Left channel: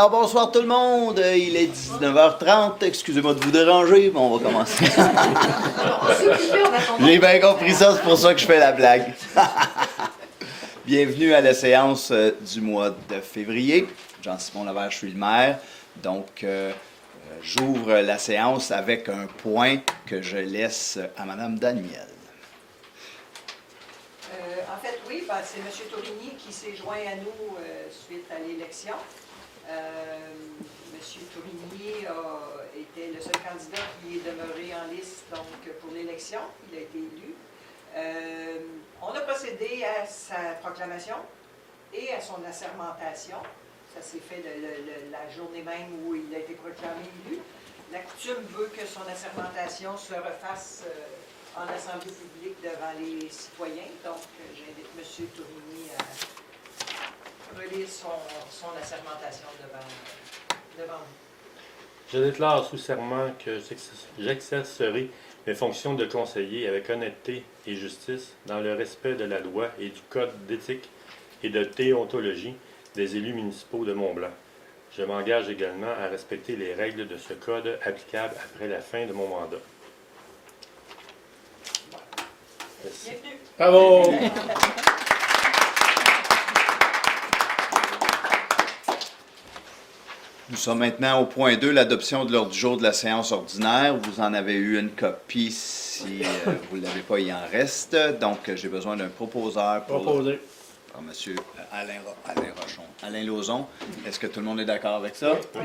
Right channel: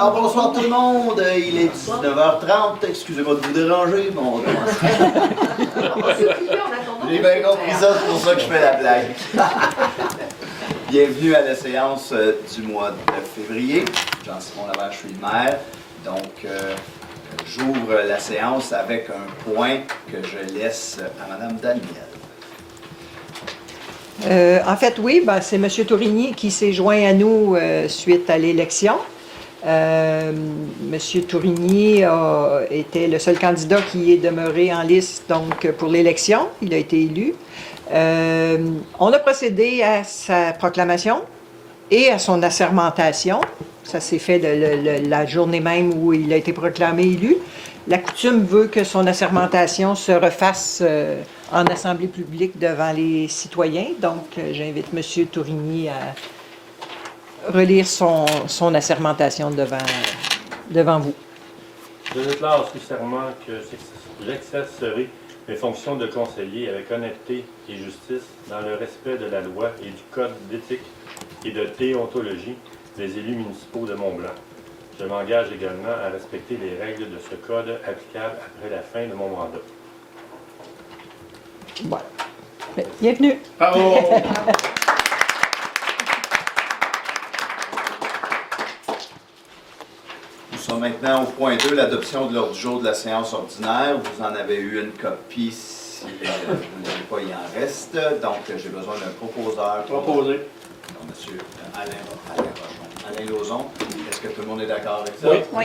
Alors bonsoir tout le monde, il est 19h30, excusez-moi de vous déranger, mais on va commencer. J'ai bien compris ça, c'est pour ça que je fais la blague. Bienvenue à la séance du mois de février. Jean-Simon Lavert, je suis le maire. Donc, j'ouvre la séance avec un point que je laisse à Mme Danielle. En fait, oui, c'est M. Tourigny qui s'est joint à nous suite à l'élection. M. Tourigny était le seul candidat qui est demeuré en liste donc, pour l'élection. Il a été élu. On a procédé à sa proclamation et à son assermentation. Ça s'est fait la journée même où il a été proclamé élu. La coutume veut que son assermentation se refasse en assemblée publique devant les citoyens. Donc, j'invite M. Tourigny à relire son assermentation devant vous. Je déclare sous serment que j'exercerai mes fonctions de conseiller avec honnêteté et justice dans le respect de la loi et du code d'éthique et de déontologie des élus municipaux de Mont-Blanc. Je m'engage également à respecter les règles de ce code applicables après la fin de mon mandat. Voilà. Bienvenue. Bravo! Nous sommes maintenant au point 2, l'adoption de l'ordre du jour de la séance ordinaire. Vous en avez eu une copie, si vous ne l'avez pas, il en reste. Donc, j'ai besoin d'un proposeur. Proposé. Monsieur Alain Lauzon. Est-ce que tout le monde est d'accord avec ça? Oui.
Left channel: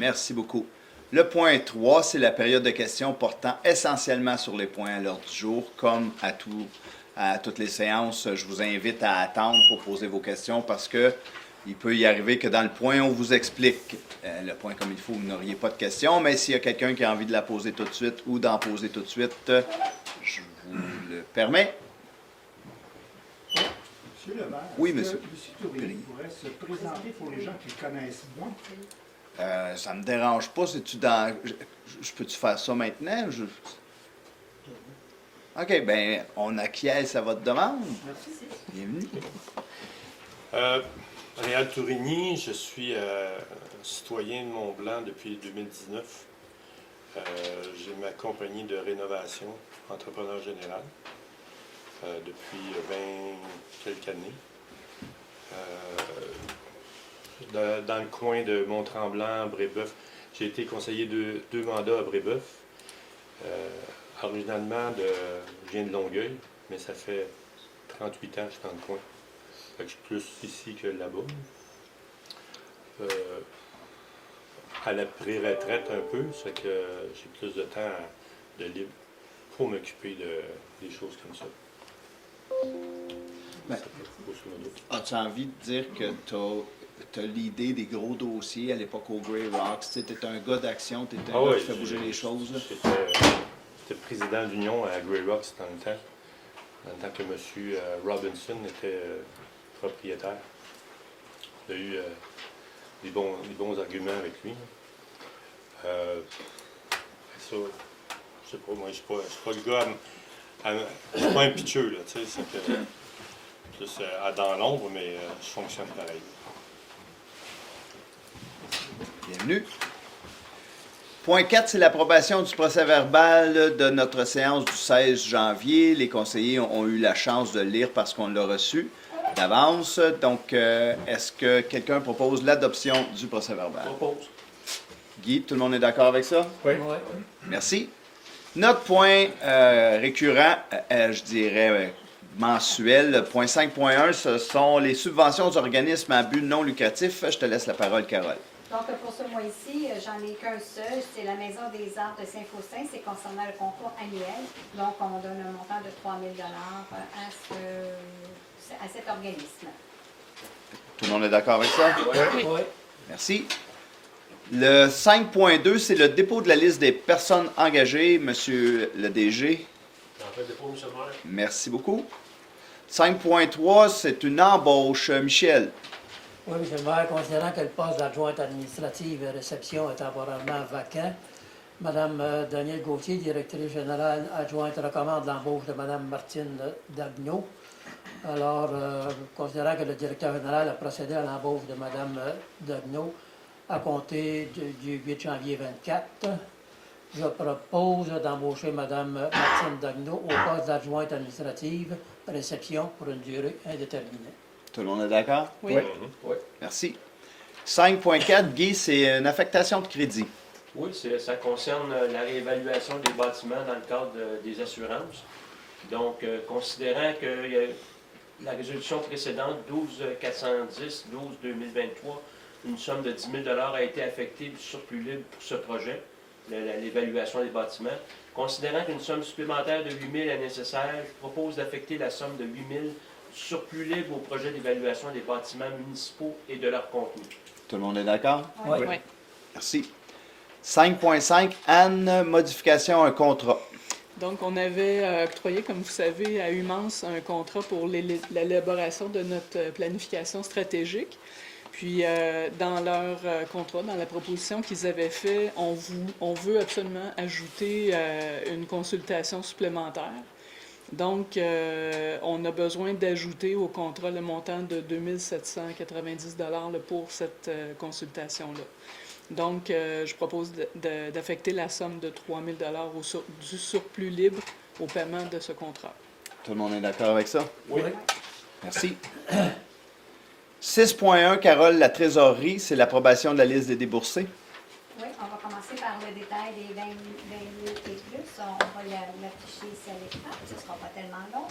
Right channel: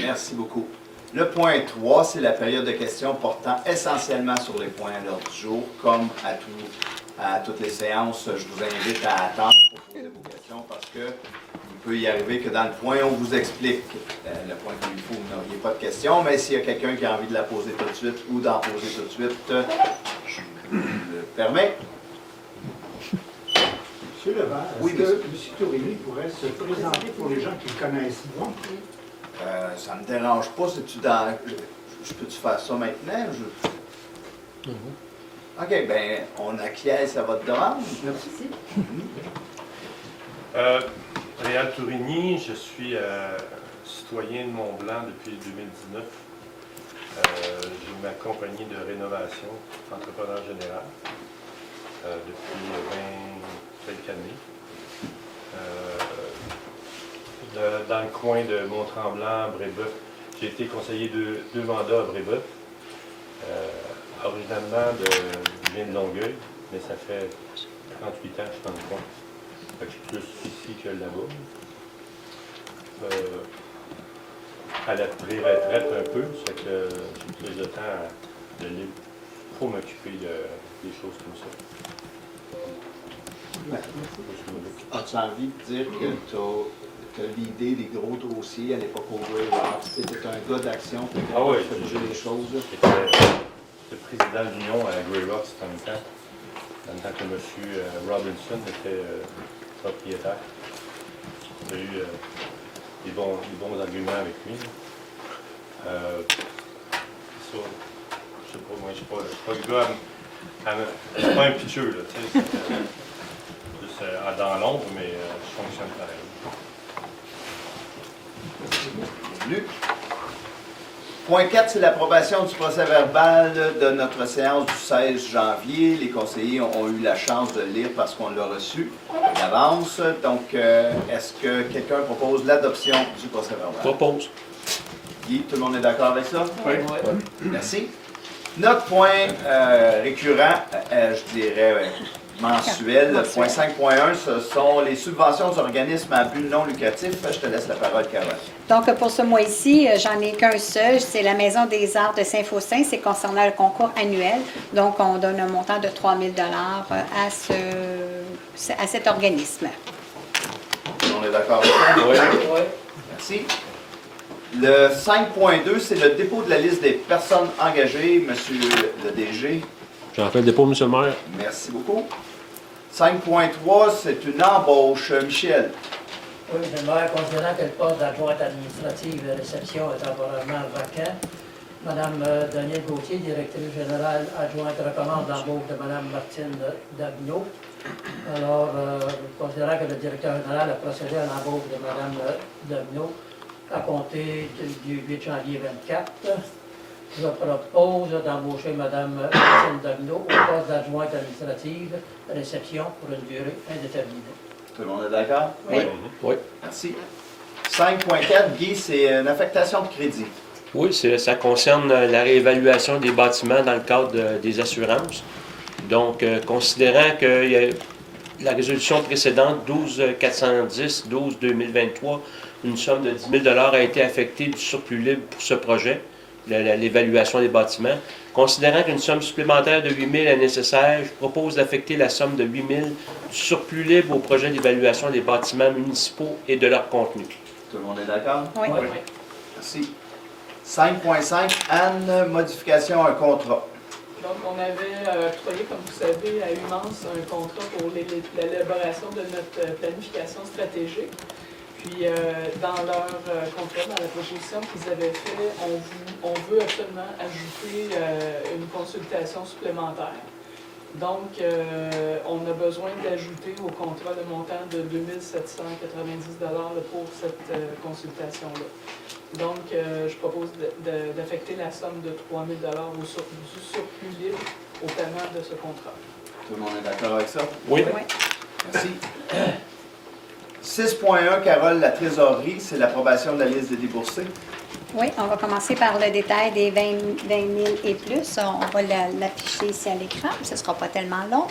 Merci beaucoup. Le point 3, c'est la période de questions portant essentiellement sur les points à l'ordre du jour. Comme à toutes les séances, je vous invite à attendre pour poser vos questions parce que il peut y arriver que dans le point, on vous explique le point comme il faut, vous n'auriez pas de questions, mais s'il y a quelqu'un qui a envie de la poser tout de suite ou d'en poser tout de suite, je vous le permets. Monsieur Levert, Oui, est-ce monsieur. que M. Tourigny pourrait se présenter pour les gens qui le connaissent moins? Ça me dérange pas. C'est-tu dans. Je peux-tu faire ça maintenant? OK, bien, on acquiesce à votre demande. Merci. Réal Tourigny, je suis citoyen de Mont-Blanc depuis 2019. J'ai ma compagnie de rénovation, entrepreneur général, depuis 20 quelques années. Dans le coin de Mont-Tremblant, Brébeuf, j'ai été conseiller deux mandats à Brébeuf. Originalement, je viens de Longueuil, mais ça fait 38 ans que je suis dans le coin. Fait que je suis plus ici que là-bas. À la pré-retraite un peu, c'est que j'ai plus de temps de libre pour m'occuper des choses comme ça. As-tu envie de dire que tu as l'idée des gros dossiers à l'époque au Grey Rocks? Tu étais un gars d'action, tu étais un gars qui fait bouger les choses. J'étais président de l'Union à Grey Rocks dans le temps que M. Robinson était propriétaire. J'ai eu des bons arguments avec lui. Ça, je sais pas, moi je suis pas le gars, je suis pas un pitcheux, là, tu sais, juste dans l'ombre, mais je fonctionne pareil. Bienvenue. Point 4, c'est l'approbation du procès-verbal de notre séance du 16 janvier. Les conseillers ont eu la chance de le lire parce qu'on l'a reçu d'avance. Donc, est-ce que quelqu'un propose l'adoption du procès-verbal? Propose. Guy, tout le monde est d'accord avec ça? Oui. Merci. Notre point récurrent, je dirais mensuel, point 5.1, ce sont les subventions aux organismes à but non lucratif. Je te laisse la parole, Carole. Donc, pour ce mois-ci, j'en ai qu'un seul. C'est la Maison des arts de Saint-Faustin. C'est concernant le concours annuel. Donc, on donne un montant de 3 000 à cet organisme. Tout le monde est d'accord avec ça? Oui. Merci. Le 5.2, c'est le dépôt de la liste des personnes engagées. Monsieur le DG. J'en fais le dépôt, M. le maire. Merci beaucoup. 5.3, c'est une embauche. Michel. Oui, M. le maire, considérant que le poste d'adjointe administrative de réception est temporairement vacant, Mme Danielle Gauthier, directrice générale adjointe, recommande l'embauche de Mme Martine Dagnot. Alors, considérant que le directeur général a procédé à l'embauche de Mme Dagnot, à compter du 8 janvier 24. Je propose d'embaucher Mme Martine Dagneault au poste d'adjointe administrative réception pour une durée indéterminée. Tout le monde est d'accord? Oui. Oui. Merci. 5.4, Guy, c'est une affectation de crédit. Oui, ça concerne la réévaluation des bâtiments dans le cadre des assurances. Donc, considérant que la résolution précédente, 12 2023, une somme de 10 000 a été affectée du surplus libre pour ce projet, l'évaluation des bâtiments. Considérant qu'une somme supplémentaire de 8 000 est nécessaire, je propose d'affecter la somme de 8 000 du surplus libre au projet d'évaluation des bâtiments municipaux et de leur contenu. Tout le monde est d'accord? Oui. Oui. Merci. 5.5, Anne, modification à un contrat. Donc, on avait octroyé, comme vous savez, à Humance un contrat pour l'élaboration de notre planification stratégique. Puis, dans leur contrat, dans la proposition qu'ils avaient fait, on veut absolument ajouter une consultation supplémentaire. Donc, on a besoin d'ajouter au contrat le montant de 2 790 pour cette consultation-là. Donc, je propose d'affecter la somme de 3 000 du surplus libre au paiement de ce contrat. Tout le monde est d'accord avec ça? Oui. Oui. Merci. 6.1, Carole, la trésorerie, c'est l'approbation de la liste des déboursés. Oui, on va commencer par le détail des 20 000 et plus. On va l'afficher ici à l'écran, ce ne sera pas tellement long.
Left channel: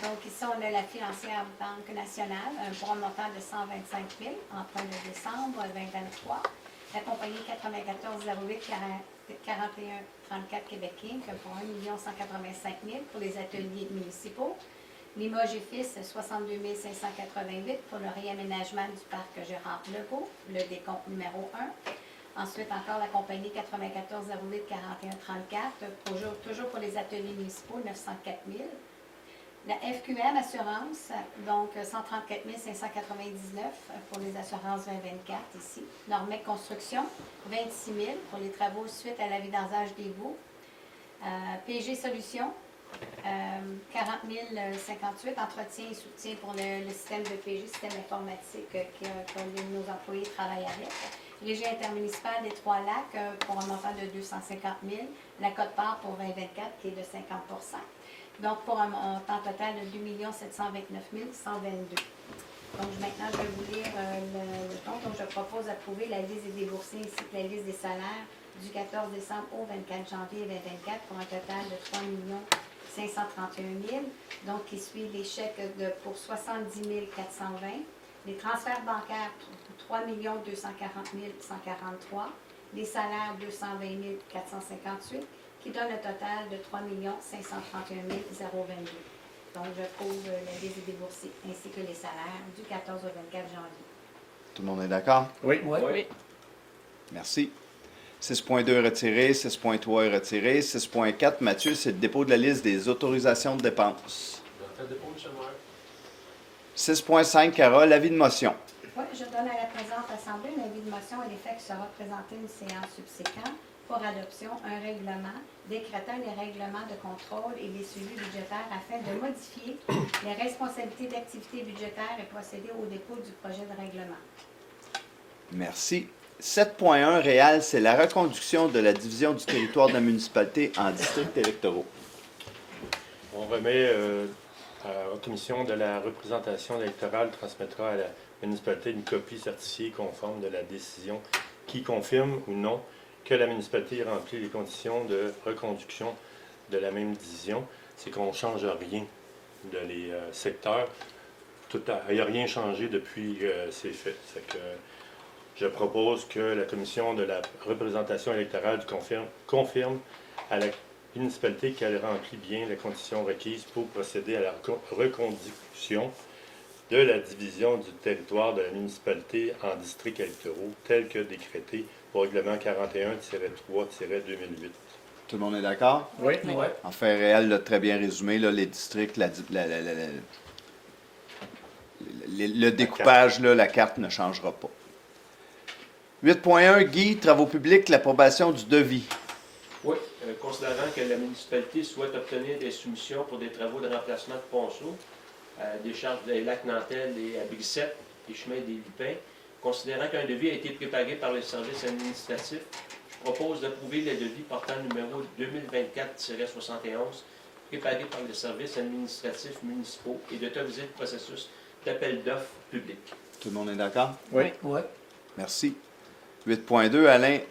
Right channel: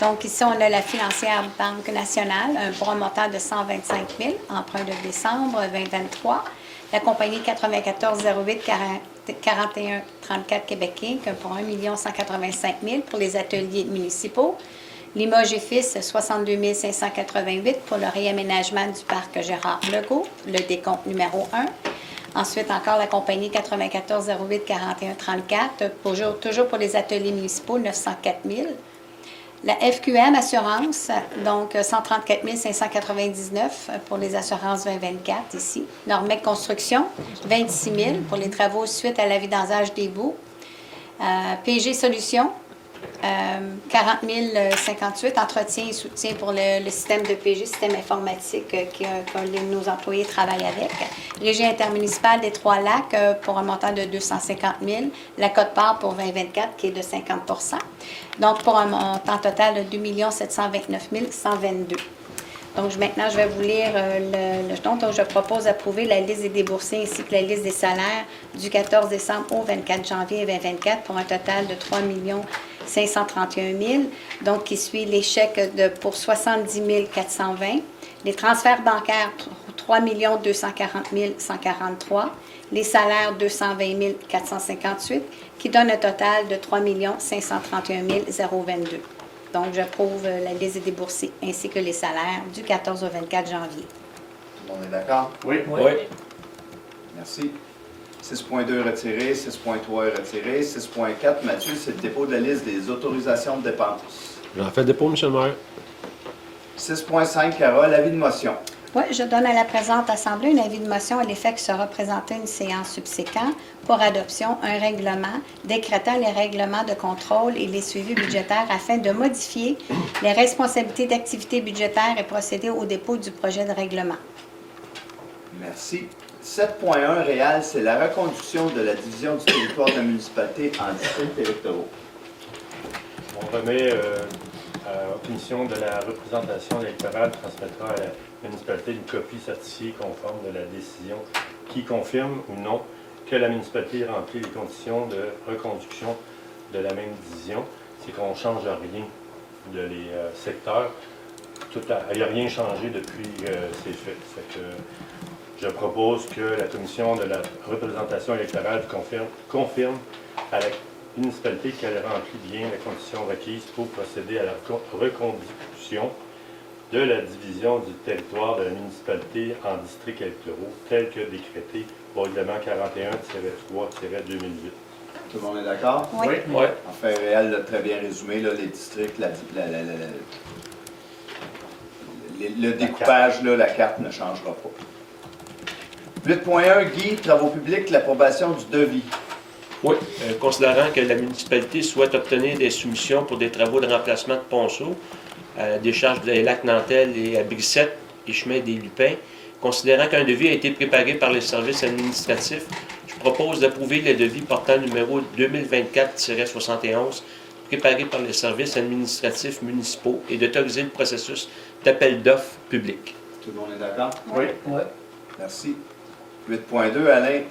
Donc ici, on a la financière Banque nationale, un montant de 125 000, emprunt de décembre 2023. La compagnie 9408 41 34 Québec Inc. pour 1 185 000 pour les ateliers municipaux. Limoges et Fils, 62 588 pour le réaménagement du parc Gérard Legault, le décompte numéro 1. Ensuite, encore la compagnie 9408 41 34, toujours pour les ateliers municipaux, 904 000. La FQM Assurance, donc 134 599 pour les assurances 2024 ici. Normec Construction, 26 000 pour les travaux suite à la vidange des boues. PG Solutions, 40 058, entretien et soutien pour le système de PG, système informatique que nos employés travaillent avec. Régie intermunicipale des Trois-Lacs pour un montant de 250 000. La cote-part pour 2024 qui est de 50 donc pour un montant total de 2 729 122. Donc maintenant, je vais vous lire le jeton. Donc, je propose d'approuver la liste des déboursés ainsi que la liste des salaires du 14 décembre au 24 janvier 2024 pour un total de 3 531 000. Donc, qui suit les chèques pour 70 420. Les transferts bancaires, 3 240 143. Les salaires, 220 458, qui donne un total de 3 531 022. Donc, j'approuve la liste des déboursés ainsi que les salaires du 14 au 24 janvier. Tout le monde est d'accord? Oui. Oui. Merci. 6.2 retiré, 6.3 est retiré. 6.4, Mathieu, c'est le dépôt de la liste des autorisations de dépenses. J'en fais dépôt, M. le maire. 6.5, Carole, avis de motion. Oui, je donne à la présente Assemblée un avis de motion à l'effet que sera présenté une séance subséquente pour adoption un règlement décrétant les règlements de contrôle et les suivis budgétaires afin de modifier les responsabilités d'activité budgétaire et procéder au dépôt du projet de règlement. Merci. 7.1, Réal, c'est la reconduction de la division du territoire de la municipalité en districts électoraux. On remet à la commission de la représentation électorale transmettra à la municipalité une copie certifiée conforme de la décision qui confirme ou non que la municipalité remplit les conditions de reconduction de la même division. C'est qu'on ne change rien de les secteurs. Il n'y a rien changé depuis ces faits. Je propose que la commission de la représentation électorale confirme à la municipalité qu'elle remplit bien les conditions requises pour procéder à la reconduction de la division du territoire de la municipalité en districts électoraux, tel que décrété au règlement 41-3-2008. Tout le monde est d'accord? Oui. Oui. Enfin, Réal l'a très bien résumé, là, les districts, le découpage, là, la carte ne changera pas. 8.1, Guy, travaux publics, l'approbation du devis. Oui. Considérant que la municipalité souhaite obtenir des soumissions pour des travaux de remplacement de ponceaux, décharge des lacs Nantel et à Brissette et chemin des Lupins, Considérant qu'un devis a été préparé par les services administratifs, je propose d'approuver le devis portant numéro 2024-71 préparé par les services administratifs municipaux et d'autoriser le processus d'appel d'offres public. Tout le monde est d'accord? Oui. Ouais. Merci. 8.2, Alain,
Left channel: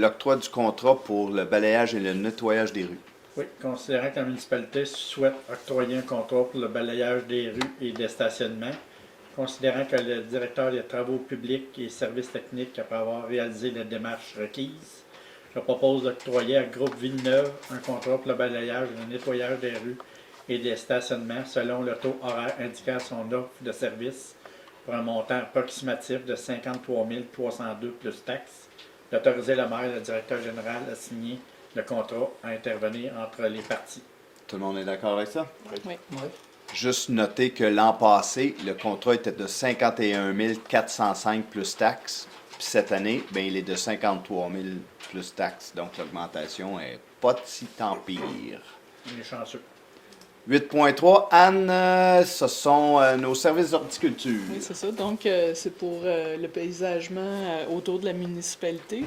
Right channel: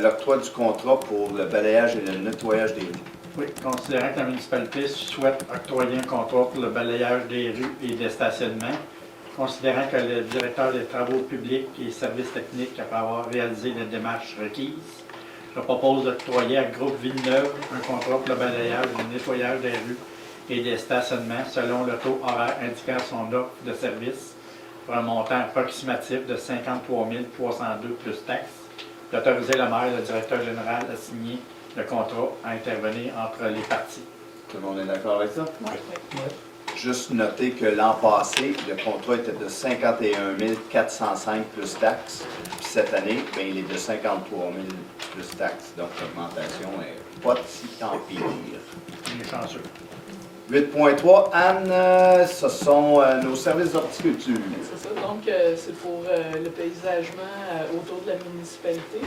l'octroi du contrat pour le balayage et le nettoyage des rues. Oui, considérant que la municipalité souhaite octroyer un contrat pour le balayage des rues et des stationnements, considérant que le directeur des travaux publics et services techniques, après avoir réalisé les démarches requises, je propose d'octroyer à Groupe Villeneuve un contrat pour le balayage et le nettoyage des rues et des stationnements selon le taux horaire indiquant son offre de service pour un montant approximatif de 53 302 plus taxes, d'autoriser le maire et le directeur général à signer le contrat à intervenir entre les parties. Tout le monde est d'accord avec ça? Oui. Juste noter que l'an passé, le contrat était de 51 405 plus taxes. Puis cette année, bien, il est de 53 000 plus taxes. Donc l'augmentation est pas si tant pire. Il est chanceux. 8.3, Anne, ce sont nos services d'horticulture. C'est ça, donc c'est pour le paysagement autour de la municipalité.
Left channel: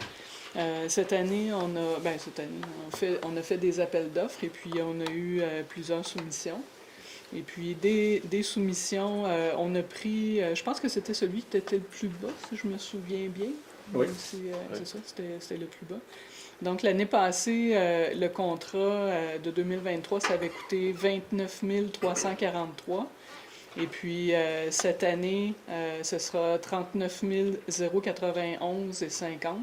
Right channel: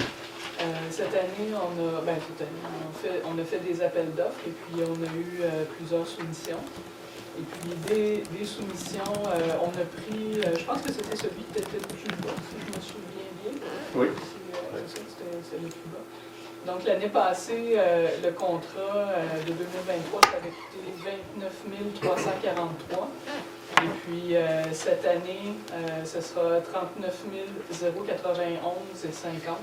Cette année, on a fait des appels d'offres et puis on a eu plusieurs soumissions. Et puis des soumissions, on a pris, je pense que c'était celui qui était le plus bas, si je me souviens bien. Oui. C'est ça, c'était le plus bas. Donc l'année passée, le contrat de 2023, ça avait coûté 29 343. Et puis cette année, ce sera 39 091 et 50.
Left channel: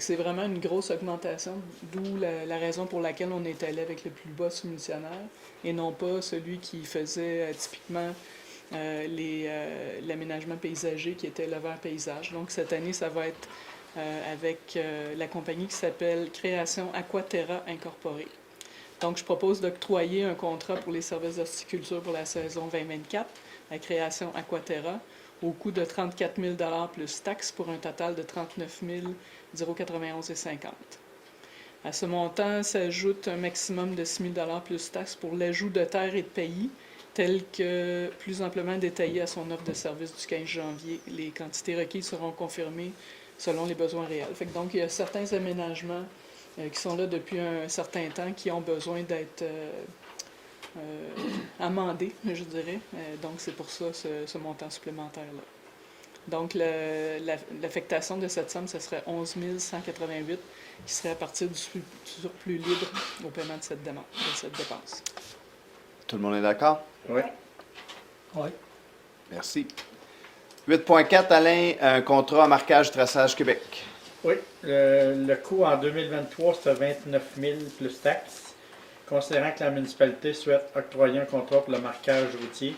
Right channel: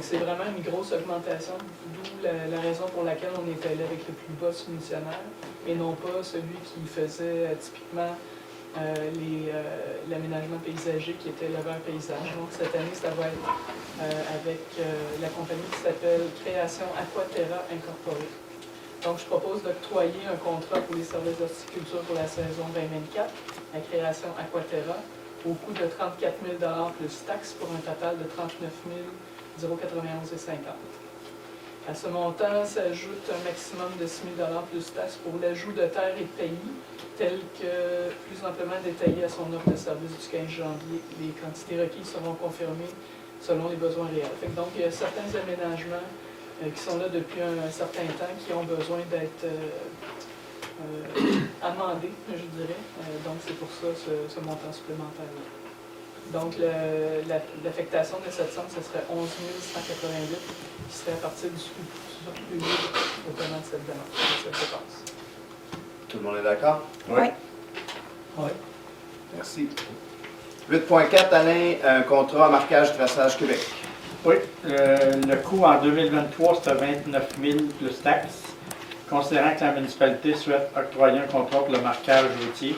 C'est vraiment une grosse augmentation, d'où la raison pour laquelle on est allé avec le plus bas soumissionnaire et non pas celui qui faisait typiquement l'aménagement paysager qui était le vert paysage. Donc cette année, ça va être avec la compagnie qui s'appelle Création Aquaterra Incorporée. Donc je propose d'octroyer un contrat pour les services d'horticulture pour la saison 2024 à Création Aquaterra au coût de 34 000 plus taxes pour un total de 39 091 et 50. À ce montant s'ajoute un maximum de 6 000 plus taxes pour l'ajout de terre et de pays, tel que plus amplement détaillé à son offre de service du 15 janvier. Les quantités requises seront confirmées selon les besoins réels. Donc, il y a certains aménagements qui sont là depuis un certain temps qui ont besoin d'être amendés, je dirais. Donc, c'est pour ça ce montant supplémentaire-là. Donc, l'affectation de cette somme, ce serait 11 188, qui serait à partir du surplus libre au paiement de cette demande, de cette dépense. Tout le monde est d'accord? Oui. Oui. Merci. 8.4, Alain, un contrat à marquage traçage Québec. Oui, le coût en 2023, c'était 29 000 plus taxes. Considérant que la municipalité souhaite octroyer un contrat pour le marquage routier,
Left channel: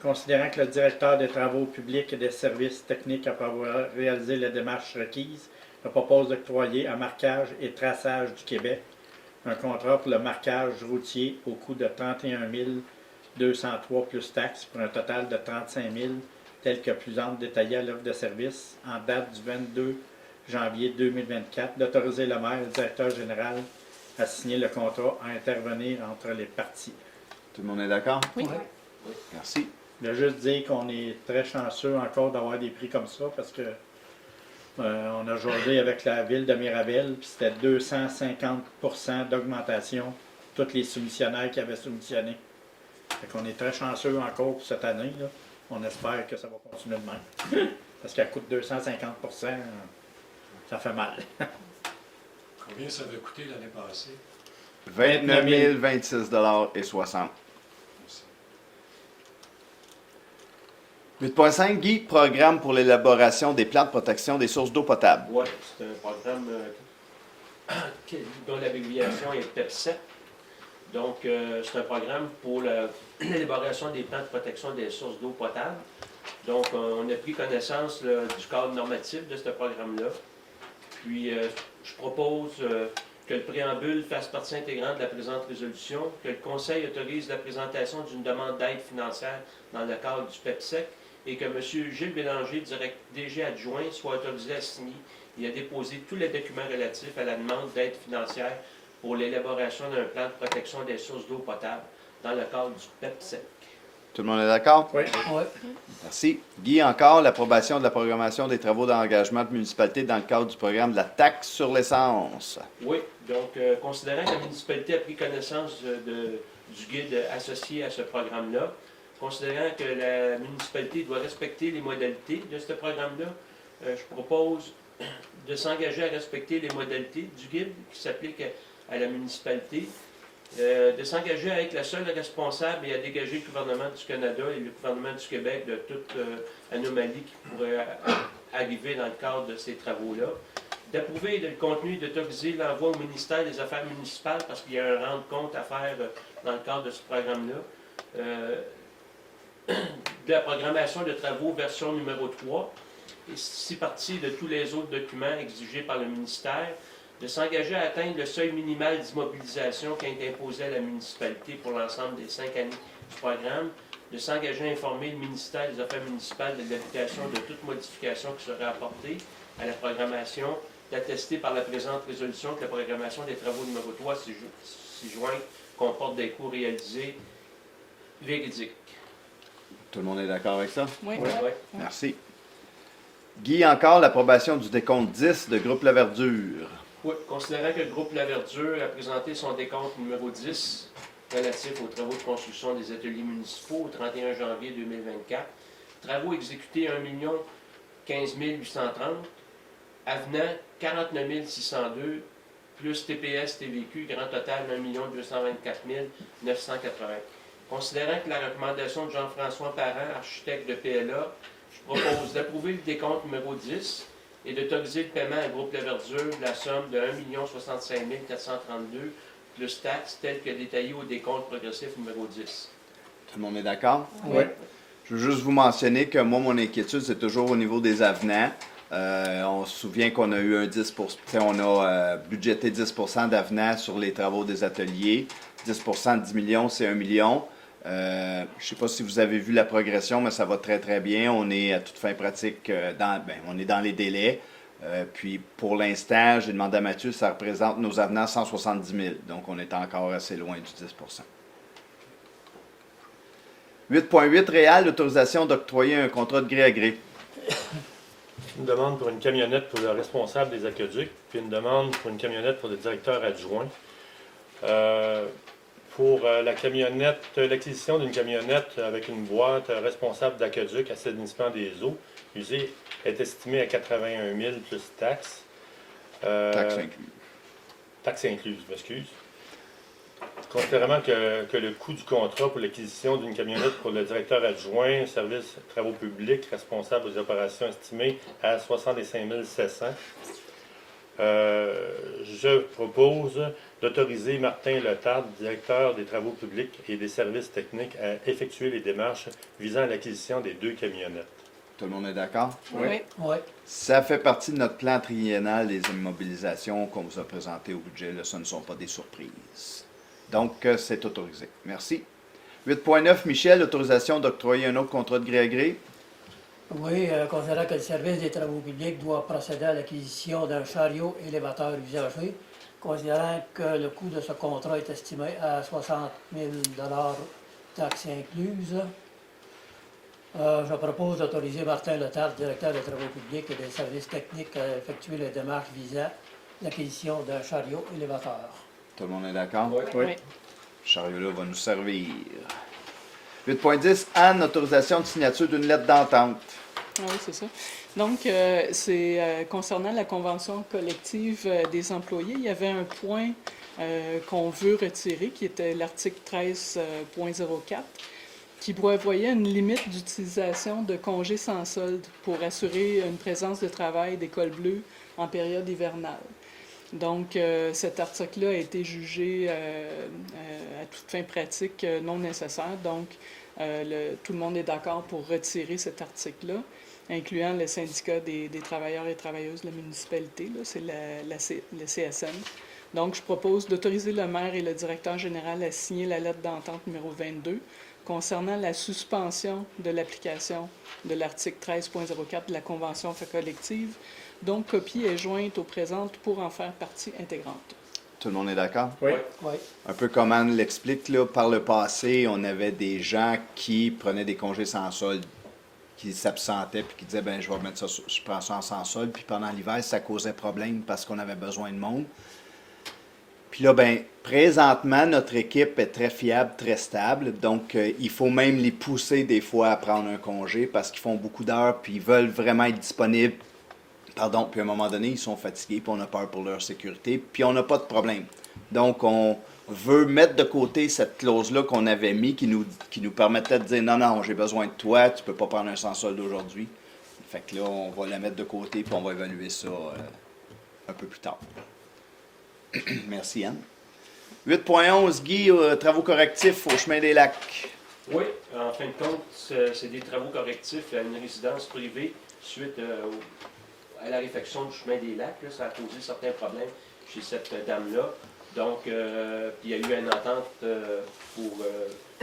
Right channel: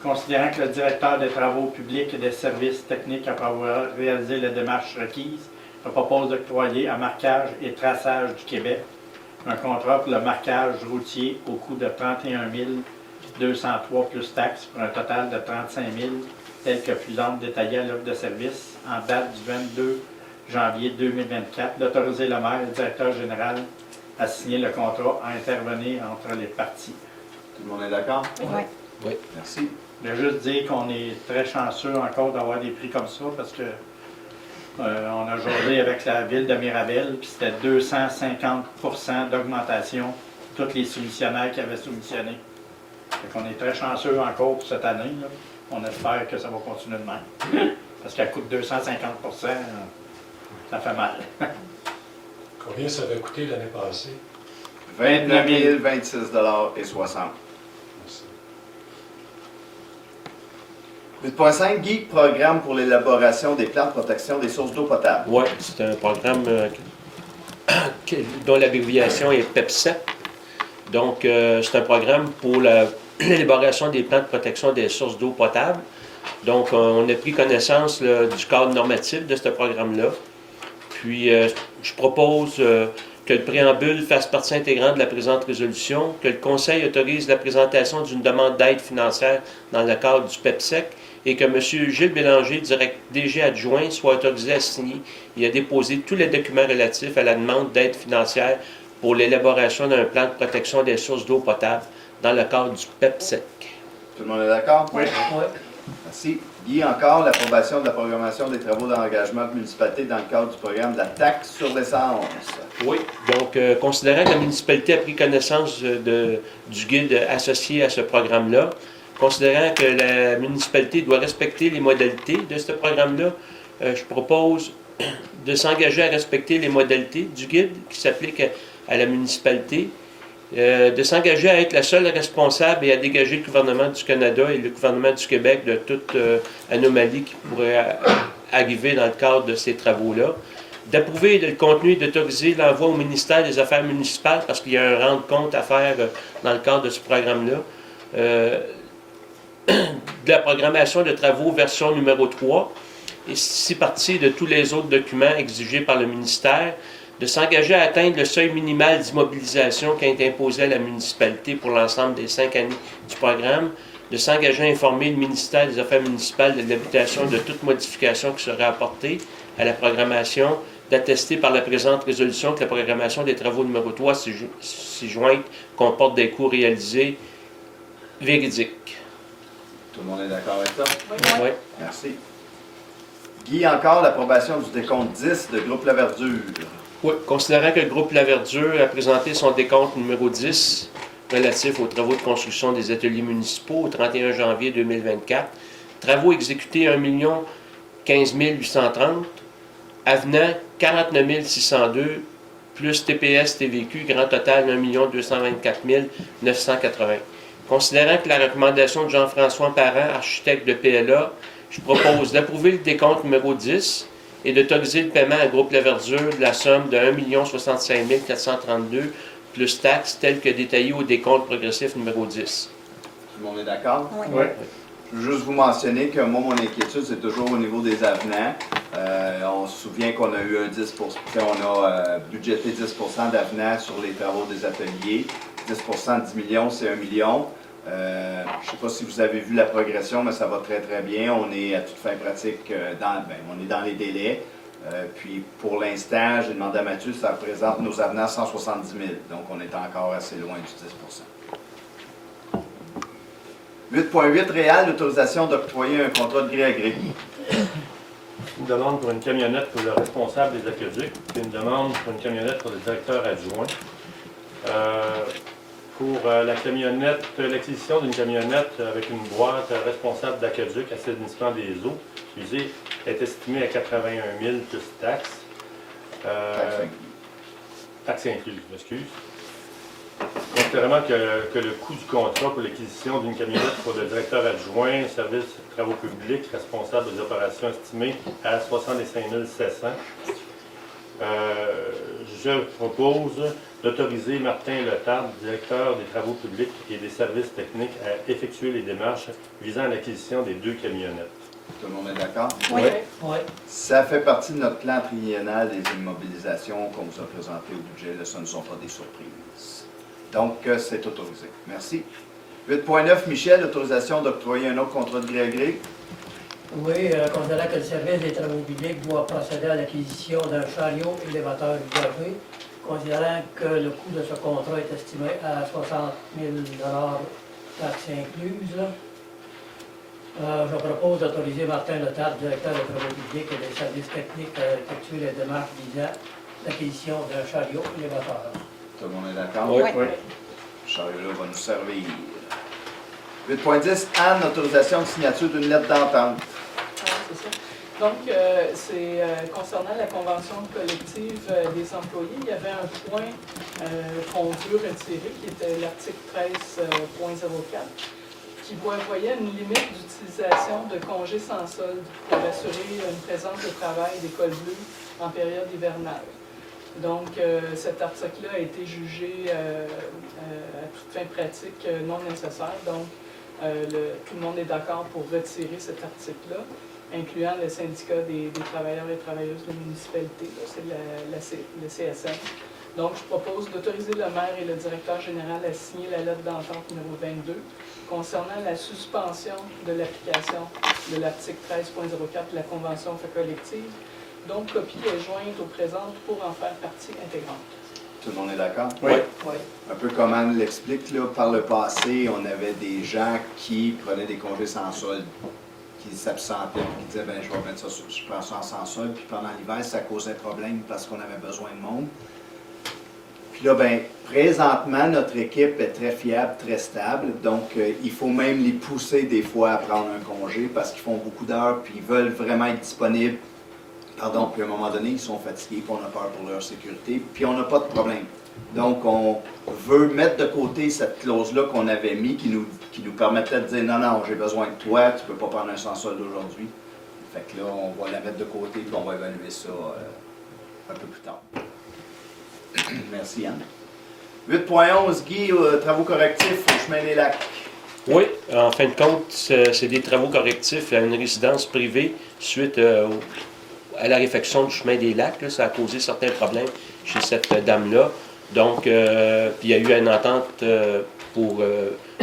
considérant que le directeur des travaux publics et des services techniques, après avoir réalisé les démarches requises, je propose d'octroyer à Marquage et Traçage du Québec un contrat pour le marquage routier au coût de 31 203 plus taxes pour un total de 35 000, tel que plus ample détaillé à l'offre de service en date du 22 janvier 2024, d'autoriser le maire et le directeur général à signer le contrat à intervenir entre les parties. Tout le monde est d'accord? Oui. Oui. Merci. Je voulais juste dire qu'on est très chanceux encore d'avoir des prix comme ça parce que on a joué avec la ville de Mirabel, puis c'était 250% d'augmentation pour tous les soumissionnaires qui avaient soumissionné. Fait qu'on est très chanceux encore pour cette année, là. On espère que ça va continuer de même. Parce qu'elle coûte 250%, ça fait mal. Combien ça avait coûté l'année passée? 29 026 et 60. Merci. 8.5, Guy, programme pour l'élaboration des plans de protection des sources d'eau potable. Oui, c'est un programme dont l'abréviation est PEPSEP. Donc, c'est un programme pour l'élaboration des plans de protection des sources d'eau potable. Donc, on a pris connaissance du cadre normatif de ce programme-là. Puis, je propose que le préambule fasse partie intégrante de la présente résolution, que le Conseil autorise la présentation d'une demande d'aide financière dans le cadre du PEPSEC et que M. Gilles Bélanger, DG adjoint, soit autorisé à signer et à déposer tous les documents relatifs à la demande d'aide financière pour l'élaboration d'un plan de protection des sources d'eau potable dans le cadre du PEPSEC. Tout le monde est d'accord? Oui. Oui. Merci. Guy, encore l'approbation de la programmation des travaux d'engagement de municipalité dans le cadre du programme de la taxe sur l'essence. Oui, donc considérant que la municipalité a pris connaissance du guide associé à ce programme-là, considérant que la municipalité doit respecter les modalités de ce programme-là, je propose de s'engager à respecter les modalités du guide qui s'applique à la municipalité, de s'engager à être la seule responsable et à dégager le gouvernement du Canada et le gouvernement du Québec de toute anomalie qui pourrait arriver dans le cadre de ces travaux-là, d'approuver le contenu et d'autoriser l'envoi au ministère des Affaires municipales parce qu'il y a un rendre compte à faire dans le cadre de ce programme-là, de la programmation de travaux version numéro 3, et si partie de tous les autres documents exigés par le ministère, de s'engager à atteindre le seuil minimal d'immobilisation qui a été imposé à la municipalité pour l'ensemble des 5 années du programme, de s'engager à informer le ministère des Affaires municipales de l'habitation de toute modification qui serait apportée à la programmation, d'attester par la présente résolution que la programmation des travaux numéro 3 ci-jointe comporte des coûts réalisés véridiques. Tout le monde est d'accord avec ça? Oui. Merci. Guy, encore l'approbation du décompte 10 de groupe La Verdure. Oui, considérant que le groupe La Verdure a présenté son décompte numéro 10 relatif aux travaux de construction des ateliers municipaux au 31 janvier 2024, travaux exécutés 1 15 830, avenant 49 602, plus TPS TVQ, grand total 1 224 980. Considérant que la recommandation de Jean-François Parent, architecte de PLA, je propose d'approuver le décompte numéro 10 et d'autoriser le paiement à Groupe La Verdure de la somme de 1 65 432 plus taxes telles que détaillées au décompte progressif numéro 10. Tout le monde est d'accord? Oui. Je veux juste vous mentionner que moi, mon inquiétude, c'est toujours au niveau des avenants. On se souvient qu'on a eu un 10 on a budgété 10 d'avenants sur les travaux des ateliers. 10 de 10 millions, c'est 1 million. Je ne sais pas si vous avez vu la progression, mais ça va très, très bien. On est à toute fin pratique, on est dans les délais. Puis, pour l'instant, j'ai demandé à Mathieu, ça représente nos avenants 170 000. Donc, on est encore assez loin du 10 8.8, réel, l'autorisation d'octroyer un contrat de gré à gré. Une demande pour une camionnette pour le responsable des aqueducs, puis une demande pour une camionnette pour le directeur adjoint. Pour la camionnette, l'acquisition d'une camionnette avec une boîte responsable d'aqueduc assainissement des eaux usées est estimée à 81 000 plus taxes. Taxes incluses, je m'excuse. Considérant que le coût du contrat pour l'acquisition d'une camionnette pour le directeur adjoint, service travaux publics, responsable des opérations estimé à 65 700, je propose d'autoriser Martin Letard, directeur des travaux publics et des services techniques, à effectuer les démarches visant à l'acquisition des 2 camionnettes. Tout le monde est d'accord? Oui. Oui. Ça fait partie de notre plan triennal des immobilisations qu'on vous a présenté au budget. Là, ce ne sont pas des surprises. Donc, c'est autorisé. Merci. 8.9, Michel, autorisation d'octroyer un autre contrat de gré à gré. Oui, considérant que le service des travaux publics doit procéder à l'acquisition d'un chariot élévateur usagé, considérant que le coût de ce contrat est estimé à 60 000 taxes incluses, je propose d'autoriser Martin Letard, directeur des travaux publics et des services techniques, à effectuer les démarches visant l'acquisition d'un chariot élévateur. Tout le monde est d'accord? Oui. Oui. Ce chariot-là va nous servir. 8.10, Anne, autorisation de signature d'une lettre d'entente. Oui, c'est ça. Donc, c'est concernant la convention collective des employés, il y avait un point qu'on veut retirer, qui était l'article 13.04, qui prévoyait une limite d'utilisation de congés sans solde pour assurer une présence de travail d'école bleue en période hivernale. Donc, cet article-là a été jugé à toute fin pratique non nécessaire. Donc, tout le monde est d'accord pour retirer cet article-là, incluant le syndicat des travailleurs et travailleuses de la municipalité, c'est le CSN. Donc, je propose d'autoriser le maire et le directeur général à signer la lettre d'entente numéro 22 concernant la suspension de l'application de l'article 13.04 de la Convention collective, dont copie est jointe au présent pour en faire partie intégrante. Tout le monde est d'accord? Oui. Oui. Un peu comme Anne l'explique, là, par le passé, on avait des gens qui prenaient des congés sans solde qui s'absentait et qui disait ben je vais mettre ça, je prends ça sans sol. Puis pendant l'hiver, ça causait problème parce qu'on avait besoin de monde. Puis là, ben, présentement, notre équipe est très fiable, très stable. Donc, il faut même les pousser des fois à prendre un congé parce qu'ils font beaucoup d'heures puis ils veulent vraiment être disponibles. Pardon, puis à un moment donné, ils sont fatigués puis on a peur pour leur sécurité. Puis on n'a pas de problème. Donc, on veut mettre de côté cette clause-là qu'on avait mis qui nous permettrait de dire non, non, j'ai besoin de toi, tu ne peux pas prendre un sans-solde aujourd'hui. Fait que là, on va la mettre de côté puis on va évaluer ça un peu plus tard. Merci, Anne. 8.11, Guy, travaux correctifs au chemin des Lacs. Oui, en fin de compte, c'est des travaux correctifs à une résidence privée suite à la réfection du chemin des Lacs. Là, ça a causé certains problèmes chez cette dame-là. Donc, puis il y a eu une entente pour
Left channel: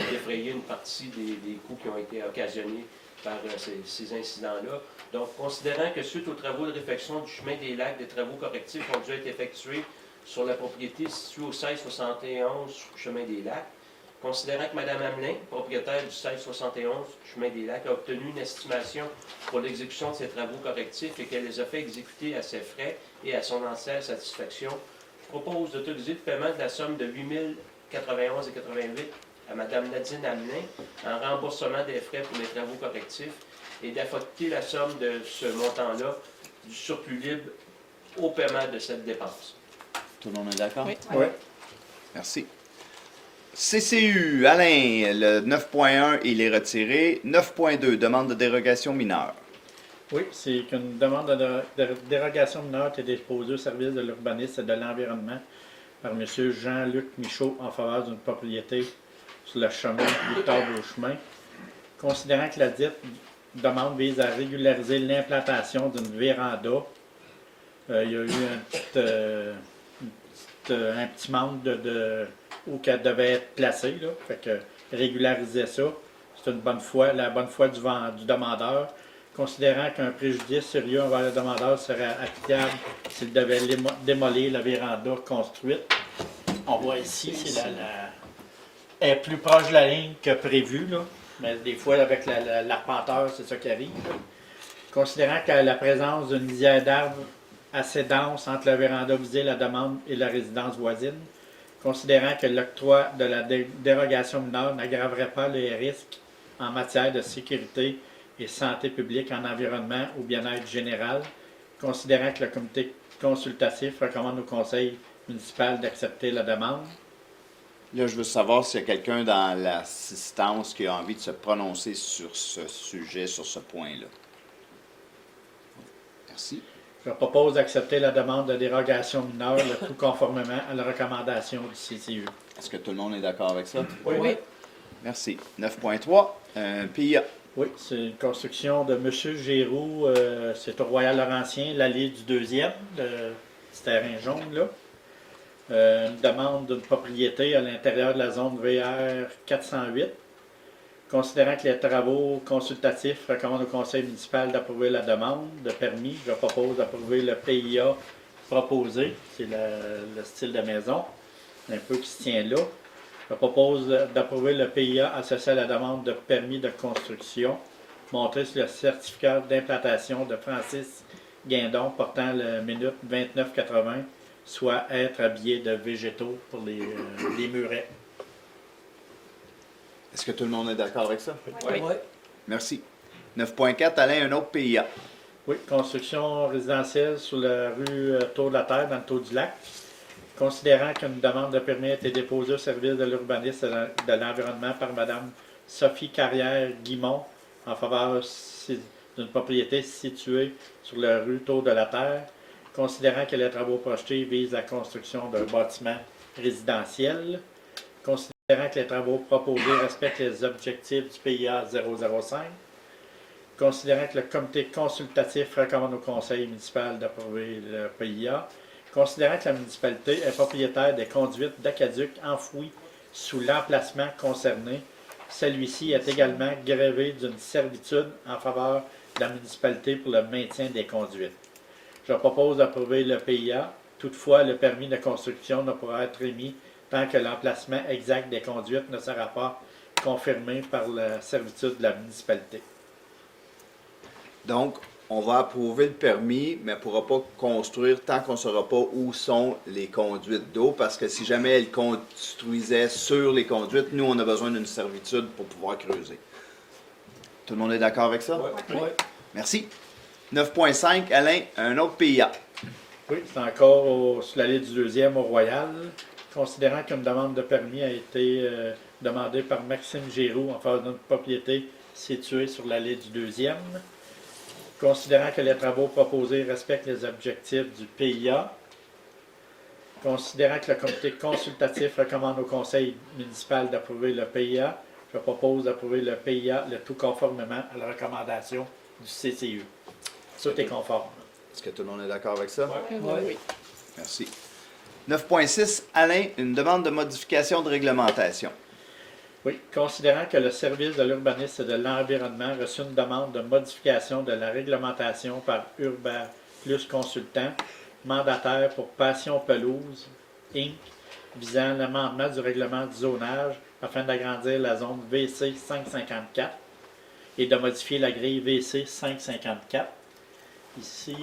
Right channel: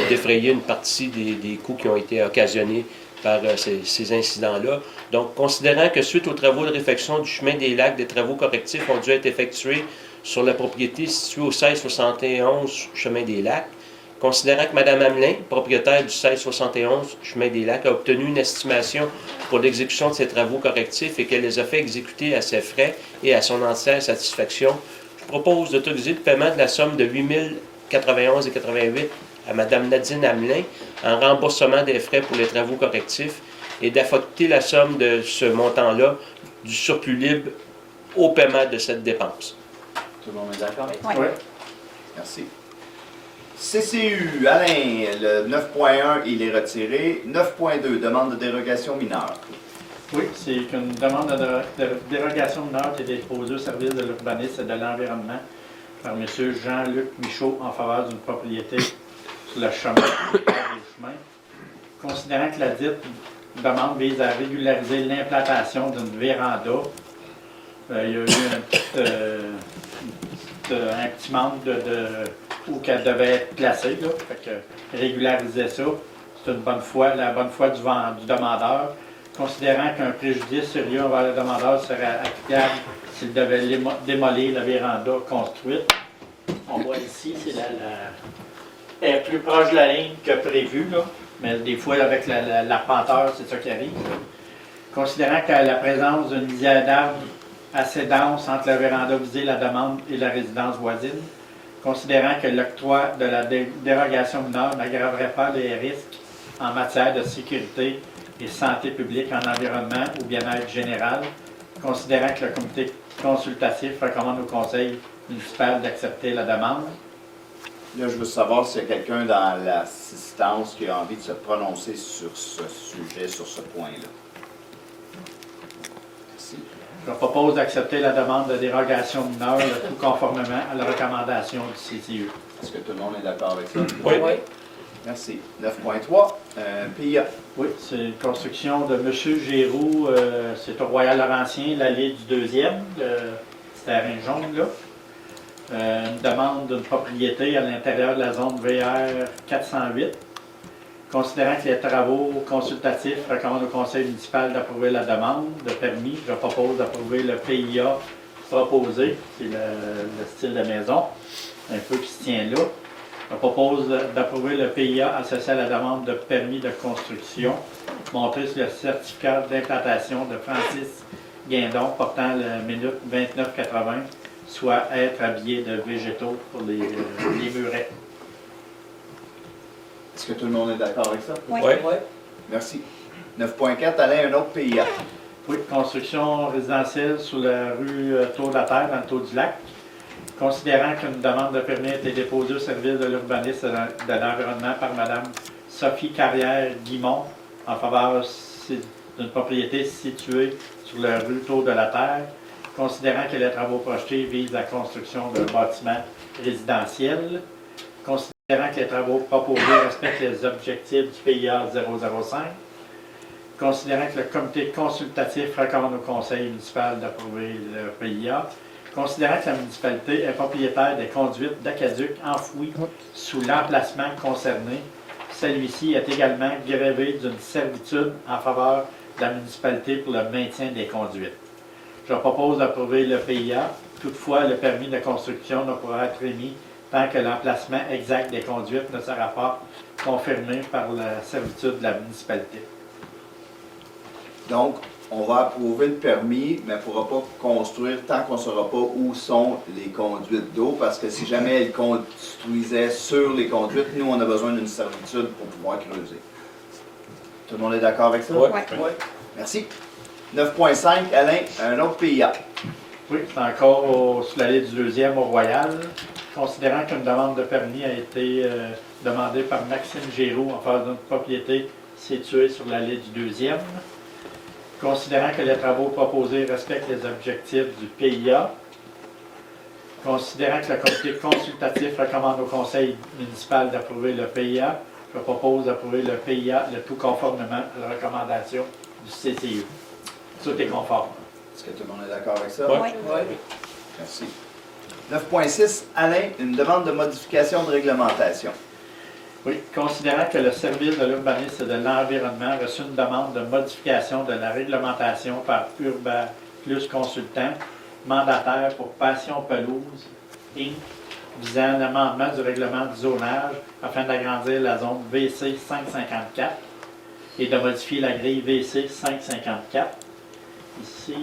défrayer une partie des coûts qui ont été occasionnés par ces incidents-là. Donc, considérant que suite aux travaux de réfection du chemin des Lacs, des travaux correctifs ont dû être effectués sur la propriété située au 1671 chemin des Lacs, considérant que Mme Hamelin, propriétaire du 1671 chemin des Lacs, a obtenu une estimation pour l'exécution de ces travaux correctifs et qu'elle les a fait exécuter à ses frais et à son entière satisfaction, je propose d'autoriser le paiement de la somme de 8 091,88 à Mme Nadine Hamelin en remboursement des frais pour les travaux correctifs et d'affecter la somme de ce montant-là du surplus libre au paiement de cette dépense. Tout le monde est d'accord? Oui. Oui. Merci. CCU, Alain, le 9.1, il est retiré. 9.2, demande de dérogation mineure. Oui, c'est qu'une demande de dérogation mineure qui est déposée au service de l'urbanisme et de l'environnement par M. Jean-Luc Michaud en faveur d'une propriété sur le chemin du port des chemins. Considérant que la dite demande vise à régulariser l'implantation d'une véranda, il y a eu un petit manque où qu'elle devait être placée. Là. Fait que régulariser ça, c'est la bonne foi du demandeur. Considérant qu'un préjudice sérieux envers le demandeur serait applicable s'il devait démolir la véranda construite. On voit ici, elle est plus proche de la ligne que prévu, là, mais des fois avec l'arpenteur, c'est ça qui arrive. Considérant qu'à la présence d'une lisière d'arbres assez dense entre la véranda visée, la demande et la résidence voisine, considérant que l'octroi de la dérogation mineure n'aggraverait pas les risques en matière de sécurité et santé publique en environnement ou bien-être général, considérant que le comité consultatif recommande au conseil municipal d'accepter la demande. Là, je veux savoir s'il y a quelqu'un dans l'assistance qui a envie de se prononcer sur ce sujet, sur ce point-là. Merci. Je propose d'accepter la demande de dérogation mineure, le tout conformément à la recommandation du CCU. Est-ce que tout le monde est d'accord avec ça? Oui. Merci. 9.3, PIA. Oui, c'est une construction de M. Giroux, c'est au Royal Laurentien, l'allée du 2e, ce terrain jaune là. Une demande d'une propriété à l'intérieur de la zone VR 408. Considérant que les travaux consultatifs recommandent au conseil municipal d'approuver la demande de permis, je propose d'approuver le PIA proposé, c'est le style de maison, un peu qui se tient là. Je propose d'approuver le PIA associé à la demande de permis de construction, montré sur le certificat d'implantation de Francis Guindon portant la minute 2980, soit être habillé de végétaux pour les murets. Est-ce que tout le monde est d'accord avec ça? Oui. Oui. Merci. 9.4, Alain, un autre PIA. Oui, construction résidentielle sur la rue Tour de la Terre, dans le Tour du Lac. Considérant qu'une demande de permis a été déposée au service de l'urbanisme et de l'environnement par Mme Sophie Carrière-Guimont en faveur d'une propriété située sur la rue Tour de la Terre, considérant que les travaux projetés visent la construction d'un bâtiment résidentiel, considérant que les travaux proposés respectent les objectifs du PIA 005, considérant que le comité consultatif recommande au conseil municipal d'approuver le PIA, considérant que la municipalité est propriétaire des conduites d'aqueduc enfouies sous l'emplacement concerné, celui-ci est également grévé d'une servitude en faveur de la municipalité pour le maintien des conduites. Je propose d'approuver le PIA. Toutefois, le permis de construction ne pourra être émis tant que l'emplacement exact des conduites ne sera pas confirmé par la servitude de la municipalité. Donc, on va approuver le permis, mais on ne pourra pas construire tant qu'on ne saura pas où sont les conduites d'eau, parce que si jamais elles construisaient sur les conduites, nous, on a besoin d'une servitude pour pouvoir creuser. Tout le monde est d'accord avec ça? Ouais. Oui. Merci. 9.5, Alain, un autre PIA. Oui, c'est encore sur l'allée du 2e au Royal. Considérant qu'une demande de permis a été demandée par Maxime Giroux en faveur d'une propriété située sur l'allée du 2e. Considérant que les travaux proposés respectent les objectifs du PIA. Considérant que le comité consultatif recommande au conseil municipal d'approuver le PIA, je propose d'approuver le PIA, le tout conformément à la recommandation du CCU. Tout est conforme. Est-ce que tout le monde est d'accord avec ça? Ouais. Oui. Merci. 9.6, Alain, une demande de modification de réglementation. Oui, considérant que le service de l'urbanisme et de l'environnement a reçu une demande de modification de la réglementation par Urba Plus Consultant, mandataire pour Passion Pelouse, Inc., visant l'amendement du règlement du zonage afin d'agrandir la zone VC 554 et de modifier la grille VC 554. Ici,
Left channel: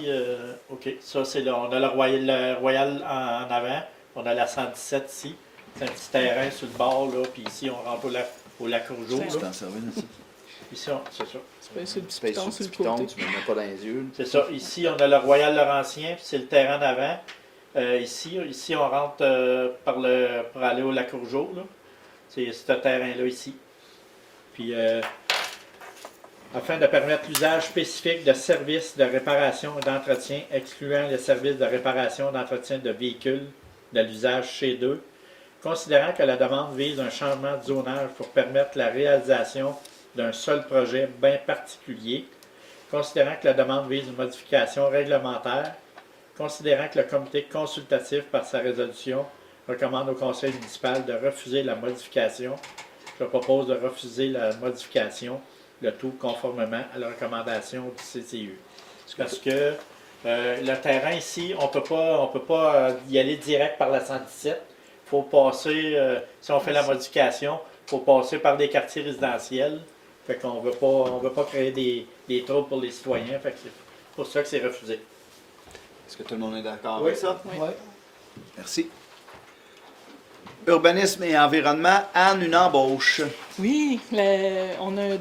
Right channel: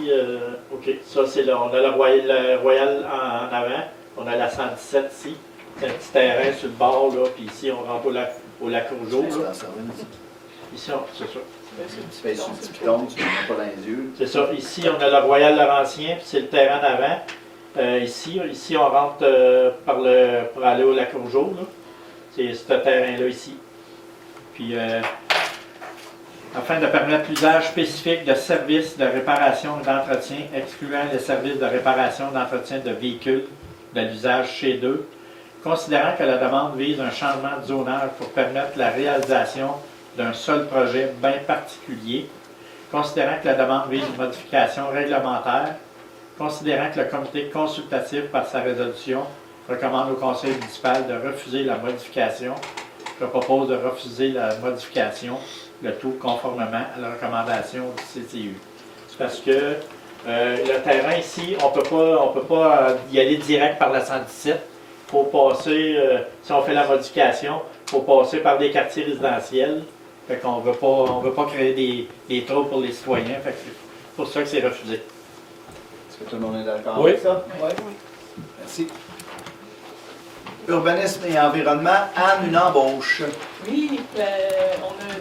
OK, ça c'est là, on a le Royal en avant, on a la 117 ici. C'est un petit terrain sur le bord, là, puis ici, on rentre au lac Rougeau. Ici, c'est ça. C'est le petit Space piton sur sur le le piton, côté. tu ne mets pas dans les yeux. C'est ça. Ici, on a le Royal Laurentien, puis c'est le terrain d'avant. Ici, on rentre pour aller au lac Rougeau, là. C'est ce terrain-là ici. Puis, afin de permettre l'usage spécifique de services de réparation et d'entretien, excluant les services de réparation et d'entretien de véhicules de l'usage chez eux, considérant que la demande vise un changement de zonage pour permettre la réalisation d'un seul projet bien particulier, considérant que la demande vise une modification réglementaire, considérant que le comité consultatif, par sa résolution, recommande au conseil municipal de refuser la modification, je propose de refuser la modification, le tout conformément à la recommandation du CCU. Parce que le terrain ici, on peut pas y aller direct par la 117. Il faut passer, si on fait la modification, il faut passer par des quartiers résidentiels. Fait qu'on veut pas créer des troubles pour les citoyens. Fait que c'est pour ça que c'est refusé. Est-ce que tout le monde est d'accord Oui. avec ça? Oui. Merci. Urbanisme et environnement, Anne, une embauche. Oui, on a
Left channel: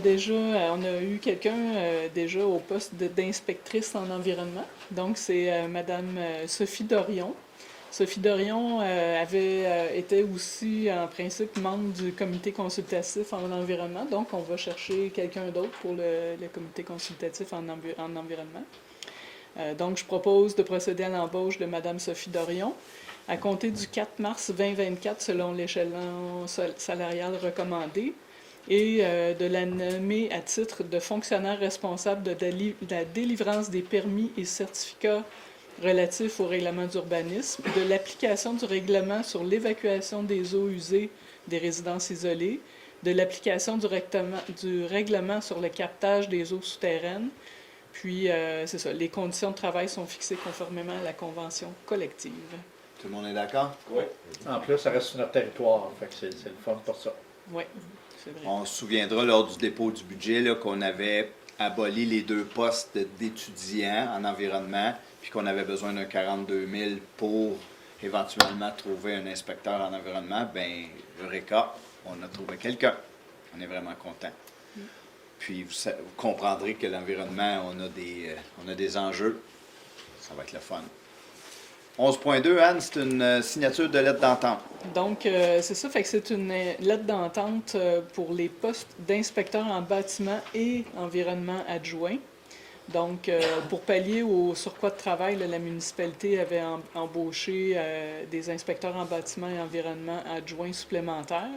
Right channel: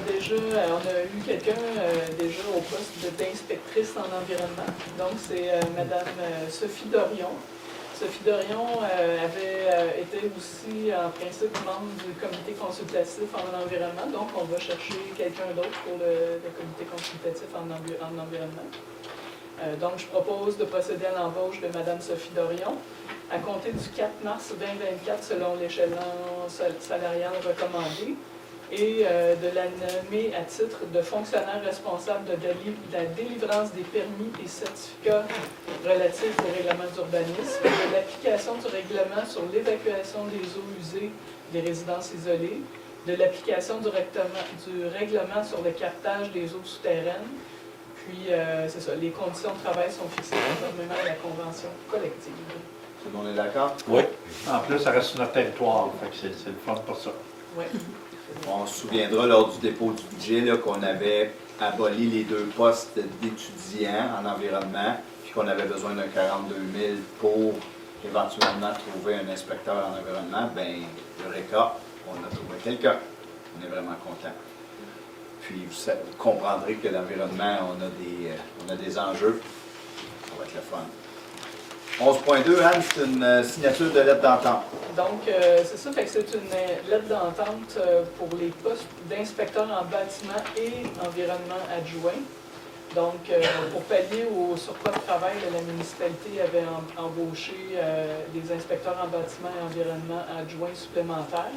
eu quelqu'un déjà au poste d'inspectrice en environnement. Donc, c'est Madame Sophie Dorion. Sophie Dorion avait été aussi, en principe, membre du comité consultatif en environnement. Donc, on va chercher quelqu'un d'autre pour le comité consultatif en environnement. Donc, je propose de procéder à l'embauche de Madame Sophie Dorion à compter du 4 mars 2024 selon l'échelon salarial recommandé et de la nommer à titre de fonctionnaire responsable de la délivrance des permis et certificats relatifs au règlement d'urbanisme, de l'application du règlement sur l'évacuation des eaux usées des résidences isolées, de l'application du règlement sur le captage des eaux souterraines. Puis, c'est ça, les conditions de travail sont fixées conformément à la convention collective. Tout le monde est d'accord? Oui. En plus, ça reste sur notre territoire. Fait que c'est le fun pour ça. Oui. On se souviendra lors du dépôt du budget là, qu'on avait aboli les 2 postes d'étudiants en environnement, puis qu'on avait besoin de 42 000 pour éventuellement trouver un inspecteur en environnement. Bien, Eureka, on a trouvé quelqu'un. On est vraiment content. Puis vous comprendrez que l'environnement, on a des enjeux. Ça va être le fun. 11.2, Anne, c'est une signature de lettre d'entente. Donc, c'est ça, fait que c'est une lettre d'entente pour les postes d'inspecteurs en bâtiment et environnement adjoint. Donc, pour pallier au surcroît de travail, la municipalité avait embauché des inspecteurs en bâtiment et environnement adjoints supplémentaires.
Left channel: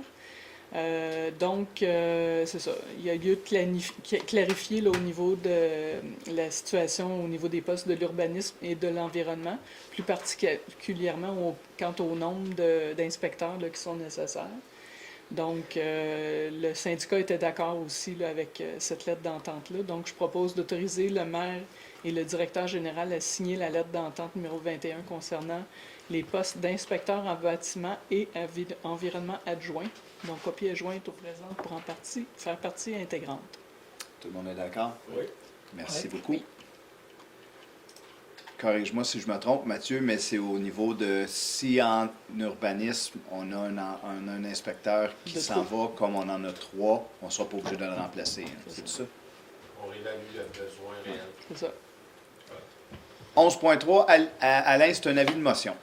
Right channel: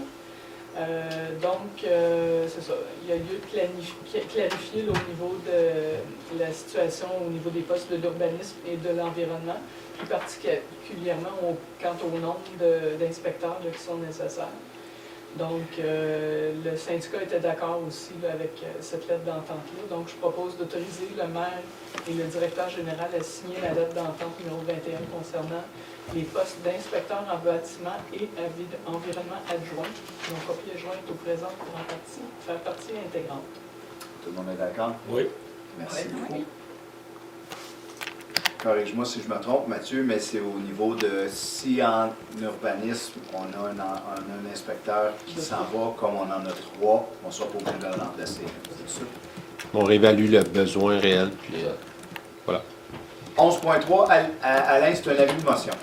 C'est ça. Il y a lieu de clarifier là, au niveau de la situation, au niveau des postes de l'urbanisme et de l'environnement, plus particulièrement quant au nombre d'inspecteurs qui sont nécessaires. Donc, le syndicat était d'accord aussi là, avec cette lettre d'entente-là. Donc, je propose d'autoriser le maire et le directeur général à signer la lettre d'entente numéro 21 concernant les postes d'inspecteurs en bâtiment et environnement adjoint. Donc, copie adjointe au présent pour faire partie intégrante. Tout le monde est d'accord? Oui. Merci Oui. beaucoup. Corrige-moi si je me trompe, Mathieu, mais c'est au niveau de si en urbanisme, on a un inspecteur qui s'en va, comme on en a 3, on ne sera pas obligé de le remplacer. C'est ça. On réévalue le besoin réel. Puis, 11.3, Alain, c'est un avis de motion.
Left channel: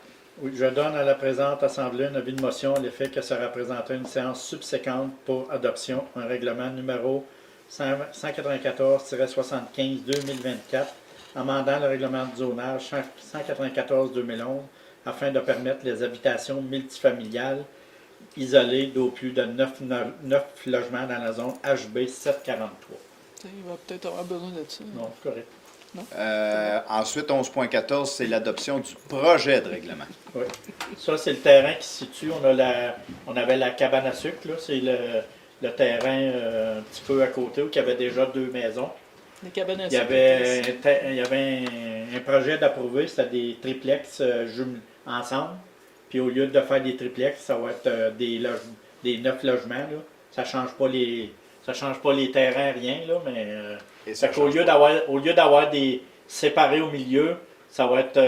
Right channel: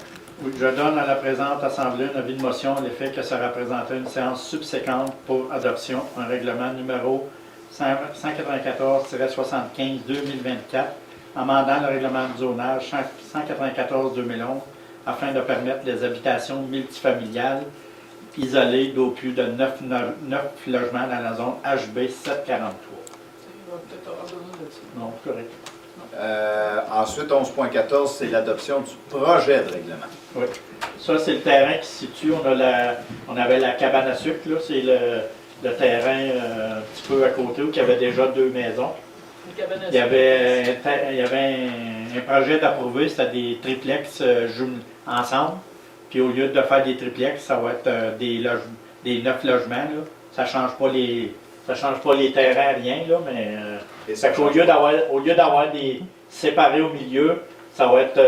Oui, je donne à la présente Assemblée un avis de motion l'effet que ça représentait une séance subséquente pour adoption, un règlement numéro 194-75-2024, amendant le règlement de zonage 194-2011 afin de permettre les habitations multifamiliales isolées d'au plus de 9 logements dans la zone HB 743. Il va peut-être avoir besoin de ça. Non, c'est correct. Ensuite, 11.14, c'est l'adoption du projet de règlement. Oui. Ça, c'est le terrain qui se situe. On avait la cabane à sucre, là. C'est le terrain un petit peu à côté où il y avait déjà 2 maisons. Une cabane à Il y avait un projet d'approuver, c'était des triplex ensemble. Puis au lieu de faire des triplex, ça va être des 9 logements. Là. Ça ne change pas les terrains, rien, là, mais Et fait ça qu'au lieu d'avoir des séparés au milieu, ça va être,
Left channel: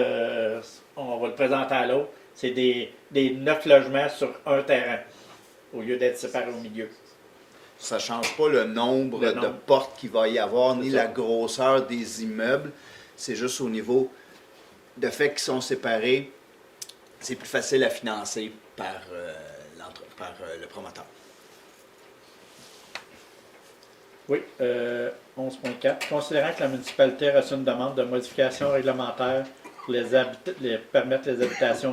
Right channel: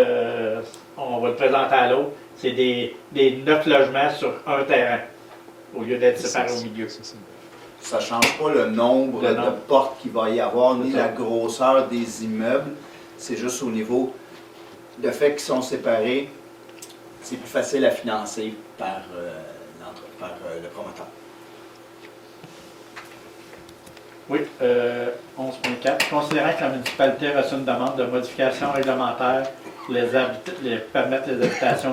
on va le présenter à l'autre, c'est des 9 logements sur un terrain, au lieu d'être séparés au milieu. Ça ne change pas le nombre de portes qu'il va y avoir, ni la grosseur des immeubles. C'est juste au niveau de fait qu'ils sont séparés, c'est plus facile à financer par le promoteur. Oui, 11.4. Considérant que la municipalité a reçu une demande de modification réglementaire pour permettre les habitations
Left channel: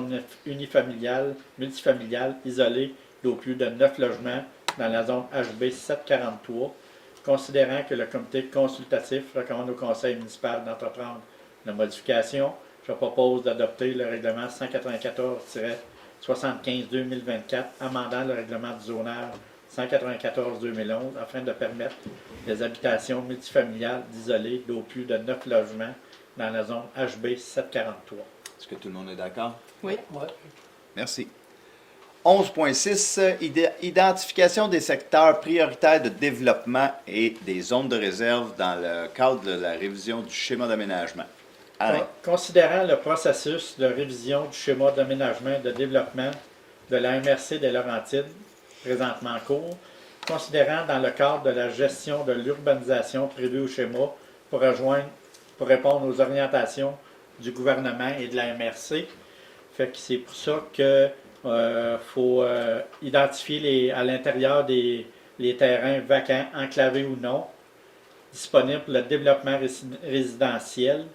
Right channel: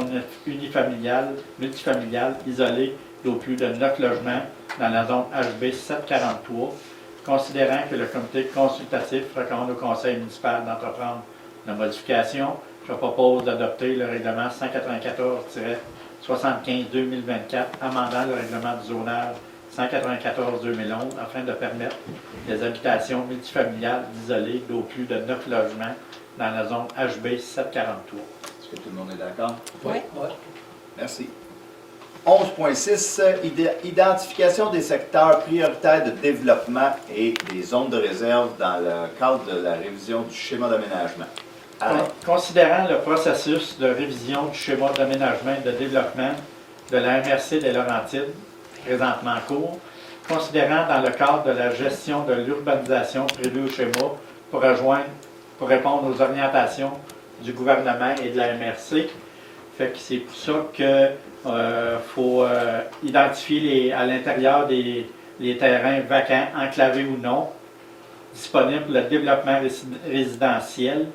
multifamiliales isolées d'au plus de 9 logements dans la zone HB 743, considérant que le comité consultatif recommande au conseil municipal d'entreprendre la modification, je propose d'adopter le règlement 194-75-2024, amendant le règlement du zonage 194-2011 afin de permettre des habitations multifamiliales isolées d'au plus de 9 logements dans la zone HB 743. Est-ce que tout le monde est d'accord? Oui. Ouais. Merci. 11.6, identification des secteurs prioritaires de développement et des zones de réserve dans le cadre de la révision du schéma d'aménagement. Alain. Considérant le processus de révision du schéma d'aménagement et de développement de la MRC des Laurentides, présentement en cours, considérant dans le cadre de la gestion de l'urbanisation prévue au schéma pour répondre aux orientations du gouvernement et de la MRC. Fait que c'est pour ça que faut identifier à l'intérieur les terrains vacants, enclavés ou non, disponibles pour le développement résidentiel.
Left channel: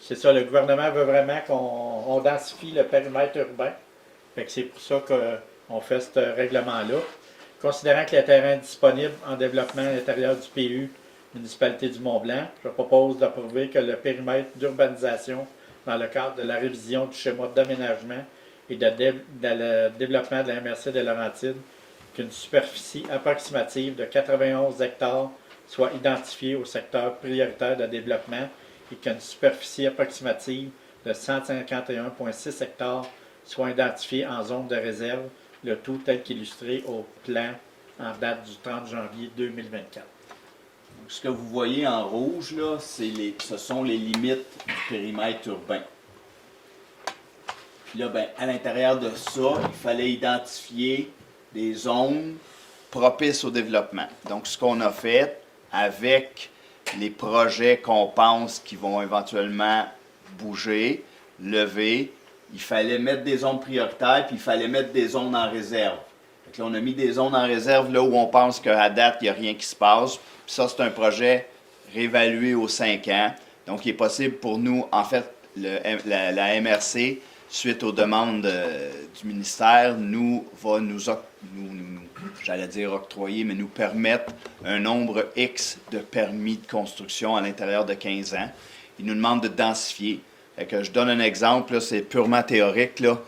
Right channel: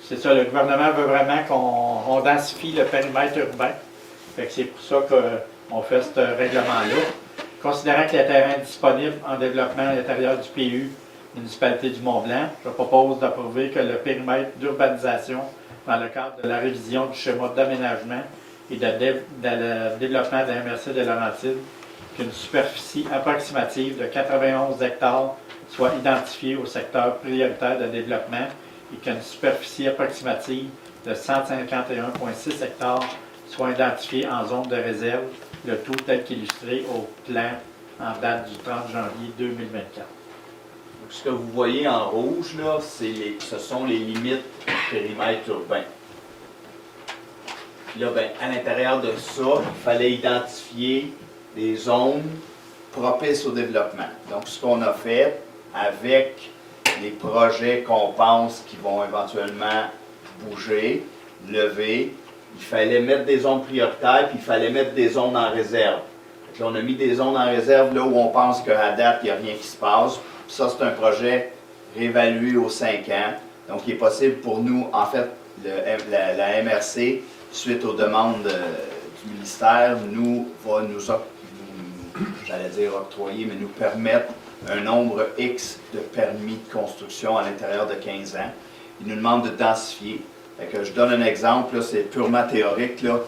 C'est ça, le gouvernement veut vraiment qu'on densifie le périmètre urbain. Fait que c'est pour ça qu'on fait ce règlement-là. Considérant que les terrains disponibles en développement à l'intérieur du PU, municipalité du Mont-Blanc, je propose d'approuver que le périmètre d'urbanisation dans le cadre de la révision du schéma d'aménagement et de développement de la MRC des Laurentides, qu'une superficie approximative de 91 hectares soit identifiée au secteur prioritaire de développement et qu'une superficie approximative de 151,6 hectares soit identifiée en zone de réserve, le tout tel qu'illustré au plan en date du 30 janvier 2024. Donc, ce que vous voyez en rouge, là, ce sont les limites du périmètre urbain. Puis là, ben, à l'intérieur de ça, il fallait identifier des zones propices au développement. Donc, ce qu'on a fait avec les projets qu'on pense qui vont éventuellement bouger, lever, il fallait mettre des zones prioritaires, puis il fallait mettre des zones en réserve. Donc là, on a mis des zones en réserve là où on pense qu'à date, il n'y a rien qui se passe. Puis ça, c'est un projet réévalué aux 5 ans. Donc, il est possible pour nous, en fait, la MRC, suite aux demandes du ministère, va nous j'allais dire octroyer, mais nous permettre un nombre X de permis de construction à l'intérieur de 15 ans. Il nous demande de densifier. Fait que je donne un exemple, c'est purement théorique. Là.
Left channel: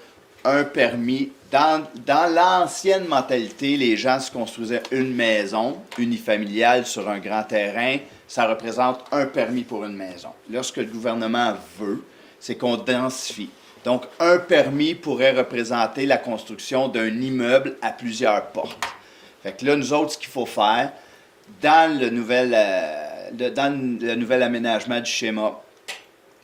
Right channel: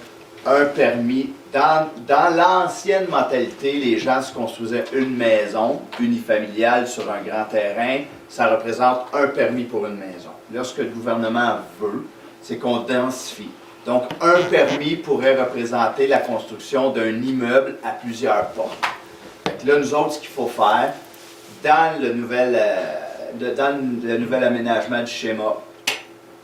Un permis, dans l'ancienne mentalité, les gens se construisaient une maison unifamiliale sur un grand terrain. Ça représente un permis pour une maison. Là, ce que le gouvernement veut, c'est qu'on densifie. Donc, un permis pourrait représenter la construction d'un immeuble à plusieurs portes. Fait que là, nous autres, ce qu'il faut faire, dans le dans le nouvel aménagement du schéma,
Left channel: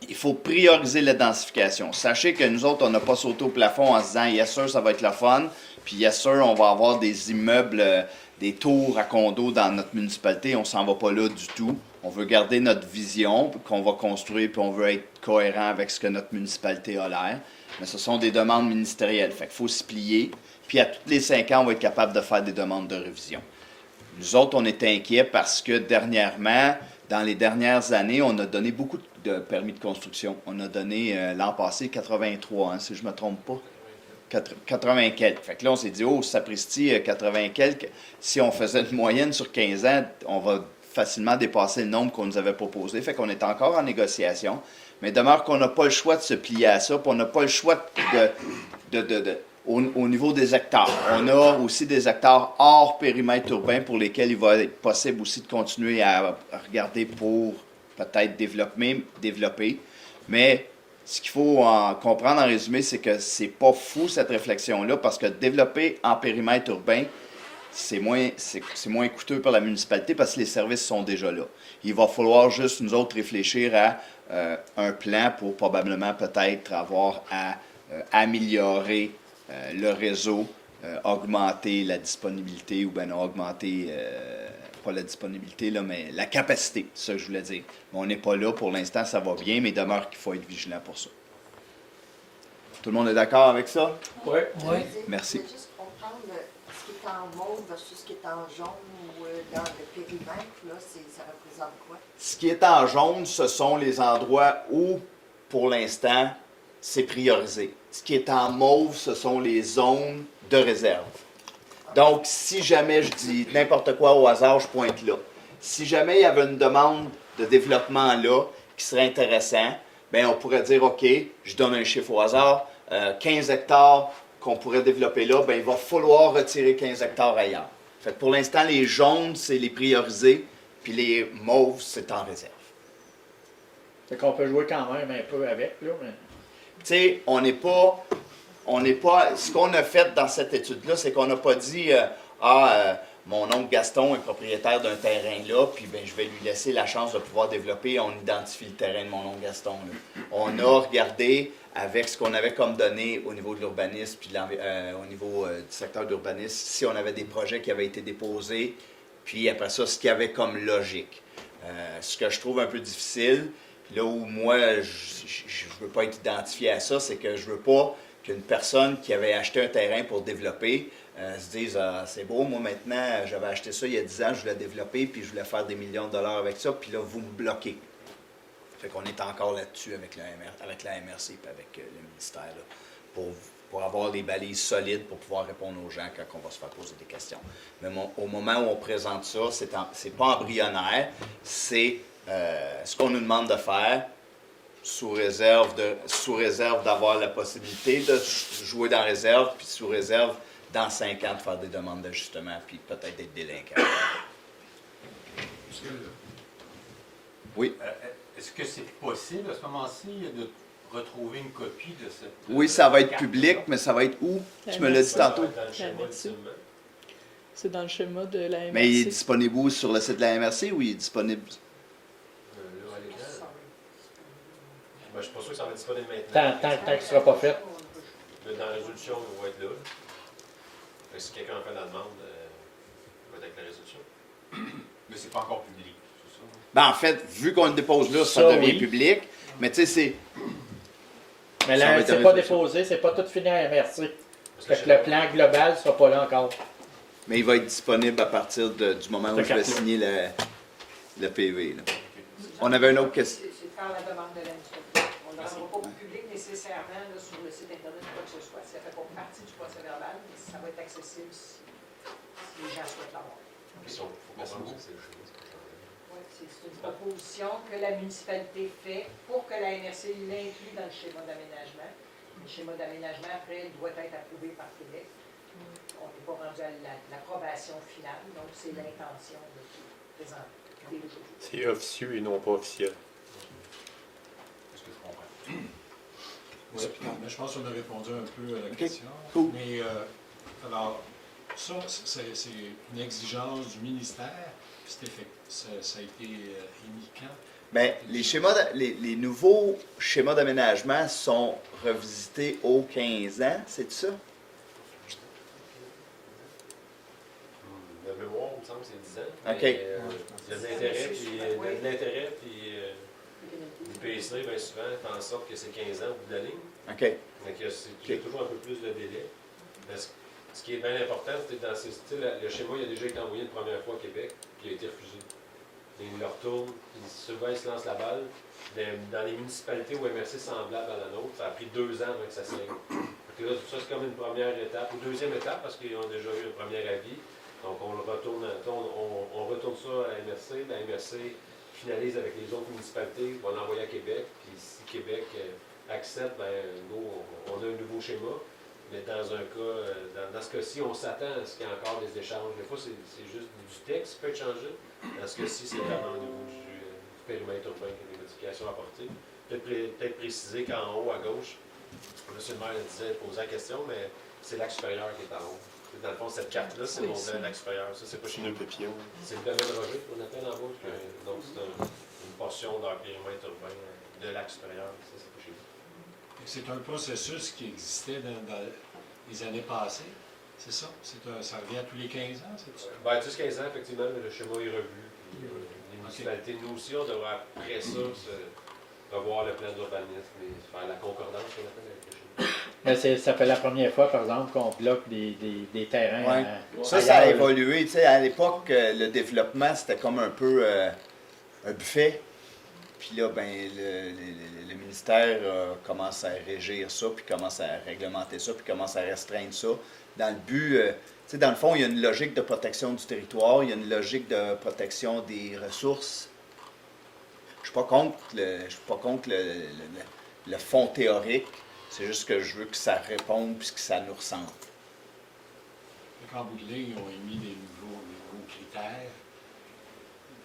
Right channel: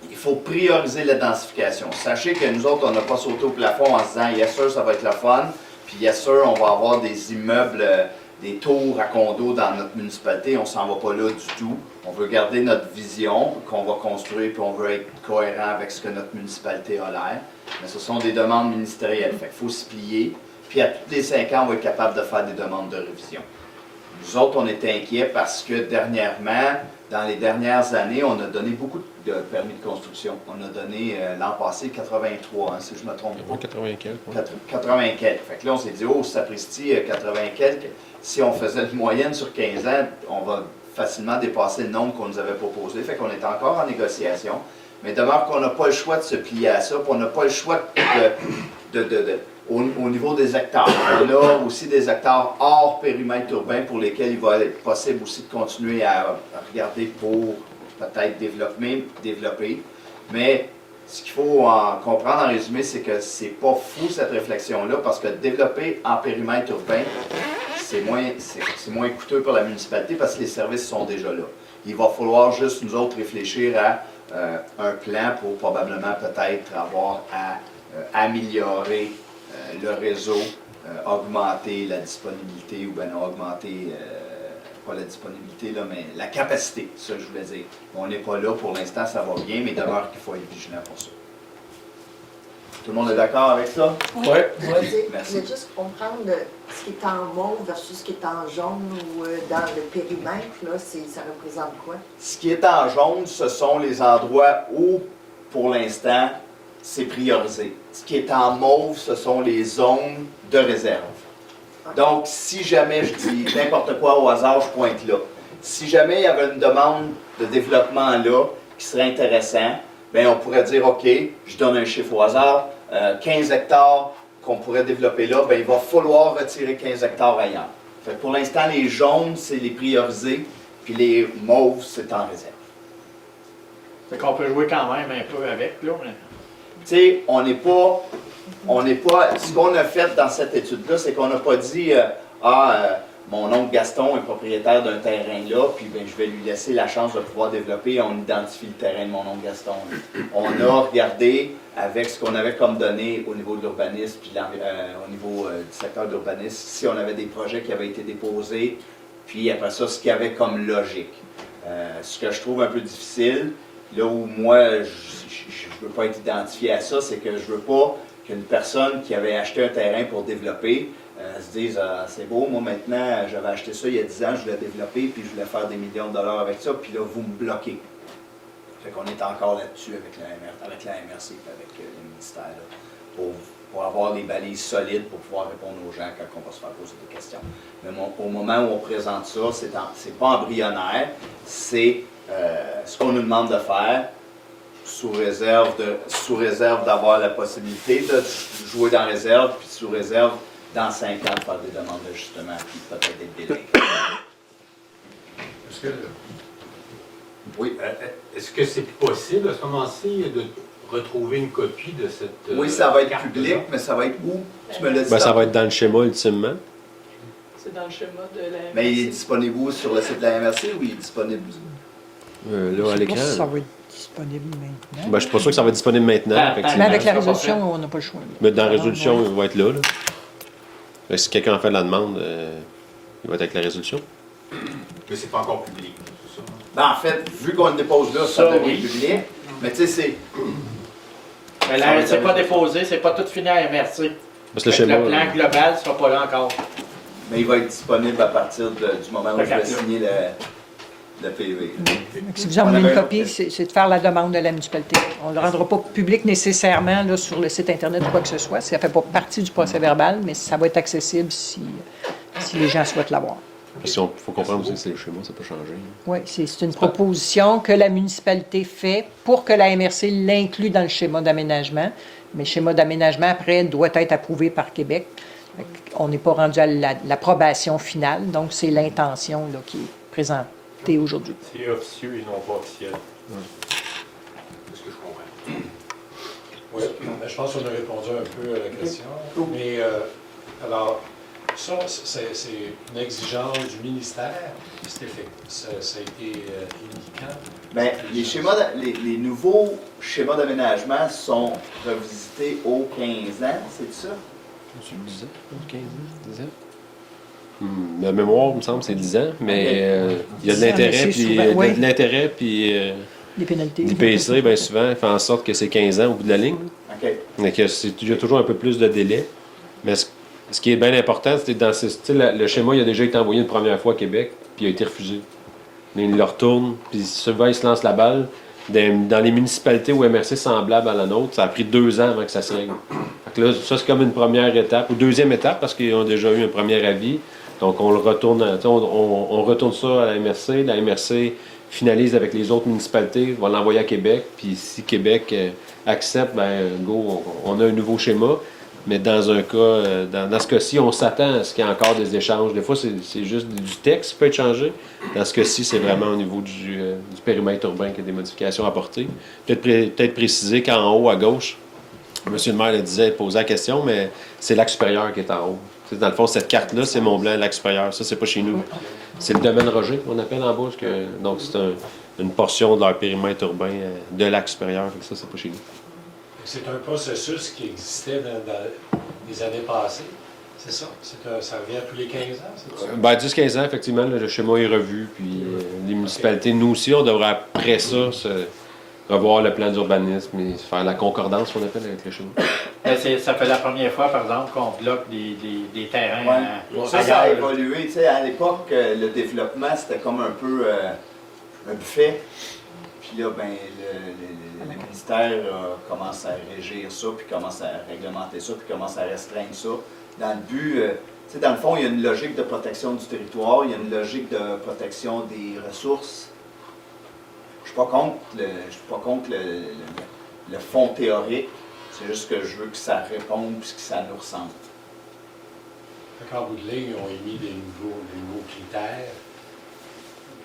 il faut prioriser la densification. Sachez que nous autres, on n'a pas sauté au plafond en se disant « Yes sir, ça va être le fun », puis « Yes sir, on va avoir des immeubles, des tours à condos dans notre municipalité ». On s'en va pas là du tout. On veut garder notre vision qu'on va construire, puis on veut être cohérent avec ce que notre municipalité a l'air. Mais ce sont des demandes ministérielles, fait qu'il faut se plier. Puis à tous les 5 ans, on va être capable de faire des demandes de révision. Nous autres, on était inquiets parce que dernièrement, dans les dernières années, on a donné beaucoup de permis de construction. On a donné l'an passé 83, si je ne me trompe pas. 80 quelques. 80 quelques. Fait que là, on s'est dit, oh, sapristi, 80 quelques. Si on faisait une moyenne sur 15 ans, on va facilement dépasser le nombre qu'on nous avait proposé. Fait qu'on est encore en négociation. Mais demeure qu'on n'a pas le choix de se plier à ça, puis on n'a pas le choix au niveau des hectares. On a aussi des hectares hors périmètre urbain pour lesquels il va être possible aussi de continuer à regarder pour peut-être développer. Mais ce qu'il faut comprendre en résumé, c'est que c'est pas fou cette réflexion-là, parce que développer en périmètre urbain, c'est moins coûteux pour la municipalité parce que les services sont déjà là. Il va falloir juste nous autres réfléchir à un plan pour probablement peut-être avoir à améliorer le réseau, augmenter la disponibilité, ou bien non, augmenter, pas la disponibilité, là, mais la capacité, c'est ça que je voulais dire. On n'est pas là pour l'instant, ça va bien, mais il demeure qu'il faut être vigilant pour ça. Tout le monde est d'accord avec ça? Oui. Merci. Je voulais juste comprendre ce qui est en mauve versus ce qui est en jaune ou dans le périmètre, là, ça représente quoi? Ce qui est en jaune, ce sont les endroits où, pour l'instant, c'est priorisé. Ce qui est en mauve, ce sont les zones de réserve. Donc, si jamais je dis n'importe quoi au hasard, je pointe là. Si jamais il y avait une demande de développement là qui serait intéressant, bien, on pourrait dire, OK, je donne un chiffre au hasard, 15 hectares qu'on pourrait développer là, bien, il va falloir retirer 15 hectares ailleurs. Fait que pour l'instant, les jaunes, c'est les priorisés, puis les mauves, c'est en réserve. C'est qu'on peut jouer quand même un peu avec, là, mais... Tu sais, on n'est pas... Ce qu'on a fait dans cette étude-là, c'est qu'on n'a pas dit mon oncle Gaston est propriétaire d'un terrain là, puis ben, je vais lui laisser la chance de pouvoir développer. On identifie le terrain de mon oncle Gaston. On a regardé avec ce qu'on avait comme données au niveau de l'urbanisme, puis au niveau du secteur de l'urbanisme, si on avait des projets qui avaient été déposés, puis après ça, ce qu'il y avait comme logique. Ce que je trouve un peu difficile, là où moi, je ne veux pas être identifié à ça, c'est que je ne veux pas qu'une personne qui avait acheté un terrain pour développer se dise c'est beau, moi maintenant, j'avais acheté ça il y a 10 ans, je voulais développer, puis je voulais faire des millions de dollars avec ça, puis là, vous me bloquez. Fait qu'on est encore là-dessus avec la MRC, avec le ministère, là, pour avoir des balises solides pour pouvoir répondre aux gens quand on va se faire poser des questions. Mais au moment où on présente ça, c'est pas embryonnaire, c'est ce qu'on nous demande de faire, sous réserve d'avoir la possibilité de jouer dans réserve, puis sous réserve, dans 5 ans, de faire des demandes d'ajustement, puis peut-être des délais. Oui. Est-ce que c'est possible à ce moment-ci de retrouver une copie de cette... Oui, ça va être public, mais ça va être où? Tu me l'as dit. Ben, ça va être dans le schéma, ultimement. C'est dans le schéma de la MRC. Mais il est disponible où? Sur le site de la MRC ou il est disponible? Là, à l'écran. Ça va être disponible maintenant. Ben, je suis pas sûr que ça va être disponible maintenant. Mais avec la résolution, on n'a pas le choix. Mais dans la résolution, il va être là. Fait que si quelqu'un en fait la demande, il va être avec la résolution. Mais c'est pas encore public, c'est ça? Ben, en fait, vu qu'on le dépose là, ça devient public. Mais tu sais, c'est... Mais là, c'est pas déposé, c'est pas tout fini à MRC. Parce que le Le plan global ne sera pas là encore. Mais il va être disponible à partir du moment où je vais signer le PV. Si vous en voulez une copie, c'est de faire la demande de la municipalité. On ne le rendra pas public nécessairement là, sur le site Internet ou quoi que ce soit. Ça ne fait pas partie du procès-verbal, mais ça va être accessible si les gens souhaitent l'avoir. Parce qu'il faut comprendre aussi que c'est le schéma, ça peut changer. Oui, c'est une proposition que la municipalité fait pour que la MRC l'inclue dans le schéma d'aménagement. Mais le schéma d'aménagement, après, doit être approuvé par Québec. On n'est pas rendu à l'approbation finale, donc c'est l'intention là, qui est présentée aujourd'hui. C'est officieux et non pas officiel. C'est ce que je comprends. Oui, mais je pense qu'on a répondu un peu à la question. Mais alors, Ça, c'est une exigence du ministère. Ça a été émis quand? Bien, les nouveaux schémas d'aménagement sont revisités aux 15 ans, c'est ça? Tu le disais, 15 ans, 10 ans? La mémoire, il me semble, c'est 10 ans, mais il y a de l'intérêt, C'est puis souvent, ouais. de l'intérêt, puis Les pénalités. l'IPC, bien souvent, fait en sorte que c'est 15 ans au bout de la ligne. OK. Donc, il y a toujours un peu plus de délai. Mais ce qui est bien important, c'est dans le schéma, il a déjà été envoyé une première fois à Québec, puis il a été refusé. Mais il le retourne, puis souvent, il se lance la balle. Dans les municipalités ou MRC semblables à la nôtre, ça a pris 2 ans avant que ça se règle. Fait que là, ça, c'est comme une première étape, ou deuxième étape, parce qu'ils ont déjà eu un premier avis. Donc, on le retourne, on retourne ça à la MRC. La MRC finalise avec les autres municipalités, va l'envoyer à Québec. Puis si Québec accepte, ben go, on a un nouveau schéma. Mais dans un cas, dans ce cas-ci, on s'attend à ce qu'il y ait encore des échanges. Des fois, c'est juste du texte qui peut être changé. Dans ce cas-ci, c'est vraiment au niveau du périmètre urbain qu'il y a des modifications apportées. Peut-être préciser qu'en haut, à gauche, M. le maire le disait, posait la question, mais c'est l'axe supérieur qui est en haut. Dans le fond, cette carte-là, c'est Mont-Blanc, l'axe supérieur. Ça, c'est pas chez nous. C'est le domaine Roger, qu'on appelle en bas. Donc, c'est une portion de leur périmètre urbain de l'axe supérieur. Ça, c'est pas chez nous. C'est un processus qui existait dans les années passées, c'est ça? Ça revient tous les 15 ans, c'est ça? Ben, 10-15 ans, effectivement, le schéma est revu. Puis les municipalités, nous aussi, on devrait après ça revoir le plan d'urbanisme et faire la concordance qu'on appelle avec le schéma. Ça fait la première fois, par exemple, qu'on bloque des terrains. Ouais. Ça a évolué. Tu sais, à l'époque, le développement, c'était comme un peu un buffet. Puis là, ben, le ministère commence à régir ça, puis commence à réglementer ça, puis commence à restreindre ça. Dans le but, tu sais, dans le fond, il y a une logique de protection du territoire, il y a une logique de protection des ressources. Je suis pas contre le fond théorique, c'est juste que je veux que ça réponde puis que ça nous ressemble. En bout de ligne, ils ont émis des nouveaux critères,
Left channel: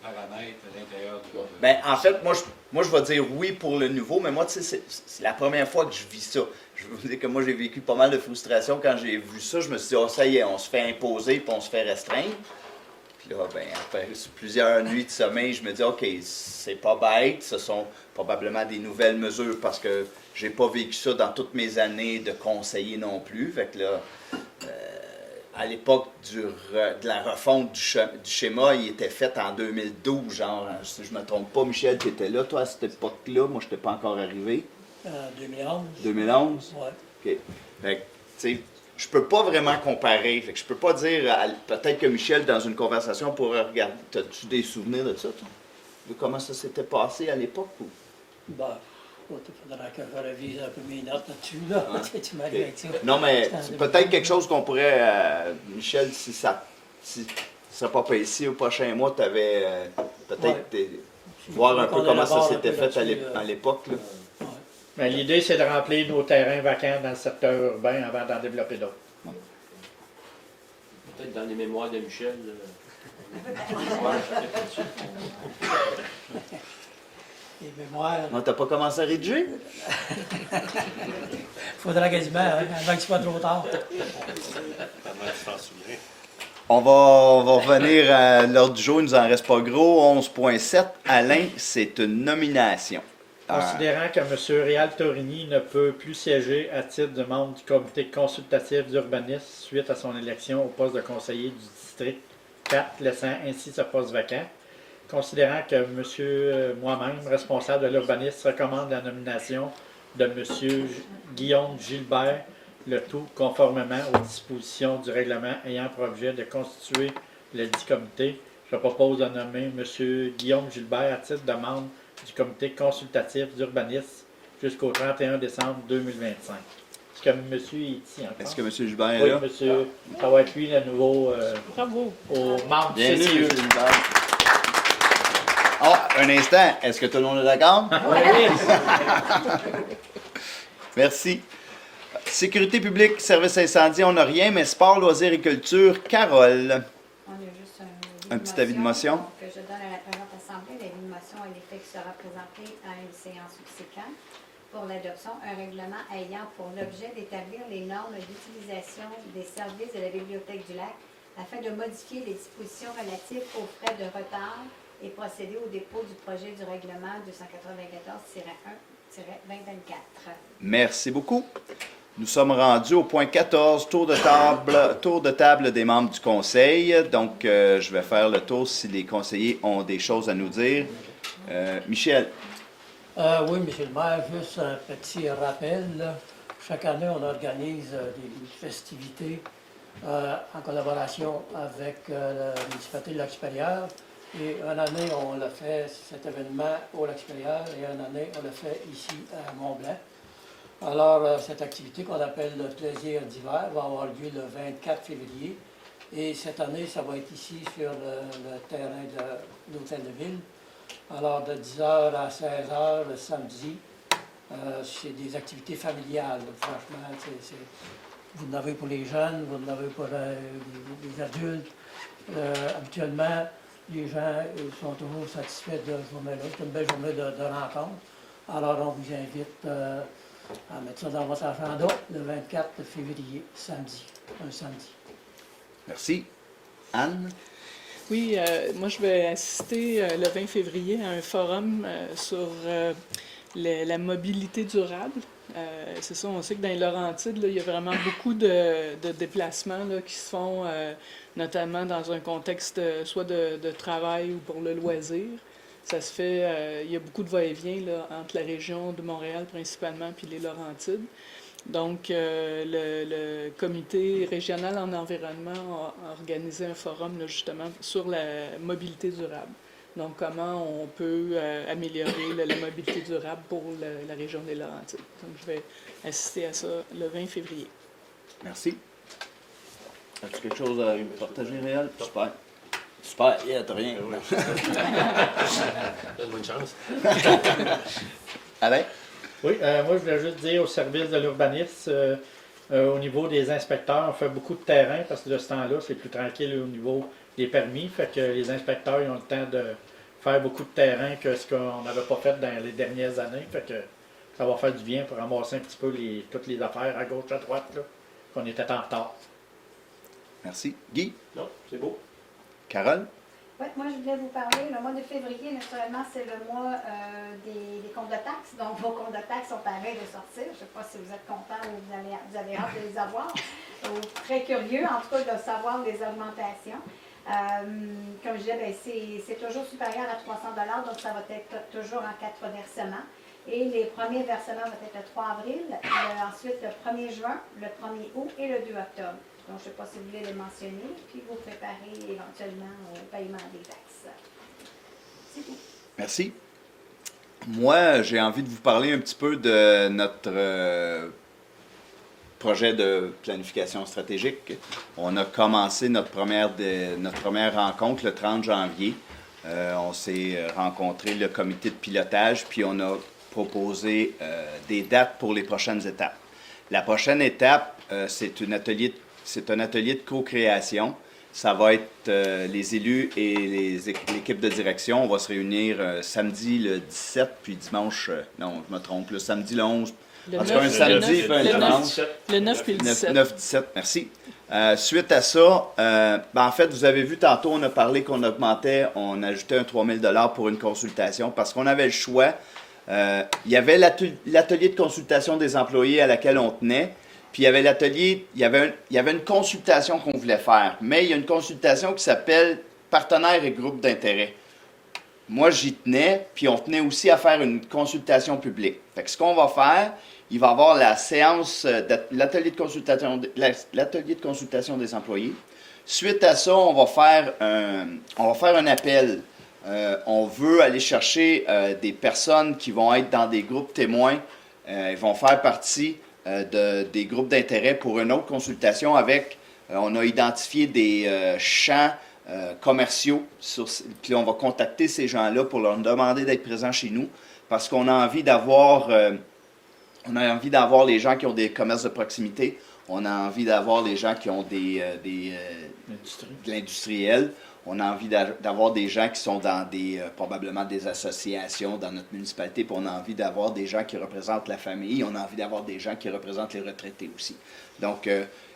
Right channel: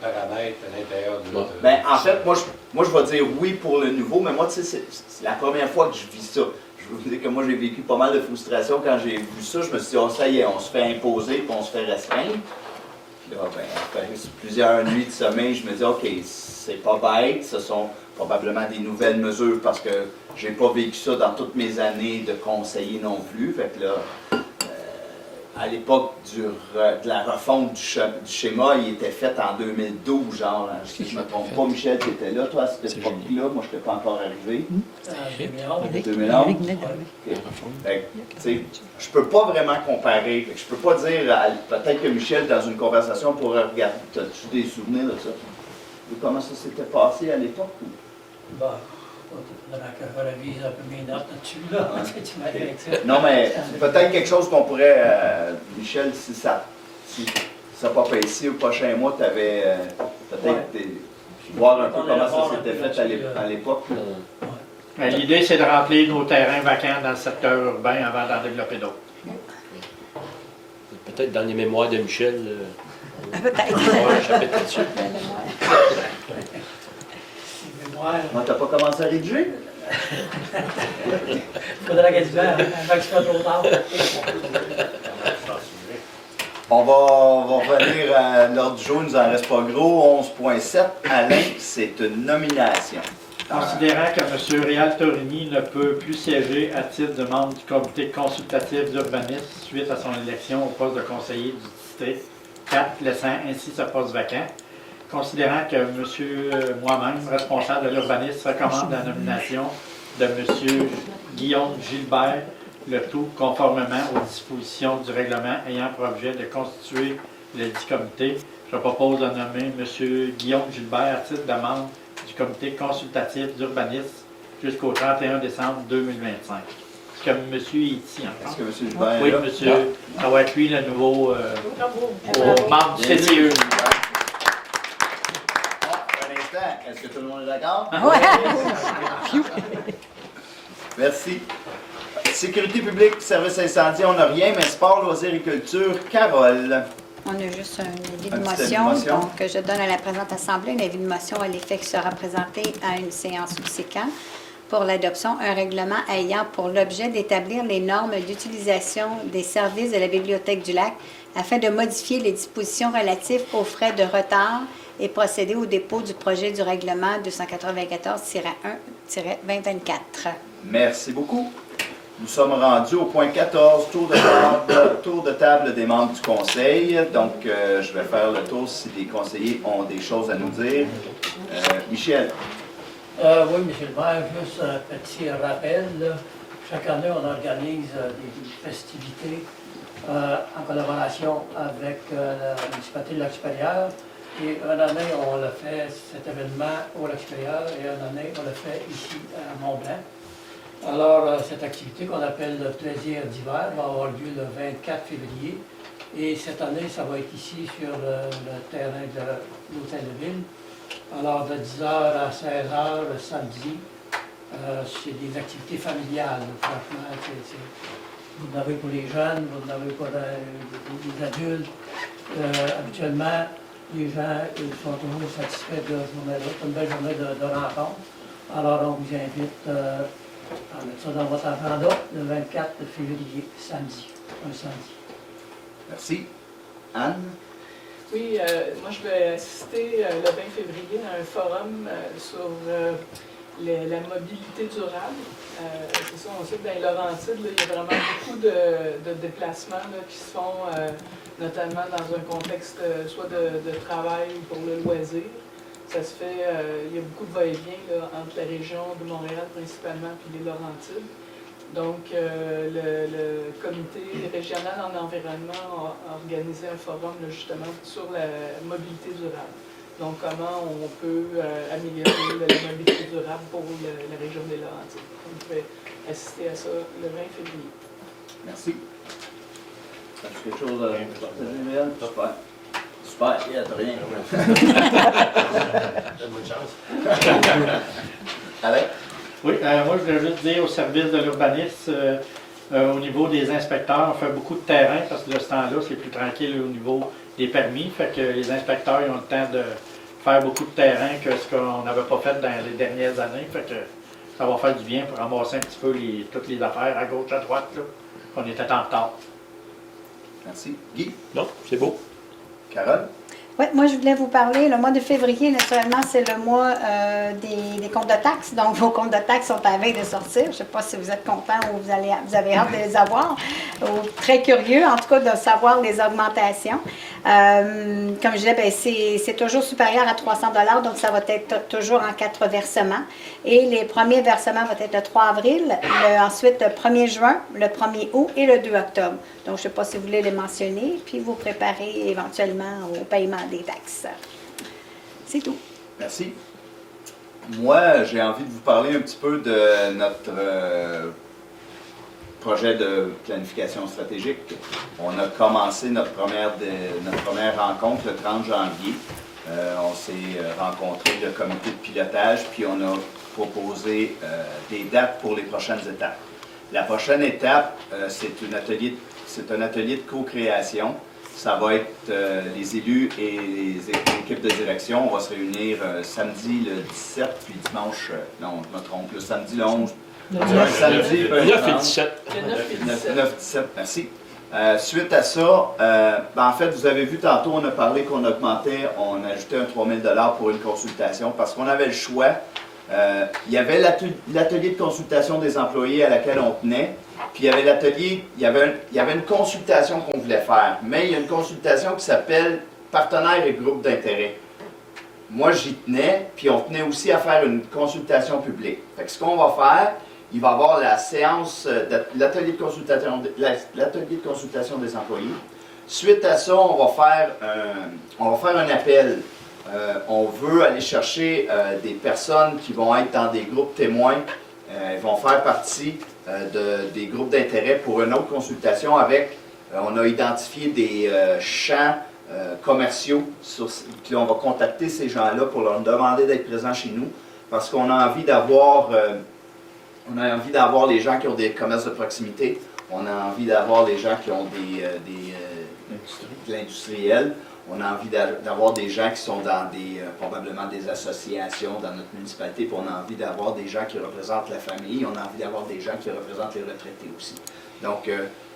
paramètres à l'intérieur de... Ben, en fait, moi, je vais dire oui pour le nouveau, mais moi, tu sais, c'est la première fois que je vis ça. Je vous dire que moi, j'ai vécu pas mal de frustration quand j'ai vu ça. Je me suis dit, oh, ça y est, on se fait imposer puis on se fait restreindre. Puis là, ben, après plusieurs nuits de sommeil, je me dis, OK, c'est pas bête, ce sont probablement des nouvelles mesures parce que j'ai pas vécu ça dans toutes mes années de conseiller non plus. Fait que là, à l'époque de la refonte du schéma, il était fait en 2012, genre, hein, si je ne me trompe pas. Michel, tu étais là, toi, à cette époque-là. Moi, je n'étais pas encore arrivé. 2011. Okay. Fait que, tu sais, je peux pas vraiment comparer. Fait que je peux pas dire, peut-être que Michel, dans une conversation, pourrait regarder. As-tu des souvenirs de ça? De comment ça s'était passé à l'époque? Ou? Bah. Il faudra que je revise un peu mes notes là-dessus, là. Tu m'as dit ça. Non, mais c'est peut-être quelque chose qu'on pourrait, Michel, si ça ne pas fait ici au prochain mois, tu avais peut-être voir un peu comment ça s'était fait à l'époque. L'idée, c'est de remplir nos terrains vacants dans le secteur urbain avant d'en développer d'autres. Peut-être dans les mémoires de Michel. Peut-être. Un chapitre là-dessus. T'as pas commencé à rédiger? Il faudra quasiment, avant que ce soit trop tard. On va revenir à l'ordre du jour, il nous en reste pas gros. 11.7, Alain, c'est une nomination. Considérant que M. Réal Torigny ne peut plus siéger à titre de membre du comité consultatif d'urbanisme suite à son élection au poste de conseiller du district 4, laissant ainsi ce poste vacant, considérant que moi-même, responsable de l'urbanisme, recommande la nomination de M. Guillaume Gilbert, le tout conformément aux dispositions du règlement ayant pour objet de constituer le dit comité, je propose de nommer M. Guillaume Gilbert à titre de membre du comité consultatif d'urbanisme jusqu'au 31 décembre 2025. Est-ce que M. est ici en fait? Est-ce que M. Gilbert est oui, là? monsieur, ça va être lui le nouveau membre du CCE. Ah, un instant, est-ce que tout le monde est d'accord? Merci. Sécurité publique, service incendie, on n'a rien, mais sport, loisirs et culture, Carole. On a juste un avis de Un petit avis de motion. motion, donc je donne à la présente Assemblée un avis de motion à l'effet qui sera présenté à une séance du SECAN. pour l'adoption un règlement ayant pour l'objet d'établir les normes d'utilisation des services de la Bibliothèque du Lac afin de modifier les dispositions relatives aux frais de retard et procéder au dépôt du projet du règlement 294-1-2024. Merci beaucoup. Nous sommes rendus au point 14, tour de table des membres du conseil. Donc, je vais faire le tour si les conseillers ont des choses à nous dire. Michel. Oui, Monsieur le maire, juste un petit rappel. Là. Chaque année, on organise des festivités en collaboration avec la municipalité de Lac-Supérieur. Et une année, on a fait cet événement au Lac-Supérieur et une année, on l'a fait ici à Mont-Blanc. Alors, cette activité qu'on appelle le plaisir d'hiver va avoir lieu le 24 février. Et cette année, ça va être ici sur le terrain de l'Hôtel de Ville. Alors, de 10h à 16h le samedi, c'est des activités familiales. Franchement, vous en avez pour les jeunes, vous en avez pour les adultes. Habituellement, les gens sont toujours satisfaits de cette journée-là. C'est une belle journée de rencontre. Alors, on vous invite à mettre ça dans votre agenda le 24 février, samedi. Un samedi. Merci. Anne? Oui, moi je vais assister le 20 février à un forum sur la mobilité durable. C'est ça, on sait que dans les Laurentides, là, il y a vraiment beaucoup de déplacements là, qui se font, notamment dans un contexte soit de travail ou pour le loisir. Ça se fait, il y a beaucoup de va-et-vient entre la région de Montréal principalement puis les Laurentides. Donc, le comité régional en environnement a organisé un forum là, justement sur la mobilité durable. Donc, comment on peut améliorer la mobilité durable pour la région des Laurentides. Donc, je vais assister à ça le 20 février. Merci. As-tu quelque chose à partager, Réal? Super. Super, il y a de rien. Donne-moi une chance. Alain? Oui, moi je voulais juste dire au service de l'urbanisme, au niveau des inspecteurs, on fait beaucoup de terrain parce que de ce temps-là, c'est plus tranquille au niveau des permis. Fait que les inspecteurs ils ont le temps de faire beaucoup de terrain que ce qu'on n'avait pas fait dans les dernières années. Fait que ça va faire du bien pour ramasser un petit peu toutes les affaires à gauche, à droite, là, qu'on était en retard. Merci. Guy? Non, c'est beau. Carole? Oui, moi, je voulais vous parler. Le mois de février, naturellement, c'est le mois des comptes de taxes. Donc, vos comptes de taxes sont à la veille de sortir. Je ne sais pas si vous êtes content ou vous avez hâte de les avoir. Ou très curieux, en tout cas, de savoir les augmentations. Comme je disais, c'est toujours supérieur à 300 $, donc ça va être toujours en 4 versements. Et les premiers versements vont être le 3 avril, ensuite le 1er juin, le 1er août et le 2 octobre. Donc, je ne sais pas si vous voulez les mentionner, puis vous préparez éventuellement au paiement des taxes. C'est tout. Merci. Moi, j'ai envie de vous parler un petit peu de notre projet de planification stratégique. On a commencé notre première rencontre le 30 janvier. On s'est rencontré le comité de pilotage, puis on a proposé des dates pour les prochaines étapes. La prochaine étape, c'est un atelier de co-création. Ça va être les élus et l'équipe de direction. On va se réunir samedi le 17, puis dimanche, non, je me trompe, le samedi le 11. Le Un 9 samedi, et le 17. Le 9 et le 17. 9-17, merci. Suite à ça, en fait, vous avez vu tantôt, on a parlé qu'on augmentait, on ajoutait un 3 000 $ pour une consultation parce qu'on avait le choix. Il y avait l'atelier de consultation des employés à laquelle on tenait. Puis il y avait l'atelier, il y avait une consultation qu'on voulait faire, mais il y a une consultation qui s'appelle partenaires et groupes d'intérêt. Moi, j'y tenais, puis on tenait aussi à faire une consultation publique. Fait que ce qu'on va faire, il va y avoir la séance, l'atelier de consultation des employés. Suite à ça, on va faire un appel. On veut aller chercher des personnes qui vont être dans des groupes témoins. Ils vont faire partie des groupes d'intérêt pour une autre consultation avec, on a identifié des champs commerciaux, puis on va contacter ces gens-là pour leur demander d'être présents chez nous parce qu'on a envie d'avoir les gens qui ont des commerces de proximité, on a envie d'avoir des gens qui ont de l'industriel, On a envie d'avoir des gens qui sont dans probablement des associations dans notre municipalité, puis on a envie d'avoir des gens qui représentent la famille, on a envie d'avoir des gens qui représentent les retraités aussi. Donc,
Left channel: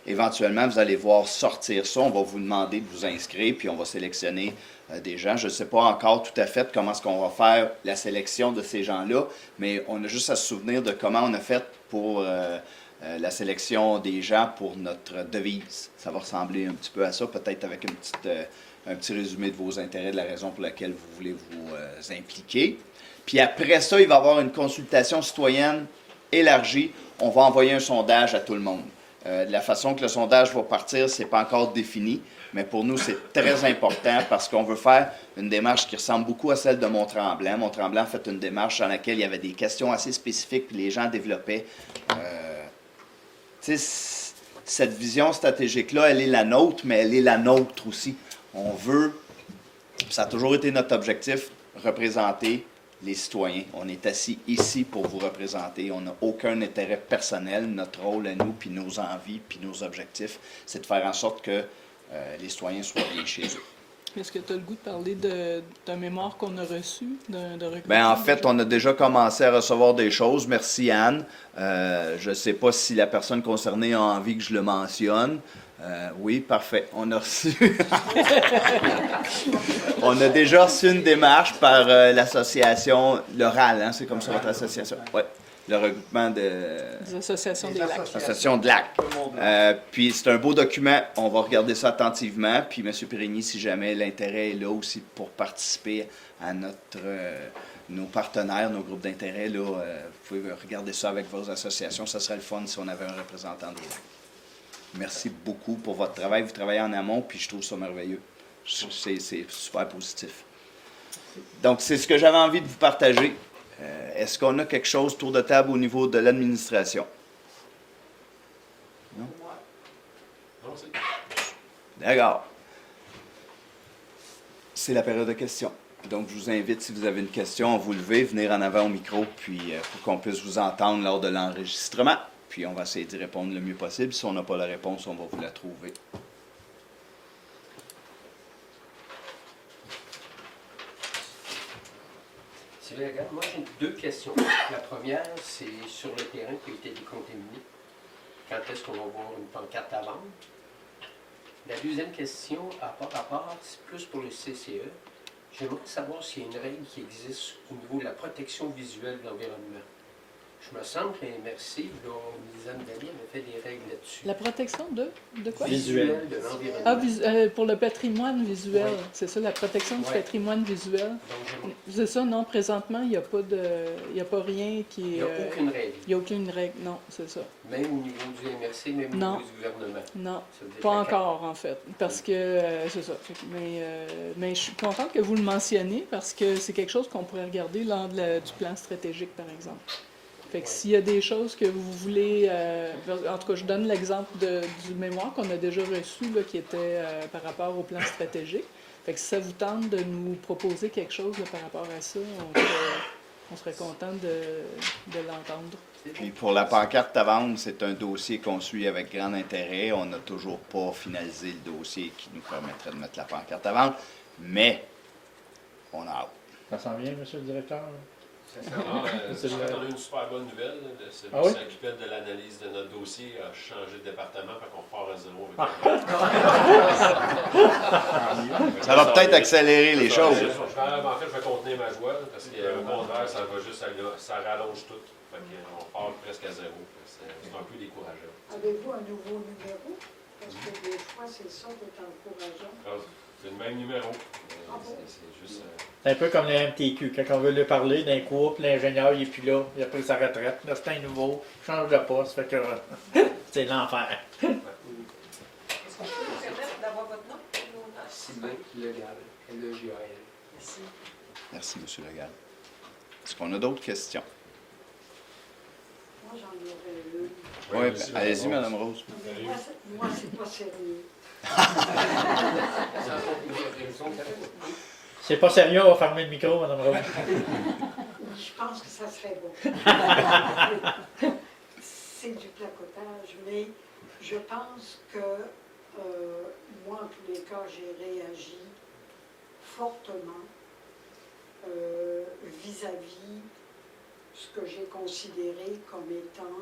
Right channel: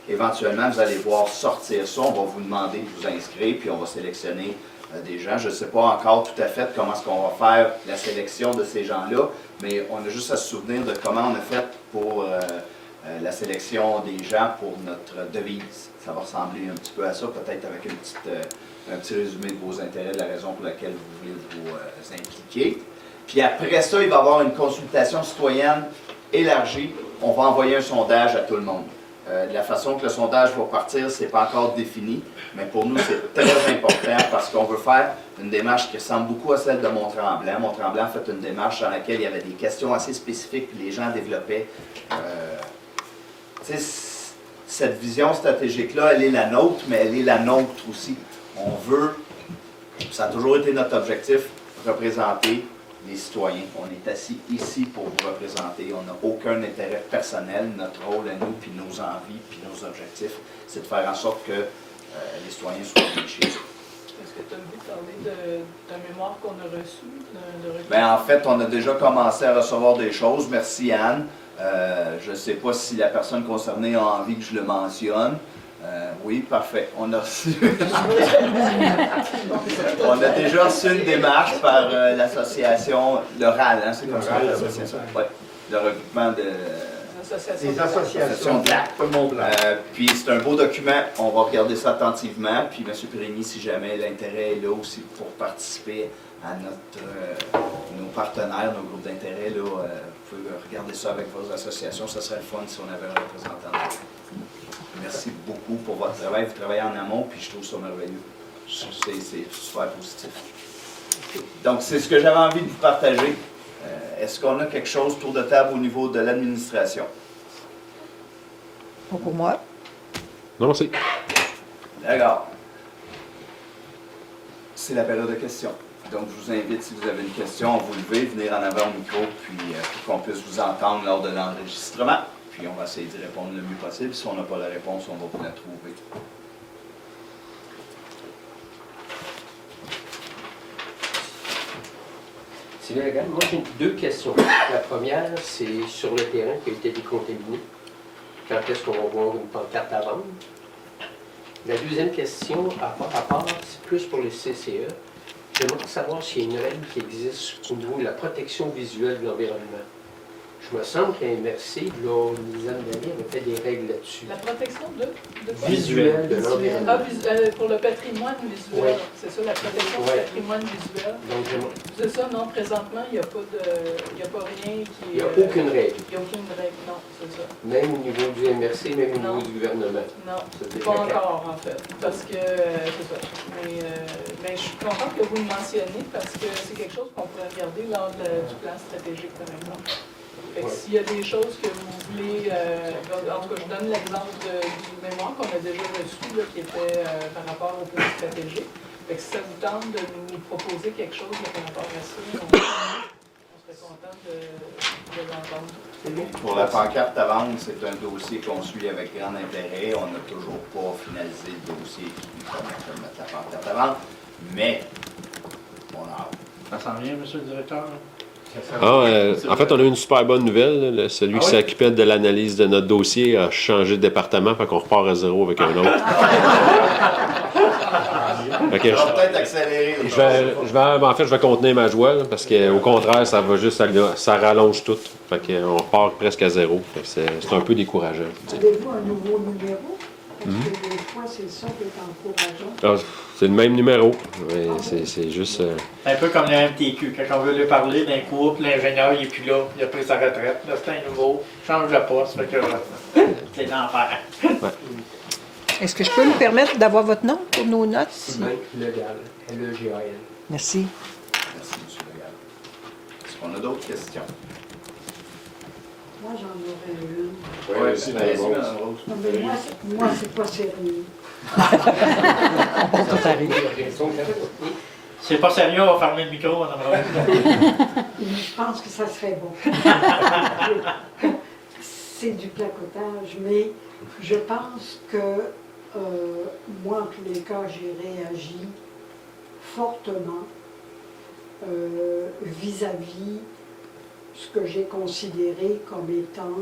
éventuellement, vous allez voir sortir ça, on va vous demander de vous inscrire, puis on va sélectionner des gens. Je ne sais pas encore tout à fait comment est-ce qu'on va faire la sélection de ces gens-là, mais on a juste à se souvenir de comment on a fait pour la sélection des gens pour notre devise. Ça va ressembler un petit peu à ça, peut-être avec un petit résumé de vos intérêts, de la raison pour laquelle vous voulez vous impliquer. Puis après ça, il va y avoir une consultation citoyenne élargie. On va envoyer un sondage à tout le monde. La façon que le sondage va partir, ce n'est pas encore défini, mais pour nous, c'est très important parce qu'on veut faire une démarche qui ressemble beaucoup à celle de Mont-Tremblant. Mont-Tremblant a fait une démarche dans laquelle il y avait des questions assez spécifiques, puis les gens développaient. Cette vision stratégique-là, elle est la nôtre, mais elle est la nôtre aussi. On veut, ça a toujours été notre objectif, représenter les citoyens. On est assis ici pour vous représenter. On n'a aucun intérêt personnel. Notre rôle à nous, puis nos envies, puis nos objectifs, c'est de faire en sorte que les citoyens soient bien chez eux. Est-ce que tu as le goût de parler d'un mémoire qu'on a reçu? Bien, en fait, on a déjà commencé à recevoir des choses. Merci, Anne. Je ne sais pas si la personne concernée a envie que je le mentionne. Oui, parfait. On a reçu. On a déjà reçu une démarche par l'association, le RAL, hein, c'est comme ça, l'association. Ouais. Le regroupement de. L'association de lac. Puis c'est un beau document, on va regarder ça attentivement. Puis M. Périgny, si jamais l'intérêt est là aussi pour participer à nos partenaires, nos groupes d'intérêt, là, vous pouvez regarder ça avec vos associations. Ça serait le fun si on avait un représentant. Merci beaucoup pour votre travail. Vous travaillez en amont, puis je trouve ça merveilleux. C'est super positif. Donc, c'est ce que j'avais envie de vous partager. Est-ce qu'on a quelque chose tour de table au niveau de l'administration? Pas pour moi. Non, merci. D'accord. C'est la période de questions. Donc, je vous invite, si vous avez une question, à vous lever, venir en avant au micro, puis qu'on puisse vous entendre lors de l'enregistrement. Puis, on va essayer d'y répondre le mieux possible. Si on n'a pas la réponse, on va vous la trouver. Sylvain Legal, moi j'ai deux questions. La première, c'est sur le terrain qui a été décontaminé. Quand est-ce qu'on va voir une pancarte à vendre? La deuxième question, à part, c'est plus pour les CCE. J'aimerais savoir s'il y a une règle qui existe au niveau de la protection visuelle de l'environnement. Je me semble qu'à MRC, là, une dizaine d'années, avait fait des règles là-dessus. La protection de quoi? Visuelle de l'environnement. Pour le patrimoine visuel, Oui. C'est ça, la protection du patrimoine visuel. Donc, c'est ça, non, présentement, il n'y a pas rien qui... il n'y a aucune règle. Il n'y a aucune règle, non, c'est ça. Même au niveau du MRC, même au Non. niveau du gouvernement. Non, pas encore, en fait, parce que, c'est ça. Mais je suis contente que vous le mentionniez, parce que c'est quelque chose qu'on pourrait regarder lors du plan stratégique, par exemple. Fait que s'il y a des choses que vous voulez, en tout cas, je donne l'exemple du mémoire qu'on a déjà reçu, là, qui était par rapport au plan stratégique. Fait que si ça vous tente de nous proposer quelque chose là, par rapport à ça, on serait content de l'entendre. Pour la pancarte à vendre, c'est un dossier qu'on suit avec grand intérêt. On n'a toujours pas finalisé le dossier qui nous permettrait de mettre la pancarte à vendre, mais on a hâte. Ça s'en vient, M. le directeur? En fait, on a eu une super bonne nouvelle. Là. Celui qui s'occupait de l'analyse de notre dossier a changé de département, fait qu'on repart à zéro avec un autre. Ça va peut-être accélérer les choses. En fait, je vais contenir ma joie, là, parce qu'au contraire, ça va juste, ça rallonge tout. Fait qu'on repart presque à zéro. C'est un peu décourageant. Avez-vous un nouveau numéro? Parce que des fois, c'est ça qui est encourageant. C'est le même numéro. C'est juste... C'est un peu comme le MTQ. Quand on veut lui parler d'un cours, l'ingénieur, il n'est plus là. Il a pris sa retraite. Là, c'est un nouveau. Change de poste. Fait que c'est l'enfer. Est-ce que je peux me permettre d'avoir votre nom pour nos notes? Sylvain Legal, L-E-G-A-L. Merci. Merci, M. Legal. Est-ce qu'on a d'autres questions? Moi, j'en aurais une. Oui, allez-y, Mme Rose. Non, mais moi, c'est pas sérieux. C'est pas sérieux, on va fermer le micro, Mme Rose. Je pense que ça serait bon. C'est du placotage, mais je pense que moi, en tous les cas, j'ai réagi fortement vis-à-vis ce que j'ai considéré comme étant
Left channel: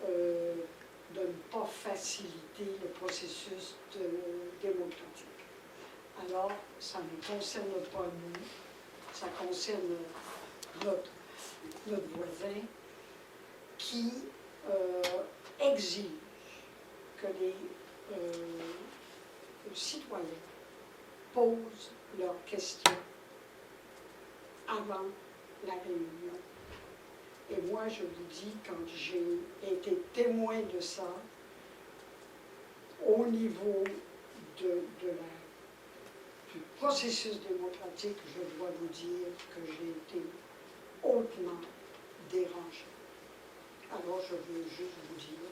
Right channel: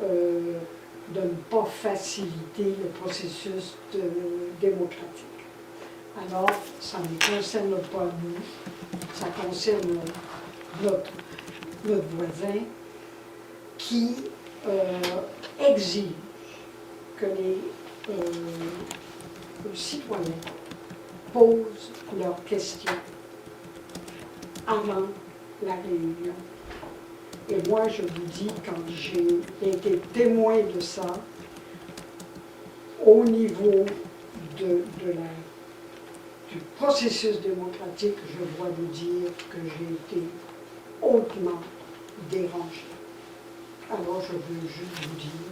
de ne pas faciliter le processus démocratique. Alors, ça ne concerne pas nous, ça concerne notre voisin qui exige que les citoyens posent leurs questions avant la réunion. Et moi, je vous dis, quand j'ai été témoin de ça, au niveau du processus démocratique, je dois vous dire que j'ai été hautement dérangée. Alors, je veux juste vous dire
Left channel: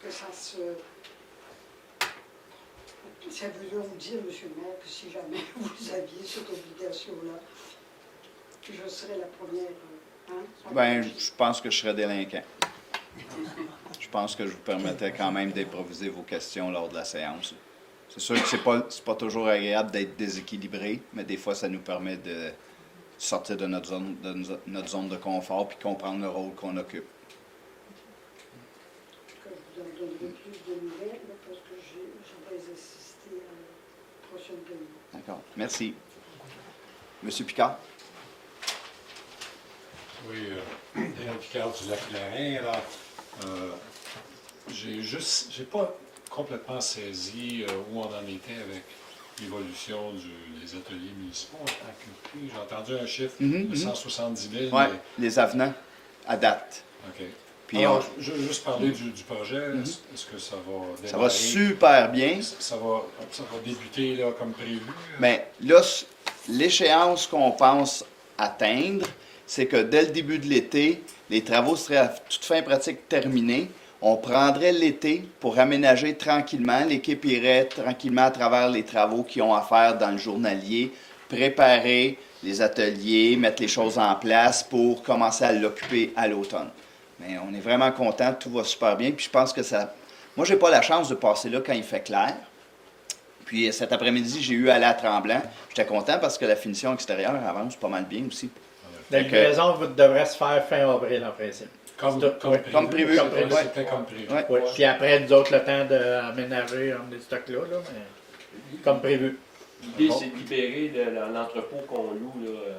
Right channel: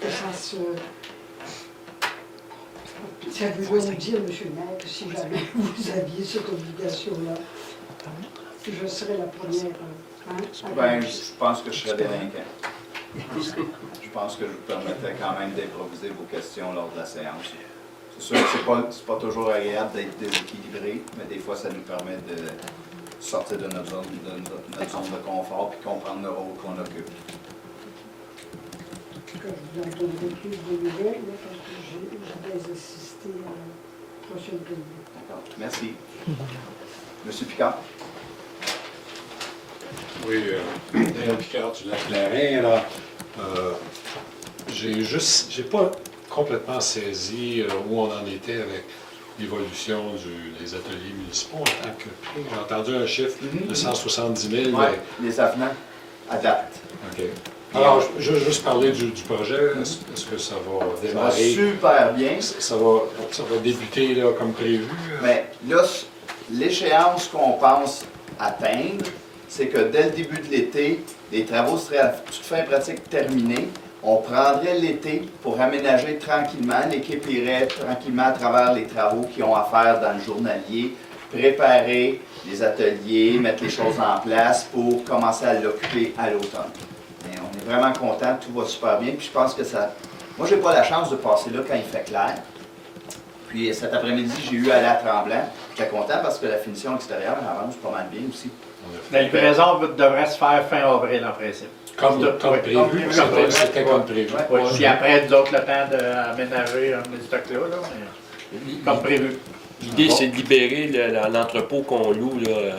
que ça veut donc dire, M. le maire, que si jamais vous aviez cette obligation-là, je serais la première. Ben, je pense que je serais délinquant. Je pense que je vous permettais quand même d'improviser vos questions lors de la séance. C'est sûr que c'est pas toujours agréable d'être déséquilibré, mais des fois, ça nous permet de sortir de notre zone de confort puis comprendre le rôle qu'on occupe. Je vous en donnerai plus de nouvelles, là, parce que je vais assister à la prochaine réunion. D'accord. Merci. Monsieur Picard? Oui, Daniel Picard du Lac-Clarin. Alors, j'ai pas complètement saisi où on en était avec l'évolution des ateliers municipaux en tant que prix. J'ai entendu un chiffre de 170 000. Oui, des avenants à date. OK. Alors, je veux juste parler du projet. Est-ce que ça va démarrer? Ça va super bien. Ça va débuter là, comme prévu? Mais là, l'échéance qu'on pense atteindre, c'est que dès le début de l'été, les travaux seraient toute fin pratique terminés. On prendrait l'été pour aménager tranquillement. L'équipe irait tranquillement à travers les travaux qu'ils ont à faire dans le journalier, préparer les ateliers, mettre les choses en place pour commencer à l'occuper à l'automne. On est vraiment content, tout va super bien. Puis je pense que ça... Moi, j'ai pas la chance de passer là quand il fait clair. Puis cet après-midi, j'ai eu à la Tremblant. J'étais content parce que la finition extérieure avance pas mal bien aussi. La livraison devrait se faire fin avril en principe. Comme prévu. C'était comme prévu. Oui. Puis après, nous autres, le temps d'aménager les stocks là, comme prévu. L'idée, c'est de libérer l'entrepôt qu'on loue là,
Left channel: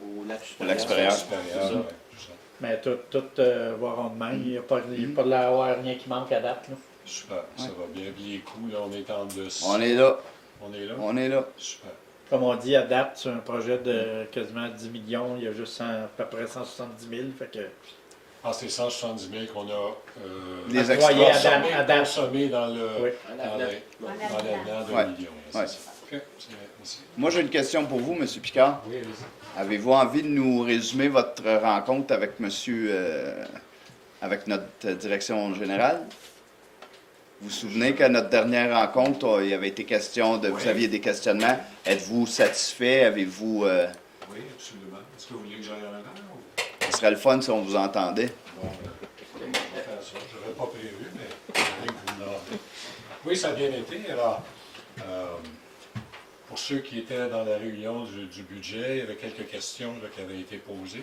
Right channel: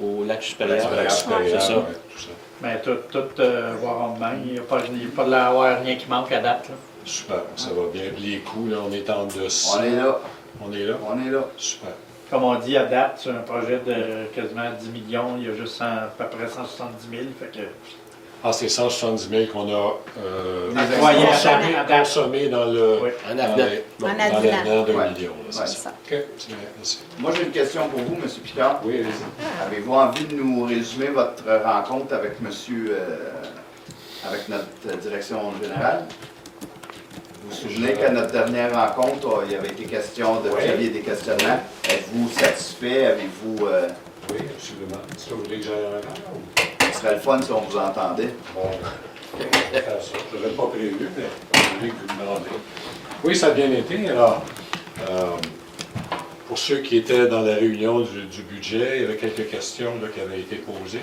au lac supérieur. C'est ça. Mais tout va rondement. Il n'y a pas rien qui manque à date. Là. Super, ça va bien. Les coûts, là, on est en dessous. On est là. On est là? On est là. Super. Comme on dit, à date, sur un projet de quasiment 10 millions, il y a juste à peu près 170 000. Fait que... Ah, c'est 170 000 qu'on a consommé dans le en avenant d'un million. C'est ça. OK, merci. Moi, j'ai une question pour vous, M. Picard. Oui, allez-y. Avez-vous envie de nous résumer votre rencontre avec avec notre direction générale? Vous vous souvenez qu'à notre dernière rencontre, il y avait été question de... Vous aviez des questionnements. Êtes-vous satisfait? Avez-vous... Oui, absolument. Est-ce que vous voulez que j'aille un an? Ce serait le fun si on vous entendait. Bon, on va faire ça. Je n'avais pas prévu, mais je voulais que vous me demandez. Oui, ça a bien été. Alors, pour ceux qui étaient dans la réunion du budget, il y avait quelques questions là, qui avaient été posées.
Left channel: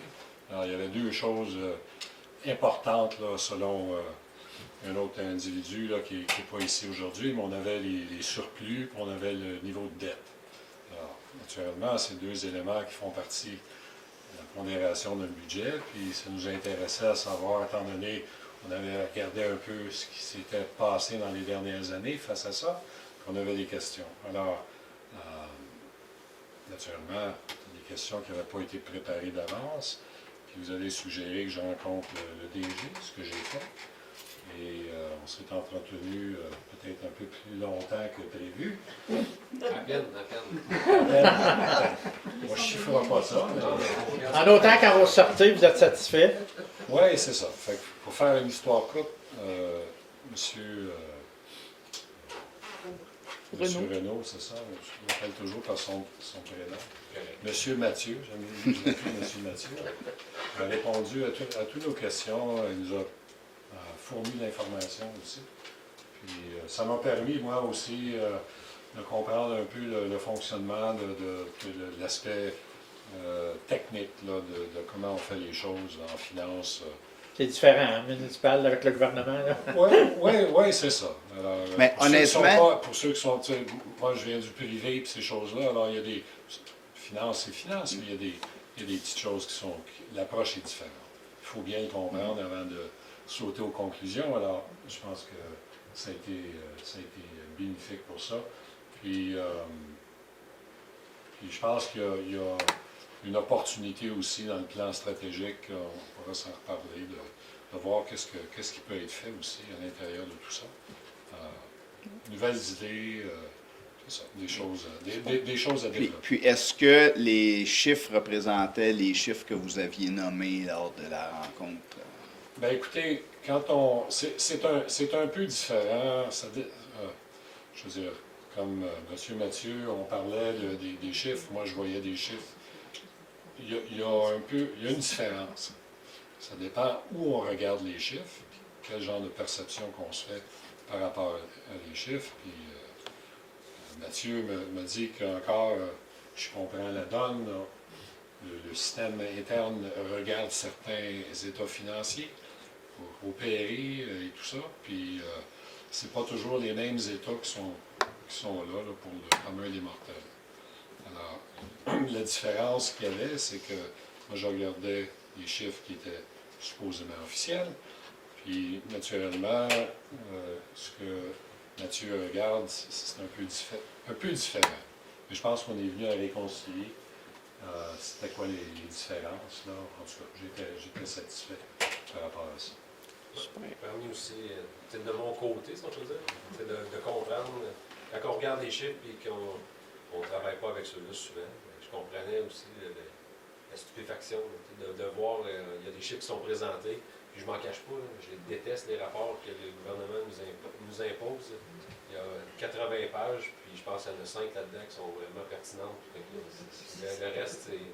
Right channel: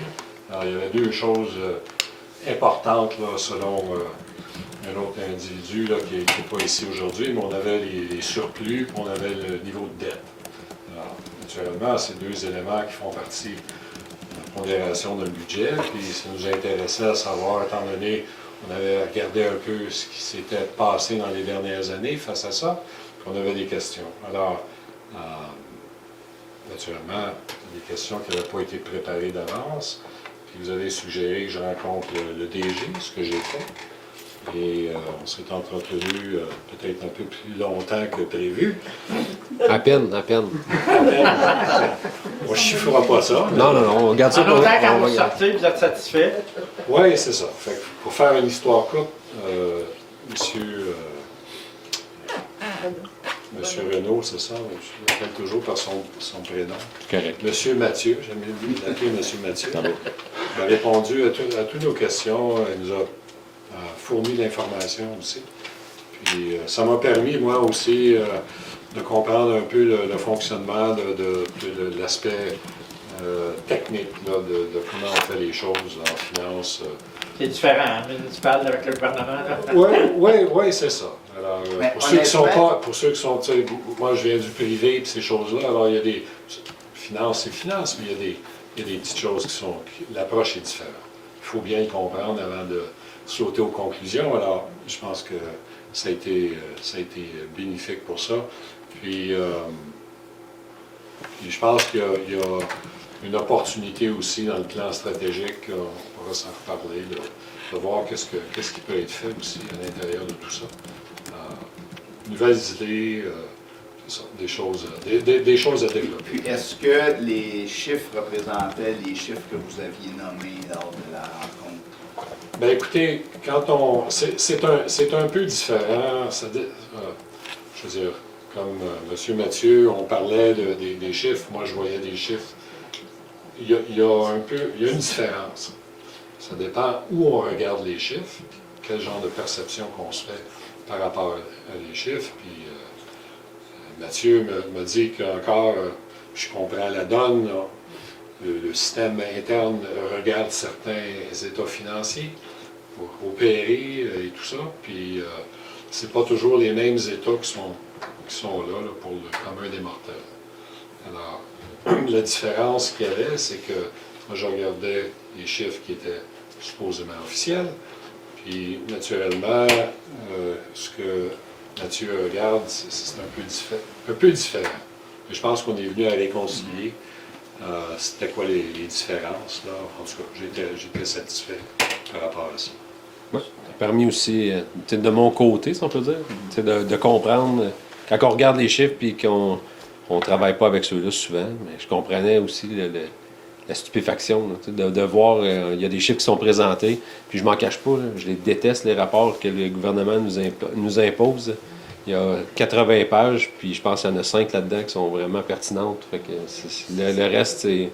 Alors, il y avait deux choses importantes là, selon un autre individu là, qui n'est pas ici aujourd'hui, mais on avait les surplus, puis on avait le niveau de dette. Alors, naturellement, c'est deux éléments qui font partie pondération d'un budget, puis ça nous intéressait à savoir, étant donné qu'on avait regardé un peu ce qui s'était passé dans les dernières années face à ça, qu'on avait des questions. Alors, naturellement, des questions qui n'avaient pas été préparées d'avance, puis vous avez suggéré que je rencontre le DG, ce que j'ai fait, et on s'est entretenu peut-être un peu plus longtemps que prévu. À peine. On ne chiffrera pas ça. Non, on garde ça. En autant quand vous sortez, vous êtes satisfait? Oui, c'est ça. Fait que pour faire une histoire courte, Monsieur Renaud, c'est ça, je l'appelle toujours par son prénom. Correct. Monsieur Mathieu, j'aime bien l'appeler Monsieur Mathieu. Il a répondu à toutes nos questions, il nous a fourni l'information aussi. Puis ça m'a permis, moi aussi, de comprendre un peu le fonctionnement de l'aspect technique là, de comment on fait les choses en finance. C'est différent, hein, municipal avec le gouvernement. Oui, c'est ça. Alors, Mais pour ceux qui sont honnêtement- pas, pour ceux qui sont, tu sais, moi je viens du privé et ces choses-là, alors il y a des finances, c'est finance, mais il y a des petites choses qui sont, l'approche est différente. Il faut bien le comprendre avant de sauter aux conclusions. Alors, je pense que ça a été bénéfique pour ça. Puis je pense qu'il y a une opportunité aussi dans le plan stratégique, on pourra s'en reparler, de voir qu'est-ce qui peut être fait aussi à l'intérieur de tout ça. Nouvelles idées, c'est ça, des choses à développer. Puis, est-ce que les chiffres représentaient les chiffres que vous aviez nommés lors de la rencontre? Bien, écoutez, c'est un peu différent. Je veux dire, comme M. Mathieu, on parlait des chiffres. Moi, je voyais des chiffres. Il y a une différence. Ça dépend où on regarde les chiffres, quel genre de perception qu'on se fait par rapport à les chiffres. Puis Mathieu me dit qu'encore, je comprends la donne, là. Le système interne regarde certains états financiers, opérés et tout ça, puis c'est pas toujours les mêmes états qui sont là pour le commun des mortels. Alors, la différence qu'il y avait, c'est que moi, je regardais les chiffres qui étaient supposément officiels, puis naturellement, ce que Mathieu regarde, c'est un peu différent. Mais je pense qu'on est venu à réconcilier. C'était quoi les différences, là. En tout cas, j'étais satisfait par rapport à ça. Ouais. Ça a permis aussi, de mon côté, si on peut dire, de comprendre, quand on regarde les chiffres et qu'on ne travaille pas avec ceux-là souvent, mais je comprenais aussi la stupéfaction, là, de voir, il y a des chiffres qui sont présentés, puis je m'en cache pas, là, je les déteste, les rapports que le gouvernement nous impose. Il y a 80 pages, puis je pense qu'il y en a 5 là-dedans qui sont vraiment pertinentes. Fait que le reste, c'est...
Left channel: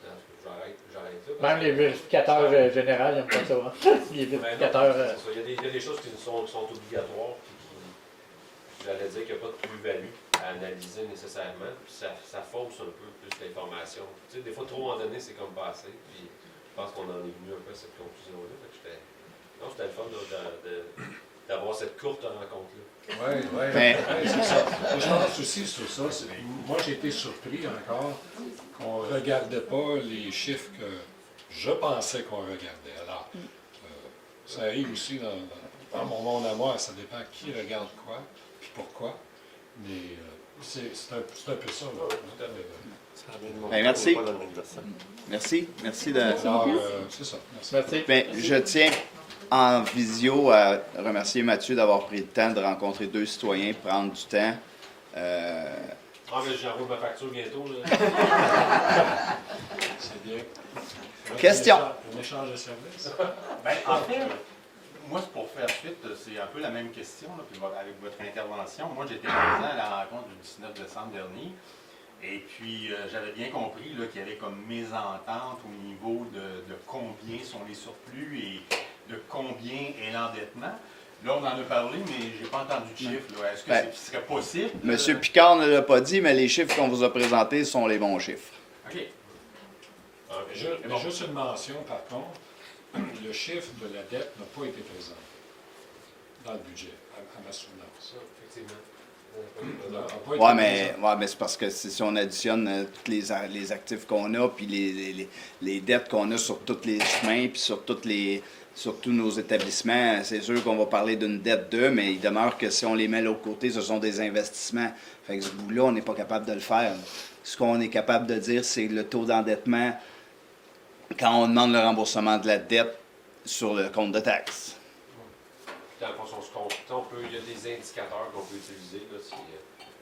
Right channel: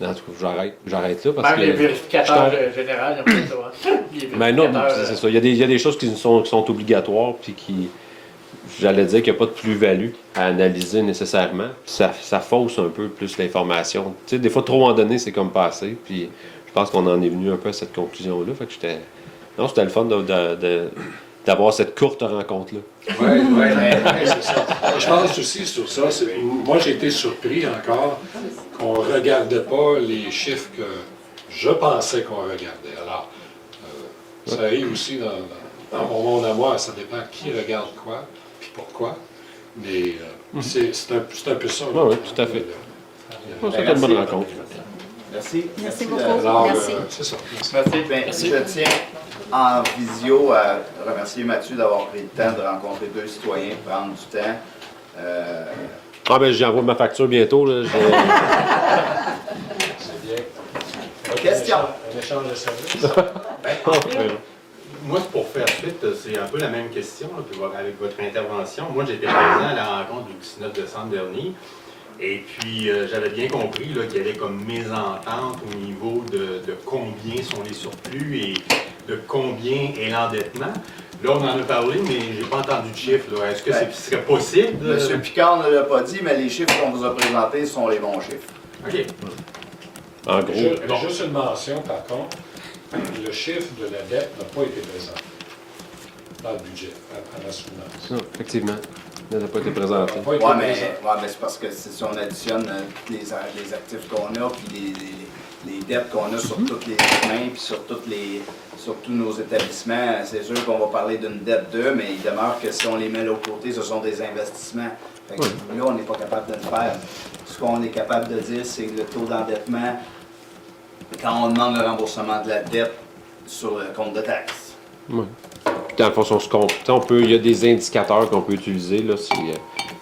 En tout cas, j'arrête là parce Même que... les vérificateurs généraux, ils ont fait ça. Hein? Les Ben non, vérificateurs, c'est ça. Il y a des choses qui sont obligatoires, puis qui... J'allais dire qu'il n'y a pas de plus-value à analyser nécessairement. Ça fausse un peu plus l'information. Tu sais, des fois, trop en donner, c'est comme passer, puis je pense qu'on en est venu un peu à cette conclusion-là. Fait que j'étais... Non, c'était le fun d'avoir cette courte rencontre-là. Oui, c'est ça. Je pense aussi sur ça. Moi, j'ai été surpris encore qu'on ne regardait pas les chiffres que je pensais qu'on regardait. Alors, ça arrive aussi dans mon monde à moi, ça dépend qui regarde quoi, puis pourquoi. Mais c'est un peu ça. Oui, tout à fait. C'était une bonne rencontre. Merci. Merci de- beaucoup. Alors, Merci. c'est ça. Merci. Bien, je tiens en visio à remercier Mathieu d'avoir pris le temps de rencontrer deux citoyens, prendre du temps. Ah ben j'envoie ma facture bientôt. Là. C'est bien. Question. Un échange de services. En fait, moi, pour faire suite, c'est un peu la même question là, puis avec votre intervention. Moi, j'étais présent à la rencontre du 19 décembre dernier. Et puis, j'avais bien compris là, qu'il y avait comme mésentente au niveau de combien sont les surplus et de combien est l'endettement. Là, on en a parlé, mais je n'ai pas entendu de chiffre. Est-ce que ce serait possible? Monsieur Picard ne l'a pas dit, mais les chiffres qu'on vous a présentés sont les bons chiffres. OK. En gros. Juste une mention, par contre, le chiffre de la dette n'a pas été présent dans le budget, à la soutenance. Ça, effectivement. Ça n'a pas été présenté. Oui, mais c'est parce que si on additionne les actifs qu'on a, puis les dettes qu'on a sur tous les chemins, puis sur tous nos établissements, c'est sûr qu'on va parler d'une dette d'eux, mais il demeure que si on les met de l'autre côté, ce sont des investissements. Fait que là, on n'est pas capable de le faire. Ce qu'on est capable de dire, c'est le taux d'endettement quand on demande le remboursement de la dette sur le compte de taxes. Oui. Dans le fond, il y a des indicateurs qu'on peut utiliser. Là, si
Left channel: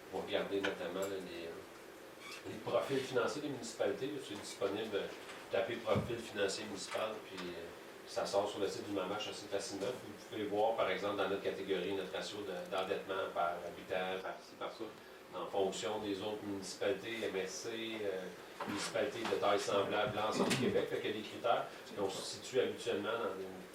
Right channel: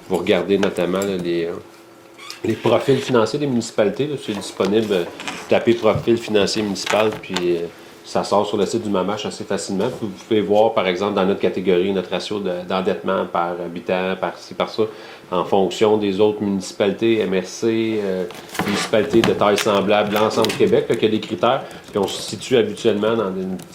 vous regardez notamment là, les profils financiers des municipalités. Là, c'est disponible. Vous tapez profil financier municipal, puis ça sort sur le site du MAMACH assez facilement. Vous pouvez voir, par exemple, dans notre catégorie, notre ratio d'endettement par habitant, par ci, par ça, en fonction des autres municipalités, MRC, municipalités de taille semblable, l'ensemble du Québec. Il y a des critères, puis on se situe habituellement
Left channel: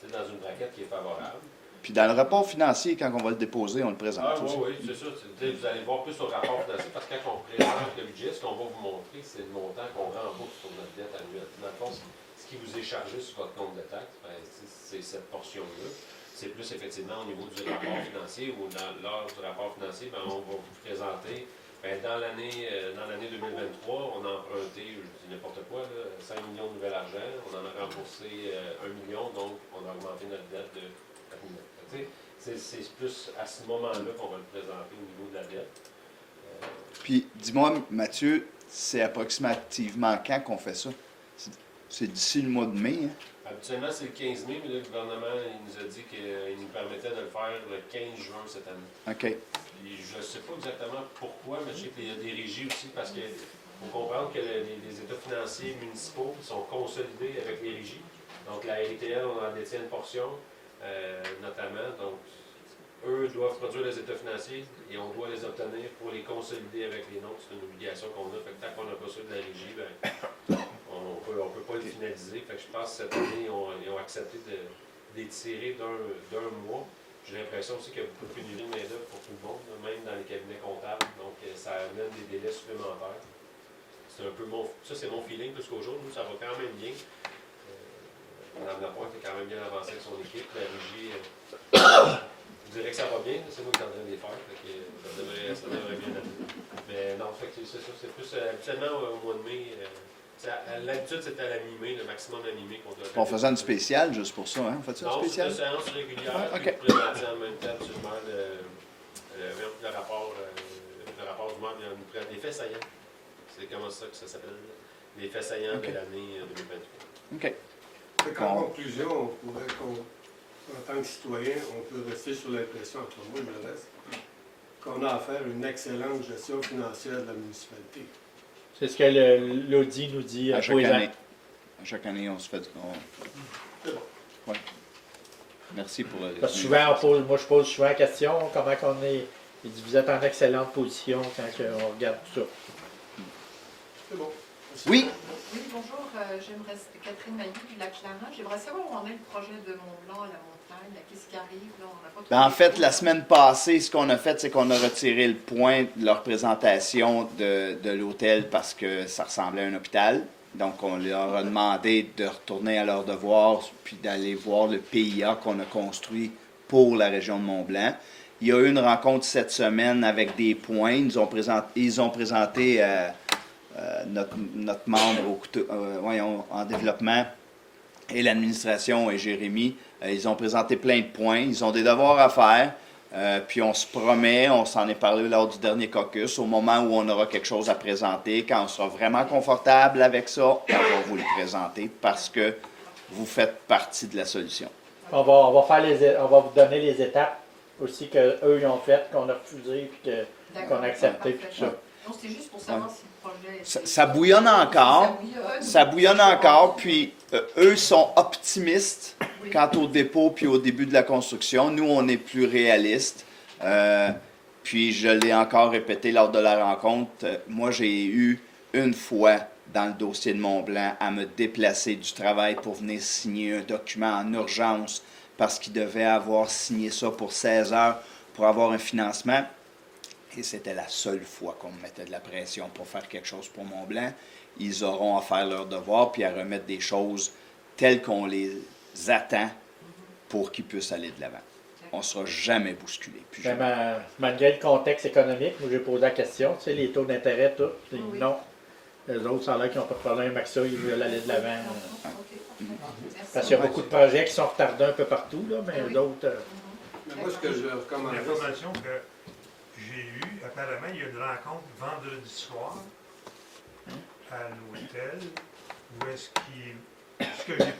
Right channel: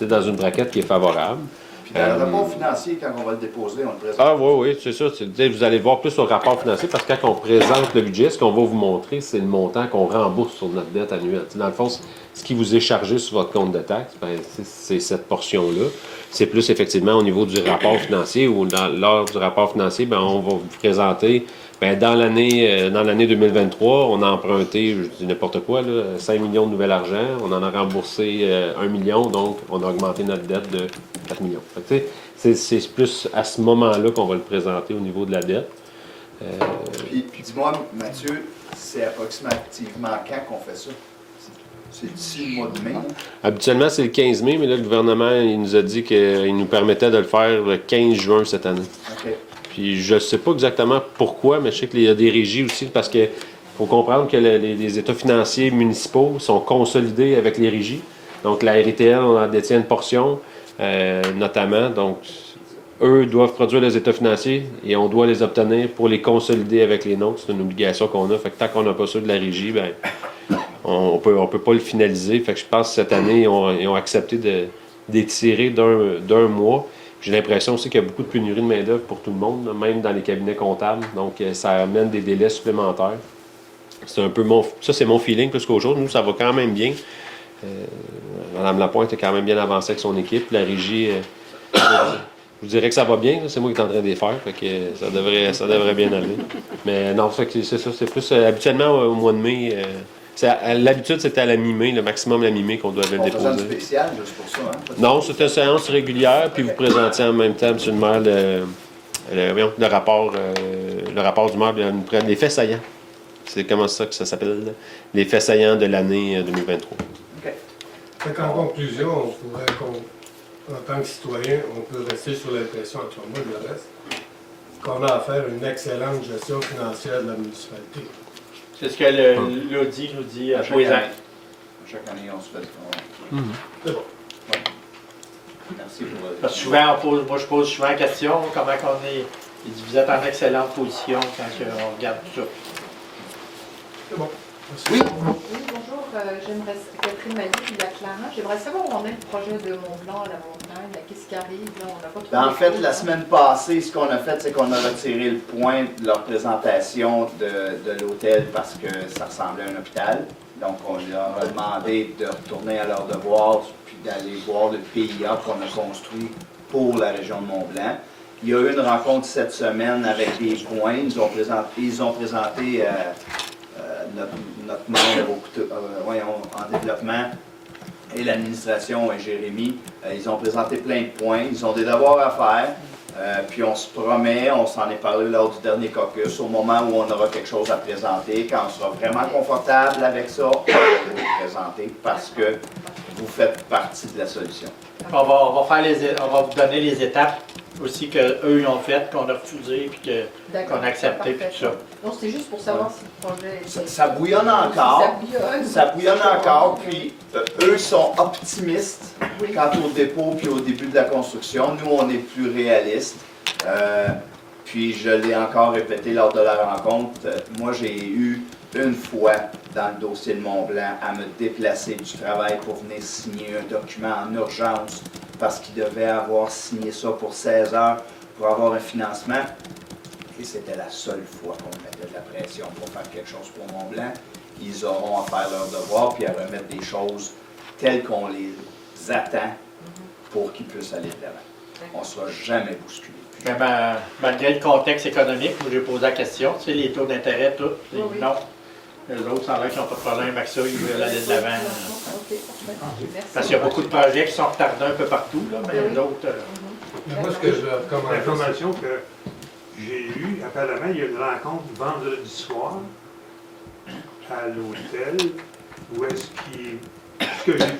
dans une braquette qui est favorable. Puis dans le rapport financier, quand on va le déposer, on le présente. Ah oui, oui, c'est ça. Vous allez voir plus sur le rapport financier parce que quand on présente le budget, ce qu'on va vous montrer, c'est le montant qu'on rembourse sur notre dette annuelle. T'sais, dans le fond, ce qui vous est chargé sur votre compte de taxe, ben, c'est cette portion-là. C'est plus effectivement au niveau du rapport financier ou lors du rapport financier, ben, on va vous présenter. Ben, dans l'année 2023, on a emprunté, je dis n'importe quoi, là, 5 millions de nouvel argent. On en a remboursé 1 million, donc on a augmenté notre dette de 4 millions. Fait que, c'est plus à ce moment-là qu'on va le présenter au niveau de la dette. Puis dis-moi, Mathieu, c'est approximativement quand qu'on fait ça? C'est d'ici le mois de mai? Hein? Habituellement, c'est le 15 mai, mais là, le gouvernement il nous a dit qu'il nous permettait de le faire le 15 juin cette année. OK. Puis je ne sais pas exactement pourquoi, mais je sais qu'il y a des régies aussi, parce qu'il faut comprendre que les états financiers municipaux sont consolidés avec les régies. Donc la RITL, on en détient une portion, notamment. Donc, eux doivent produire les états financiers et on doit les obtenir pour les consolider avec les nôtres. C'est une obligation qu'on a. Fait que tant qu'on n'a pas ça de la régie, ben, on peut pas le finaliser. Fait que je pense que cette année, ils ont accepté d'étirer d'un mois. J'ai l'impression aussi qu'il y a beaucoup de pénurie de main-d'œuvre pour tout le monde, même dans les cabinets comptables. Donc, ça amène des délais supplémentaires. C'est un peu c'est mon feeling plus qu'autre chose. Nous, ça va quand même bien. Mme Lapointe est quand même bien avancée avec son équipe. La régie, je vous dirais que ça va bien. C'est moi qui est en train de les faire. Fait que ça devrait bien aller. Mais non, c'est ça. C'est plus habituellement au mois de mai. L'habitude, c'était à la mi-mai, le maximum à la mi-mai qu'on devait le déposer. On faisait un spécial juste pour ça, hein? Non, c'était une séance régulière, puis vous présentiez en même temps, M. le maire, le rapport du maire, les faits saillants. C'est comment ça que ça s'appelle? Les faits saillants de l'année 2023. OK. Fait qu'en conclusion, on pourrait, en tant que citoyen, on peut rester sur l'impression, entre moi et le reste, qu'on a à faire une excellente gestion financière de la municipalité. C'est ce que l'Audi nous dit À pour les ans. chaque année, on se fait... C'est bon. Ouais. Merci pour le... Parce que souvent, moi je pose souvent la question, comment qu'on est. Il dit, vous êtes en excellente position quand on regarde tout ça. C'est bon. Oui. Oui, bonjour, j'aimerais, Catherine Maillet du Lac-Clarin. J'aimerais savoir où on est le projet de Mont-Blanc à la montagne, qu'est-ce qui arrive, là, on n'a pas trop... En fait, la semaine passée, ce qu'on a fait, c'est qu'on a retiré le point de leur présentation de l'hôtel parce que ça ressemblait à un hôpital. Donc, on leur a demandé de retourner à leur devoir puis d'aller voir le PIA qu'on a construit pour la région de Mont-Blanc. Il y a eu une rencontre cette semaine avec des points. Ils ont présenté notre membre en développement et l'administration et Jérémy. Ils ont présenté plein de points. Ils ont des devoirs à faire. Puis on se promet, on s'en est parlé lors du dernier caucus, au moment où on aura quelque chose à présenter, quand on sera vraiment confortable avec ça, on va vous le présenter parce que vous faites partie de la solution. On va vous donner les étapes aussi qu'eux ils ont faites, qu'on a refusées, puis qu'on a accepté, puis tout ça. Non, c'était juste pour savoir si le projet... Ça bouillonne encore. Ça bouillonne encore, puis eux sont optimistes quant au dépôt puis au début de la construction. Nous, on est plus réalistes. Puis je l'ai encore répété lors de la rencontre. Moi, j'ai eu une fois dans le dossier de Mont-Blanc à me déplacer du travail pour venir signer un document en urgence parce qu'ils devaient avoir signé ça pour 16 heures pour avoir un financement. Et c'était la seule fois qu'on mettait de la pression pour faire quelque chose pour Mont-Blanc. Ils auront à faire leur devoir puis à remettre des choses telles qu'on les attend pour qu'ils puissent aller de l'avant. On ne sera jamais bousculé. Malgré le contexte économique où j'ai posé la question, tu sais, les taux d'intérêt, tout, Oui. non. Les autres, ça a l'air qu'ils n'ont pas de problème avec ça, ils veulent aller de l'avant. Parce qu'il y a beaucoup de projets qui sont retardés un peu partout, là, mais d'autres... Moi, ce que je recommande... L'information que j'ai eue, apparemment, il y a une rencontre vendredi soir à l'hôtel où est-ce qu'ils... Ce que j'ai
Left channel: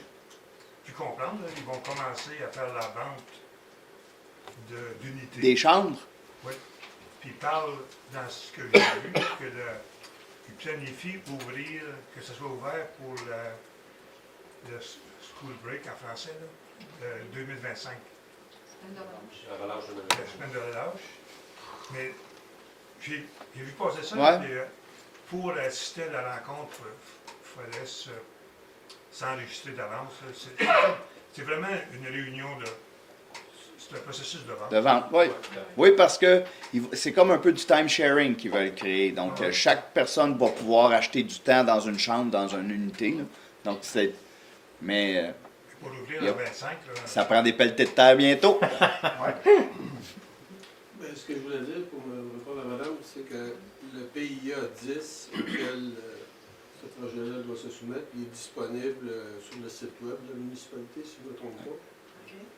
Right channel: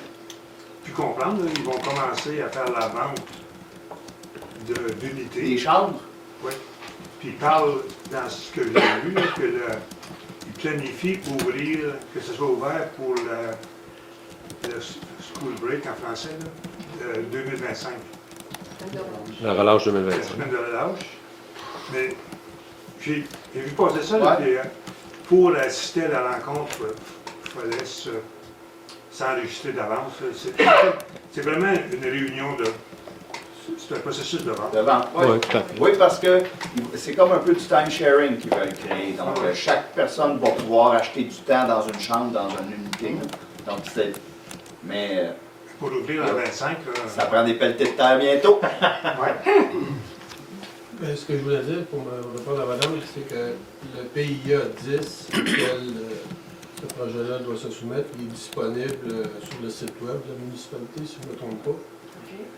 pu comprendre, là, ils vont commencer à faire la vente d'unités. Des chambres? Oui. Puis ils parlent, dans ce que j'ai vu, là, que ils planifient ouvrir, que ce soit ouvert pour le school break en français, là, 2025. La relâche La 2025. semaine de relâche. Mais j'ai vu passer ça, Ouais. là, puis, pour assister à la rencontre, il fallait s'enregistrer d'avance. C'est vraiment une réunion de C'est un processus de vente. De vente, oui. Ouais, tout à fait. Oui, parce que c'est comme un peu du time sharing qu'ils veulent créer. Donc, chaque personne va pouvoir acheter du temps dans une chambre, dans une unité. Là. Donc, c'est. Mais. Pour l'ouvrir à 25, ça prend des pelletés de terre bientôt. Ben, ce que je voulais dire pour me répondre à madame, c'est que le PIA 10 auquel ce projet-là doit se soumettre, il est disponible sur le site web de la municipalité, si je ne me trompe pas.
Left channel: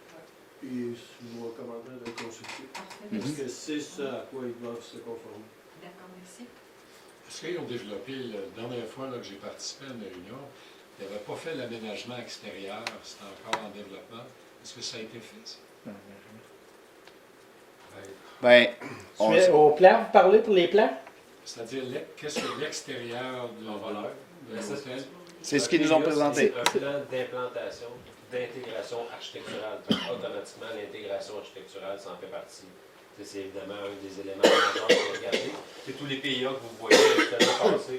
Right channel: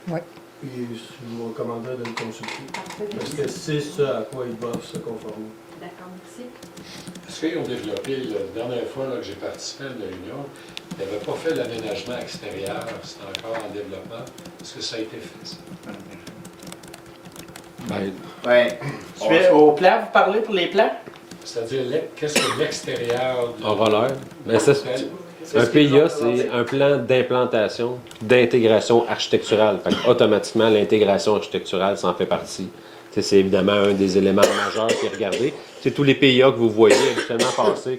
Oui. Puis je vous recommanderais de le consulter. Parfait, Parce que c'est ce à quoi ils doivent se conformer. D'accord, merci. Est-ce qu'ils ont développé, la dernière fois là, que j'ai participé à la réunion, ils n'avaient pas fait l'aménagement extérieur, c'est encore en développement. Est-ce que ça a été fait, ça? Au plan, vous parlez pour les plans? C'est-à-dire, qu'est-ce que l'extérieur de Aura l'air. Ben, ça, un PIA, c'est un plan d'implantation, d'intégration architecturale. Fait que, automatiquement, l'intégration architecturale, ça en fait partie. T'sais, c'est évidemment un des éléments majeurs qui est regardé. C'est tous les PIA que vous voyez justement passer.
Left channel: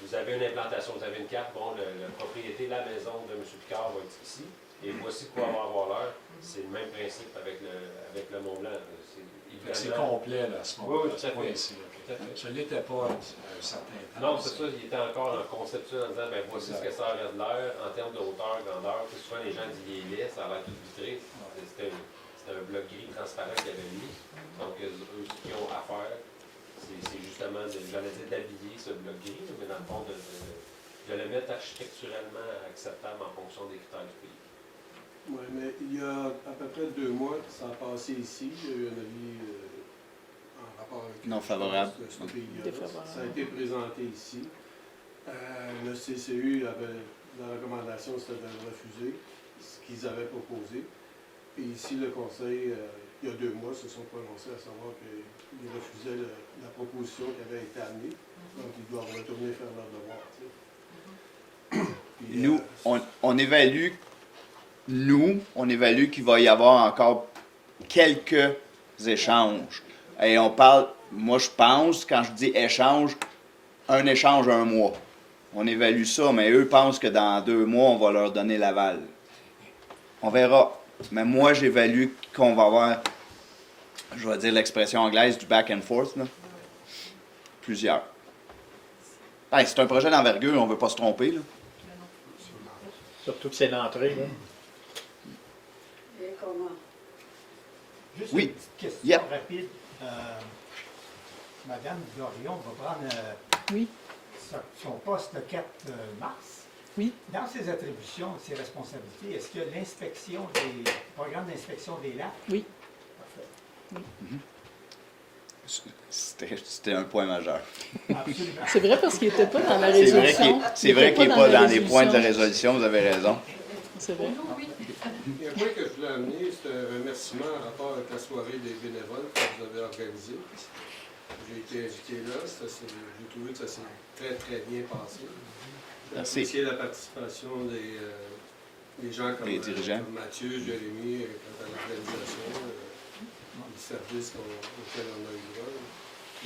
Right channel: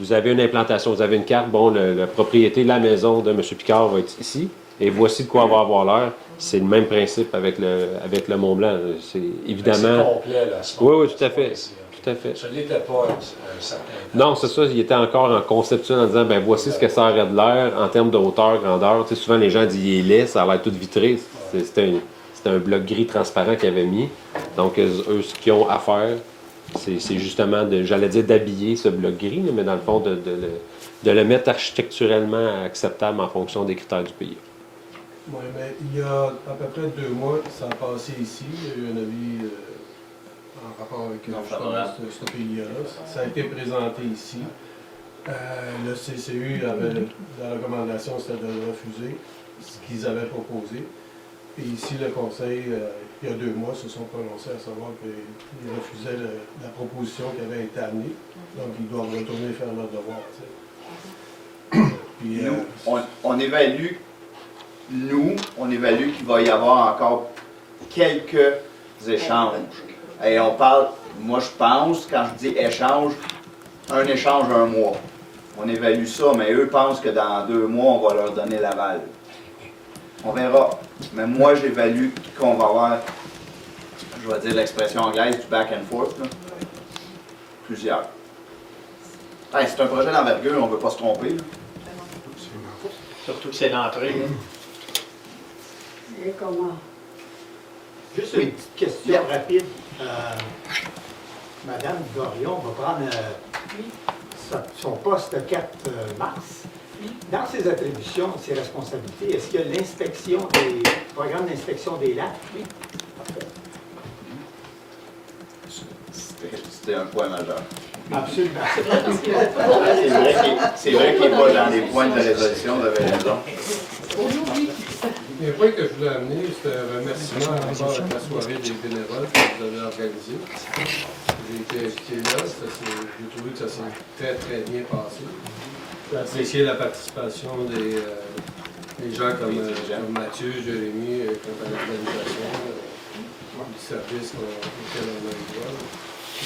Vous avez une implantation, vous avez une carte. Bon, la propriété, la maison de M. Picard va être ici. Et voici de quoi va avoir l'air. C'est le même principe avec le Mont-Blanc. C'est évidemment. C'est complet, là, à ce Oui, moment-là. oui, tout à fait. Tout à fait. Ça n'était pas un certain temps. Non, c'est ça. Il était encore en conception en disant, ben voici ce que ça aurait de l'air en termes de hauteur, grandeur. Tu sais, souvent, les gens disent, il est laid, ça a l'air tout vitré. C'était un bloc gris transparent qu'ils avaient mis. Donc, eux, ce qu'ils ont à faire, c'est justement, j'allais dire, d'habiller ce bloc gris, mais dans le fond, de le mettre architecturellement acceptable en fonction des critères du pays. Oui, mais il y a à peu près 2 mois, ça a passé ici. Il y a eu un avis en rapport avec ce PIA-là. Ça a été présenté ici. Le CCU avait, la recommandation, c'était de refuser ce qu'ils avaient proposé. Et ici, le Conseil, il y a 2 mois, se sont prononcés à savoir qu'ils refusaient la proposition qui avait été amenée. Donc, ils doivent retourner faire leur devoir. Puis, Nous, on évalue. Nous, on évalue qu'il va y avoir encore quelques échanges. Et on parle, moi je pense, quand je dis échange, un échange 1 mois. On évalue ça, mais eux pensent que dans 2 mois, on va leur donner l'aval. On verra. Mais moi, j'évalue qu'on va avoir, je vais dire l'expression anglaise, du back and forth, là. Plusieurs. Hey, c'est un projet d'envergure, on ne veut pas se tromper. Là. Surtout que c'est l'entrée. là. Et comment? Juste une petite question rapide. Madame Dorion va prendre son poste le 4 mars. Oui. Dans ses attributions, ses responsabilités, est-ce qu'il y a l'inspection des programmes d'inspection des lacs? Oui. Parfait. C'était un point majeur. Absolument. C'est vrai parce qu'il n'était pas dans la C'est vrai résolution. qu'il n'est pas dans les points de la résolution, vous avez raison. C'est pour nous, oui. le point que je voulais amener, c'est un remerciement en rapport avec la soirée des bénévoles que vous avez organisée. J'ai été invité là, j'ai trouvé que ça s'est très très bien passé. J'ai apprécié la participation des gens comme Mathieu, Jérémy, quant à l'organisation, du service auquel on a eu.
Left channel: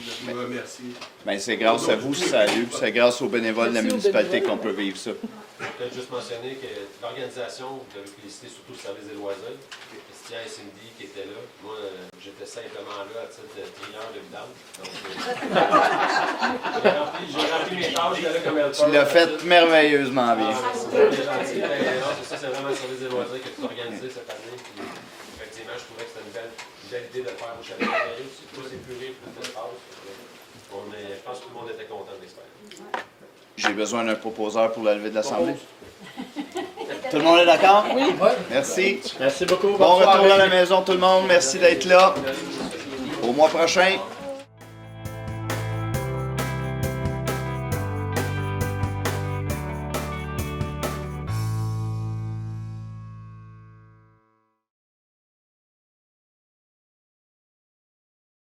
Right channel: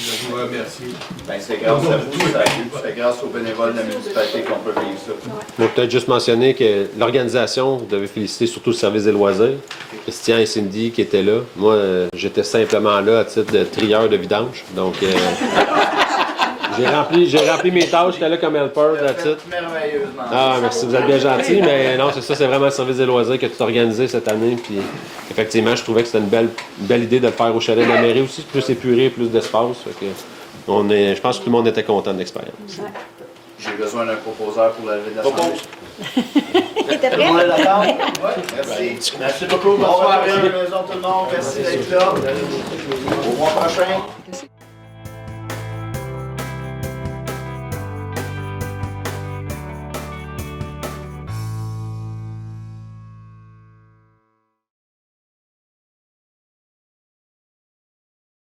Je vous remercie. Ben, c'est grâce à vous, c'est grâce aux bénévoles de la municipalité qu'on peut vivre ça. Je vais peut-être juste mentionner que l'organisation, vous devez féliciter surtout le service des loisirs. Christian et Cindy qui étaient là. Moi, j'étais simplement là à titre de trieur de vidange. Donc, j'ai rempli mes tâches, j'étais là comme helper. Tu l'as fait merveilleusement. Ah, merci, vous êtes bien gentil, mais non, c'est ça, c'est vraiment le service des loisirs qui a tout organisé cette année. Puis, effectivement, je trouvais que c'était une belle idée de le faire au chalet de la mairie aussi, plus épuré, plus d'espace. Je pense que tout le monde était content de l'expérience. J'ai besoin d'un proposeur pour la levée de la santé. T'es Tout le monde est d'accord? prêt? Merci. Merci beaucoup. Bon retour à la maison tout le monde. Merci d'être là. Au mois prochain.